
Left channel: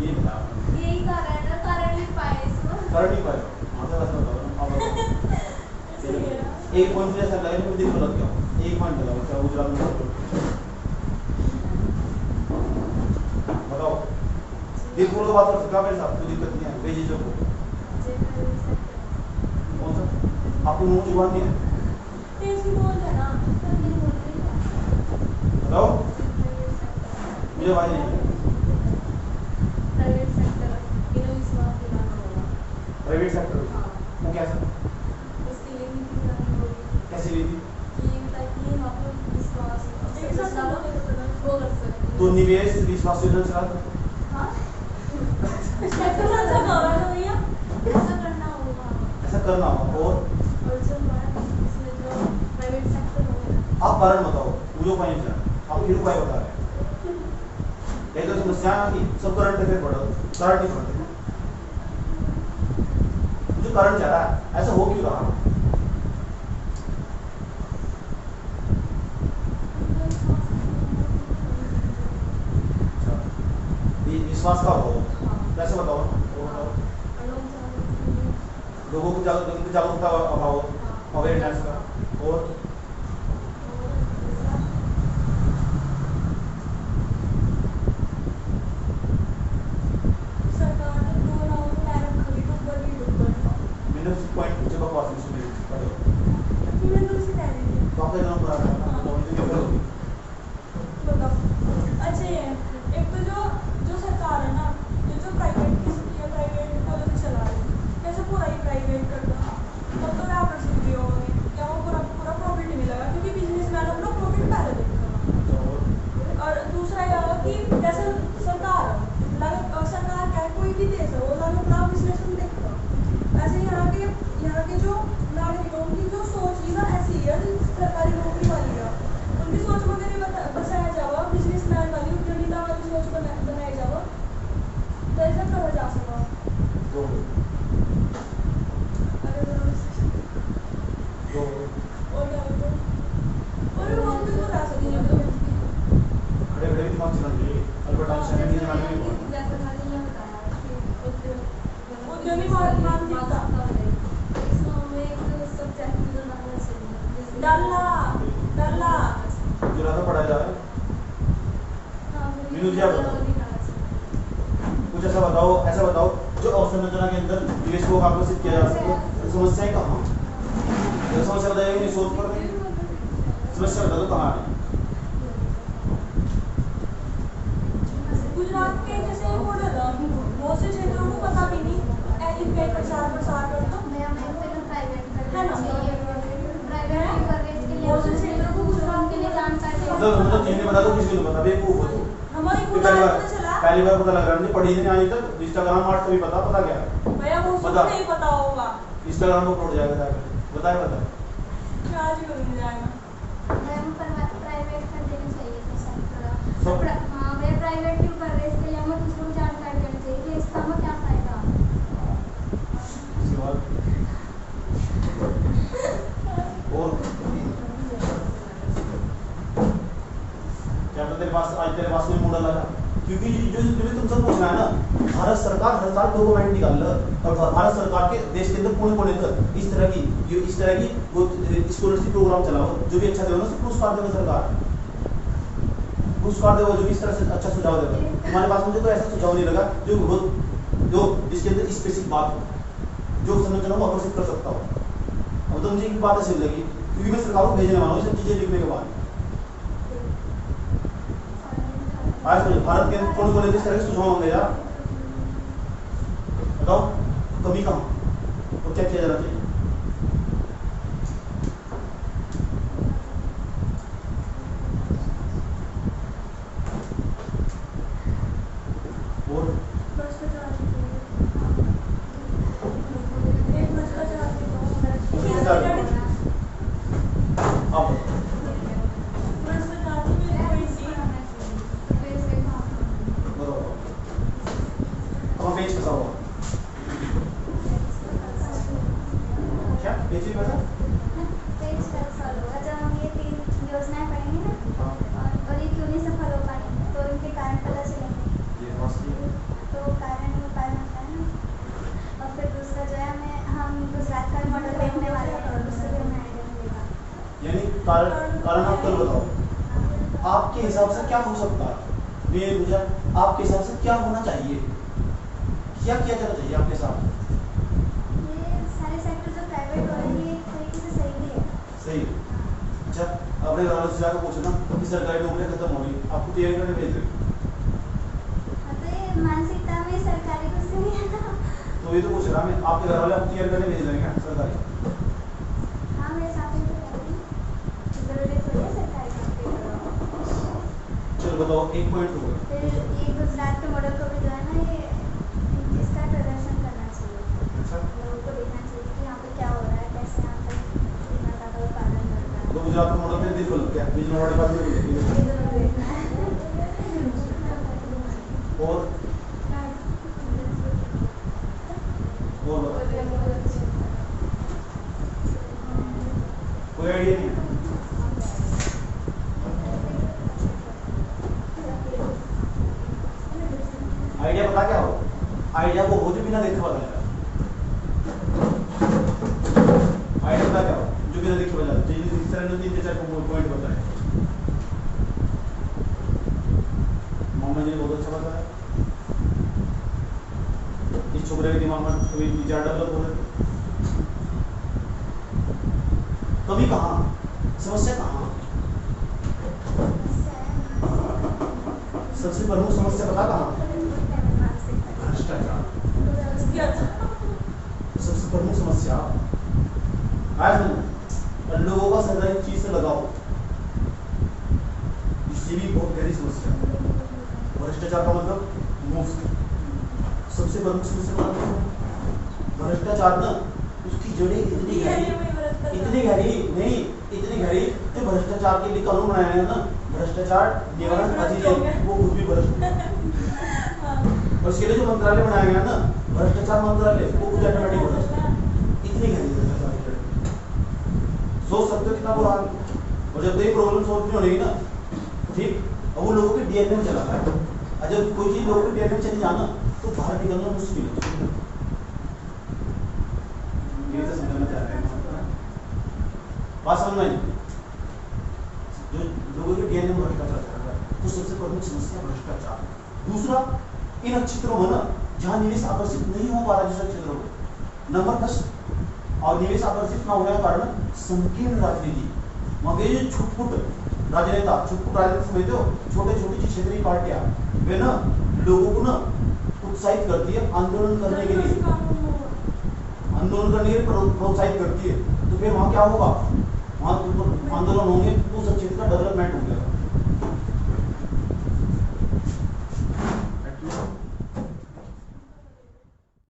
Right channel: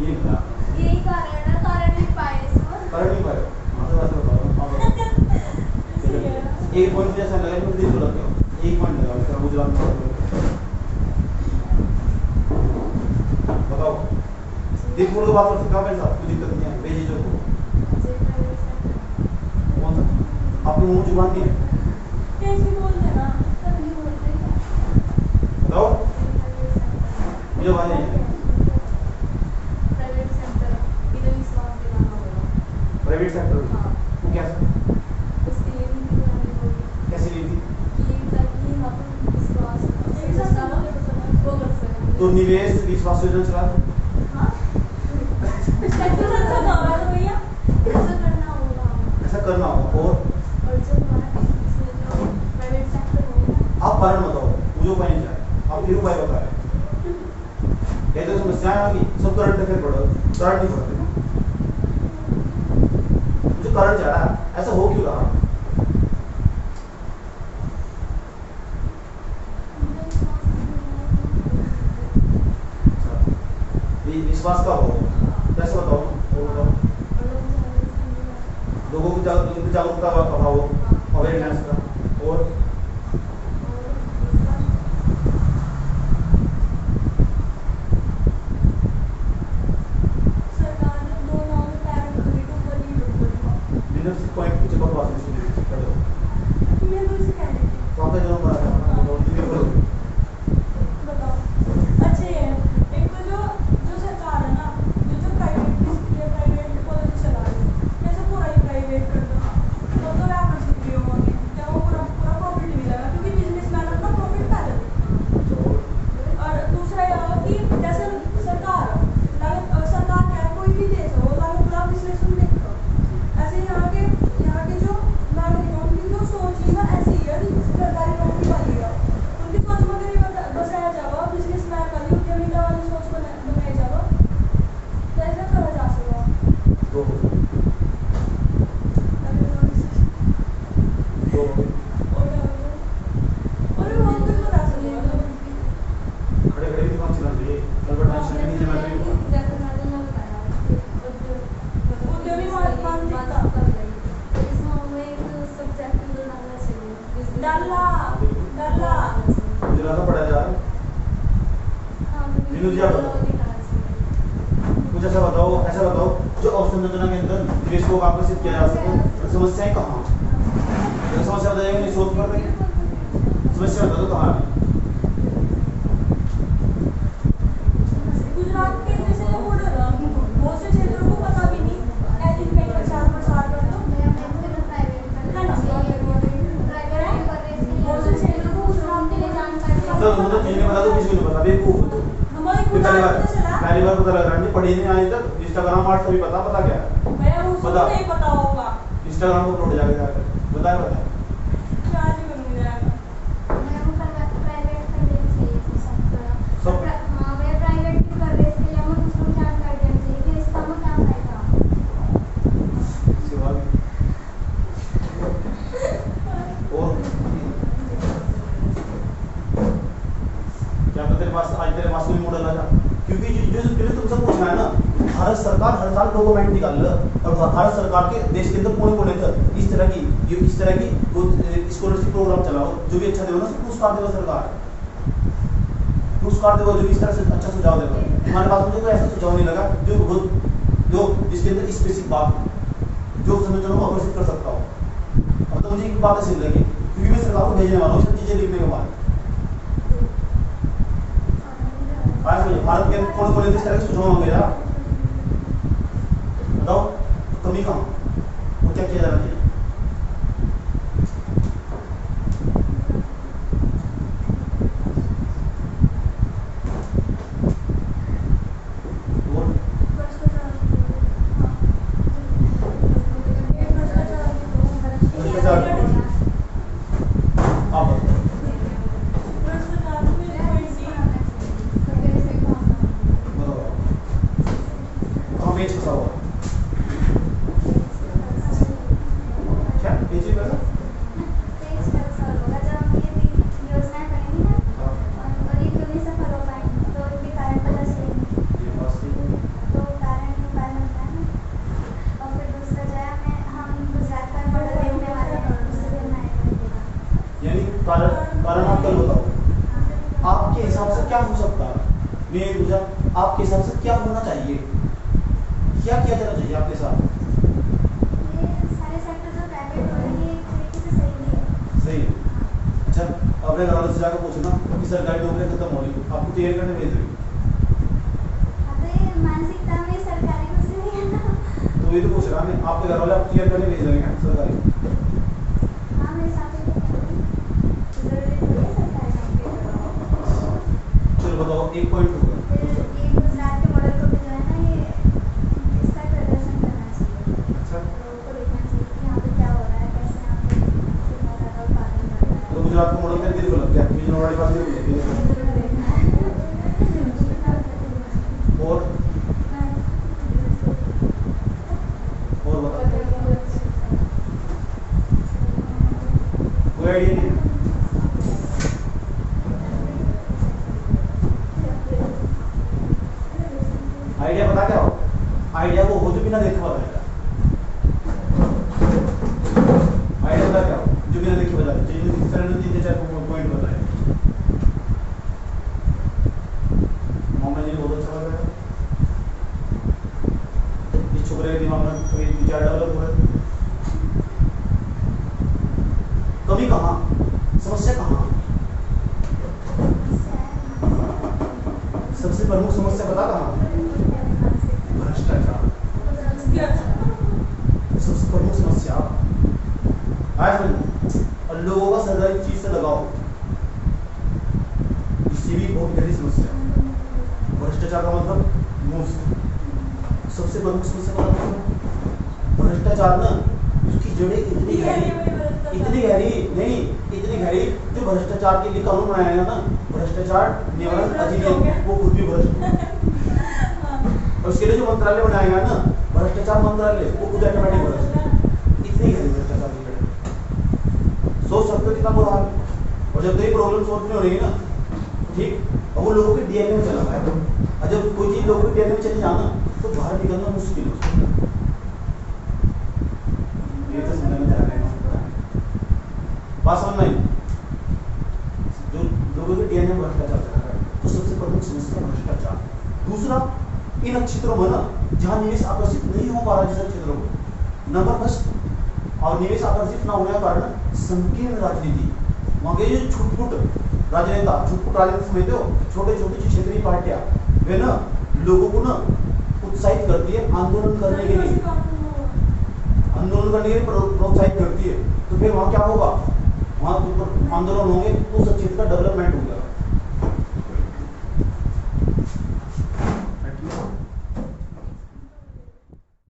ये बता। यही कारण है, कारण नहीं पाए इसको। कारण नहीं पाए, हाँ तो ऐसा बताओ ना, आप बताओ। चलिए, एक पॉइंट जैसा लगा मुझे दिल को लग गया, एक पॉइंट लगाओ, क्या गुजरात में बताओ। दिल को तो बात कर सकता मेरे साथ, कोई दिक्कत नहीं है, बेझिझक हो। कौन सा? आपके मुंह जुबान नहीं है, तेज भी बोलते ना। बताओ मुझे आवाज नहीं है। प्राइवेट सेक्टर बिना विश्वास दिलाना होगा। प्राइवेट सेक्टर वो कैसा, उसके लिए नीति बनानी होगी कैसी नीति? कि ताकि यहाँ पर विश्वास वो कर सके। तो निवेश विश्वास योजना चला दो। हाँ भैया ऐसा करना होगा। ऐसा करना होगा। और जो हमारा इसमें जो प्राइवेट सेक्टर होगा, आप कारण बताओ, मुझे उपाय नहीं जाए, आप फिर उपाय बता रहे हैं। कई तो समस्या है कि सब करंट अफेयर पढ़ो, करंट नहीं पढ़ते। मुझे करंट जा रहा है, ऐसा हो क्यों रहा? अच्छा, विश्वास का हो कैसे बताओ ना, और बताओ। लोगों को जागरूकता अभाव, अवेयरनेस का। और सरकार ने 2 लाख पैर खरीद को बोली मैंने उसी पॉइंट पूछे बकवास में सुन ली पढ़ो। मैं तो उसे कह रही थी। तो आपका जन्म पड़ा था, बताओ। अच्छा ये एक तो जो सरकार है ना, जो प्राइवेट कॉलेज चला रही है, जैसे पूरा ही प्राइवेट कर दो, वो तो वापस भी होंगे, क्या वो पूरा प्रॉफिट मिलेगा क्योंकि बिजनेसमैन अपना प्रॉफिट पहले देगा। और दूसरा यह होगा कि जैसे सरकार क्या है, कोई भी देश हो, वो लागत लाभ विश्लेषण देखता। ऐसे यहाँ के जो नागरिक हैं, उनकी जो सोच है ना ऐसी है सरकारी नौकरी वाली का, उनकी सोच में अगर ये बसाया जाओ, बिजनेसमैन वाली उद्यमिता वाली सोच बनाई जाओ, तो ऐसा करा जा सकता। तो और वो हम कुछ बता सकते हैं। खड़े खड़े भी दिमाग चलाते हैं, अल्बर्ट आइंस्टाइन ने जमाने में बोला। उद्यमी मानसिकता डरला गुजरात में पढ़ा जाए। मीनू जी आप बताओ, कुछ ऐसा बताओ जो अवसंरचना के अंदर निवेश को आकर्षित किया जा सके। समस्याएं कहाँ? समस्या बताइए, नहीं सोच पड़ रही समस्या बता दो कहाँ है? गुजरात के जैसे मॉडल बहुत से क्षेत्रों को पता भी नहीं, एजुकेट प्रचार कर दो बहुत से क्षेत्रों को गुजरात के लिए जानकारी मतलब ये नहीं बता दो, किसी को नहीं पता, बेवकूफ हो तुम। हमारे खुद आपको तो चला पहली बार पता लग रहा है, पढ़ी नहीं आज तक। इंस्टाग्राम आर्ट कभी पता क्या है? भैया वो बता। नहीं पता होगा। इंस्टाग्राम को अपलोड जाके जाके बताए बता। क्या आज करूंगी जाएगा। मैम प्राइवेट कर देना चाहिए थी सर थोड़ा। सब- हाँ मैं प्राइवेट क्यों कर रहे इसके लिए हमें किसी को जानकारी देना चाहिए कि इसका हमें क्या फायदा। इसके बाद और क्या तेरे पास आज तेरे पास में मॉडल आया? क्योंकि जो जो तुम सब पूछना है ना, भारत सरकार हर साल डॉक्यूमेंट निकाल रहा है और भारत सरकार के देश के अंदर कोने कोने तक इस तरह की स्कॉलरशिप प्रोग्राम चलाओ, जो भी अच्छा देगा ना उसको पुरस्कार देगा सरकार, पुरस्कार देगा जो भी इस तरह से अच्छा सुझाव देगा। तुम्हारे पास मुझे कोई ऐसा सुझाव नहीं लगा जो जिसके अंदर स्पेसिफिक बात जो संरचना को आकर्षित कर सकता हो। अब तो मुझे एक बात अच्छी लगी क्योंकि मैं सरकार को भेजने वाला हूँ सब चीजें लिखने के बाद। आज मुझे भारत के कौन कौन इस तरह के सुझाव मांगे जा बताओ, कमी कहाँ और क्या किया जाना चाहिए? और आप बताओ। बताओ कहाँ पेज फंसा हुआ? क्या पेज ही बना? पेज का सॉल्व होगा जब हम ये 3 योजनाएं पढ़ेंगे ना हाँ, और ये क्यों नहीं सफल हो पाई तो इनके कारण पता चलेंगे। ये बात ठीक है। तो कारण उपाय बनता है ना। और फिर दूसरा जो है हम गुजरात का मॉडल देखने वाले हैं, उससे भी हमें आइडिया मिलेगा। यानी कारण आप कल बताओ आपके हिसाब से क्या हो सकता है? मैं मुझे आपके हिसाब से क्या होना चाहिए, क्या किया जाना चाहिए आपके हिसाब? ये सारे सेक्टर जो प्राइवेट हो रहे हैं ये एक तरीके से सही भी है। सही है। अच्छा अपने घर वालों से जाकर पूछना कि सरकारी नौकरियां खत्म हो रही, आपको तैयारी करने भेज रहे, अबे मानसिकता में सरकारी कुछ नहीं है ना। तो ये तो पूछ रहा मैं, आपके घर वाले आपको तैयारी करने भेज रहे हैं सरकारी? हाँ मेरे साथ में जरूरी थोड़ी है सरकारी नौकरी। चलो बताओ एक पॉइंट हो गया। फिर दूसरा ये गुजरात के मॉडल को भी जो है ना ये इसका प्रदर्शन करना चाहिए। अच्छा लोगों को देखना चाहिए कि यहाँ पे क्या हो रहा है, कैसे यहाँ पे माता का उत्पादन बढ़ रहा है। तो गुजरात का मॉडल तेरे दिल को लग गया, बीजन वाली बात नहीं ये जरूर देखना है। और बताओ कोई आइडिया नहीं है? आइडिया पता क्या हो? आइडिया को हो जो बिना देखे पता चलेगा। आइडिया पता क्या हो जो बिना देखे बता पॉइंट बताए। मोहम्मद जी ने बहुत अच्छा बताया। इस छोकरे के दिमाग में कोई विचार डेवलप हो रहे, कभी कहाँ समस्या कहाँ? सबसे प्रमुख समस्या पता कहाँ? भ्रष्टाचार। सबसे प्रमुख समस्या आज और लोगों का सरकारी चीज से लगाओ, इससे भी बहुत गहरी समस्या है। भ्रष्टाचार का मतलब मुफ्त। सबसे प्रमुख समस्या का मतलब भ्रष्टाचार ना उसकी जड़ें इतनी गहरी नहीं, इतनी गहरी जो भ्रष्टाचार के लिए कानून बनाया गया ना, भ्रष्टाचार निवारण अधिनियम, वो खुद भी भ्रष्ट। और उसके लिए जो मंत्रालय बनाया गया ना, भ्रष्टाचार मंत्रालय, वो खुद ऑटोमेटिक भ्रष्ट। इतनी गहरी भ्रष्टाचार की जड़ें सोच सकते हो कितना बुरा हाल। और जब ये प्रॉब्लम सॉल्व नहीं हो रही ना, ठीक, अब वो लोगों के डीएनए में चला गया है। और जब कोई चीज लोगों के डीएनए में चली जाना तो बाहर निकलना मुश्किल है। ये तो समझना चाह रहे हैं बात समझ में? जो लोगों के डीएनए में भ्रष्टाचार चल रहा है, तो सबसे प्रमुख समस्या भ्रष्टाचार। दूसरा, इन क्षेत्रों में ना जहां निवेश आकर्षित नहीं हो पा रहा, जैसे क्षेत्रों में नंबर फर्स्ट, और निवेश आकर्षित न होने का कारण संकीर्ण राजनीति। वहां के जो छुटपुट राजनेता, छुटपुट राजनेता समझते हो, छोटे छोटे क्षेत्रीय पार्टियां, वे ना लोगों को ना उत्साहित करती है आंदोलन करने के लिए, प्रोत्साहित करती है। तो फिर वहां क्या होगा? वहां आंदोलन होंगे तो उस क्षेत्र का डेवलपमेंट हो गया।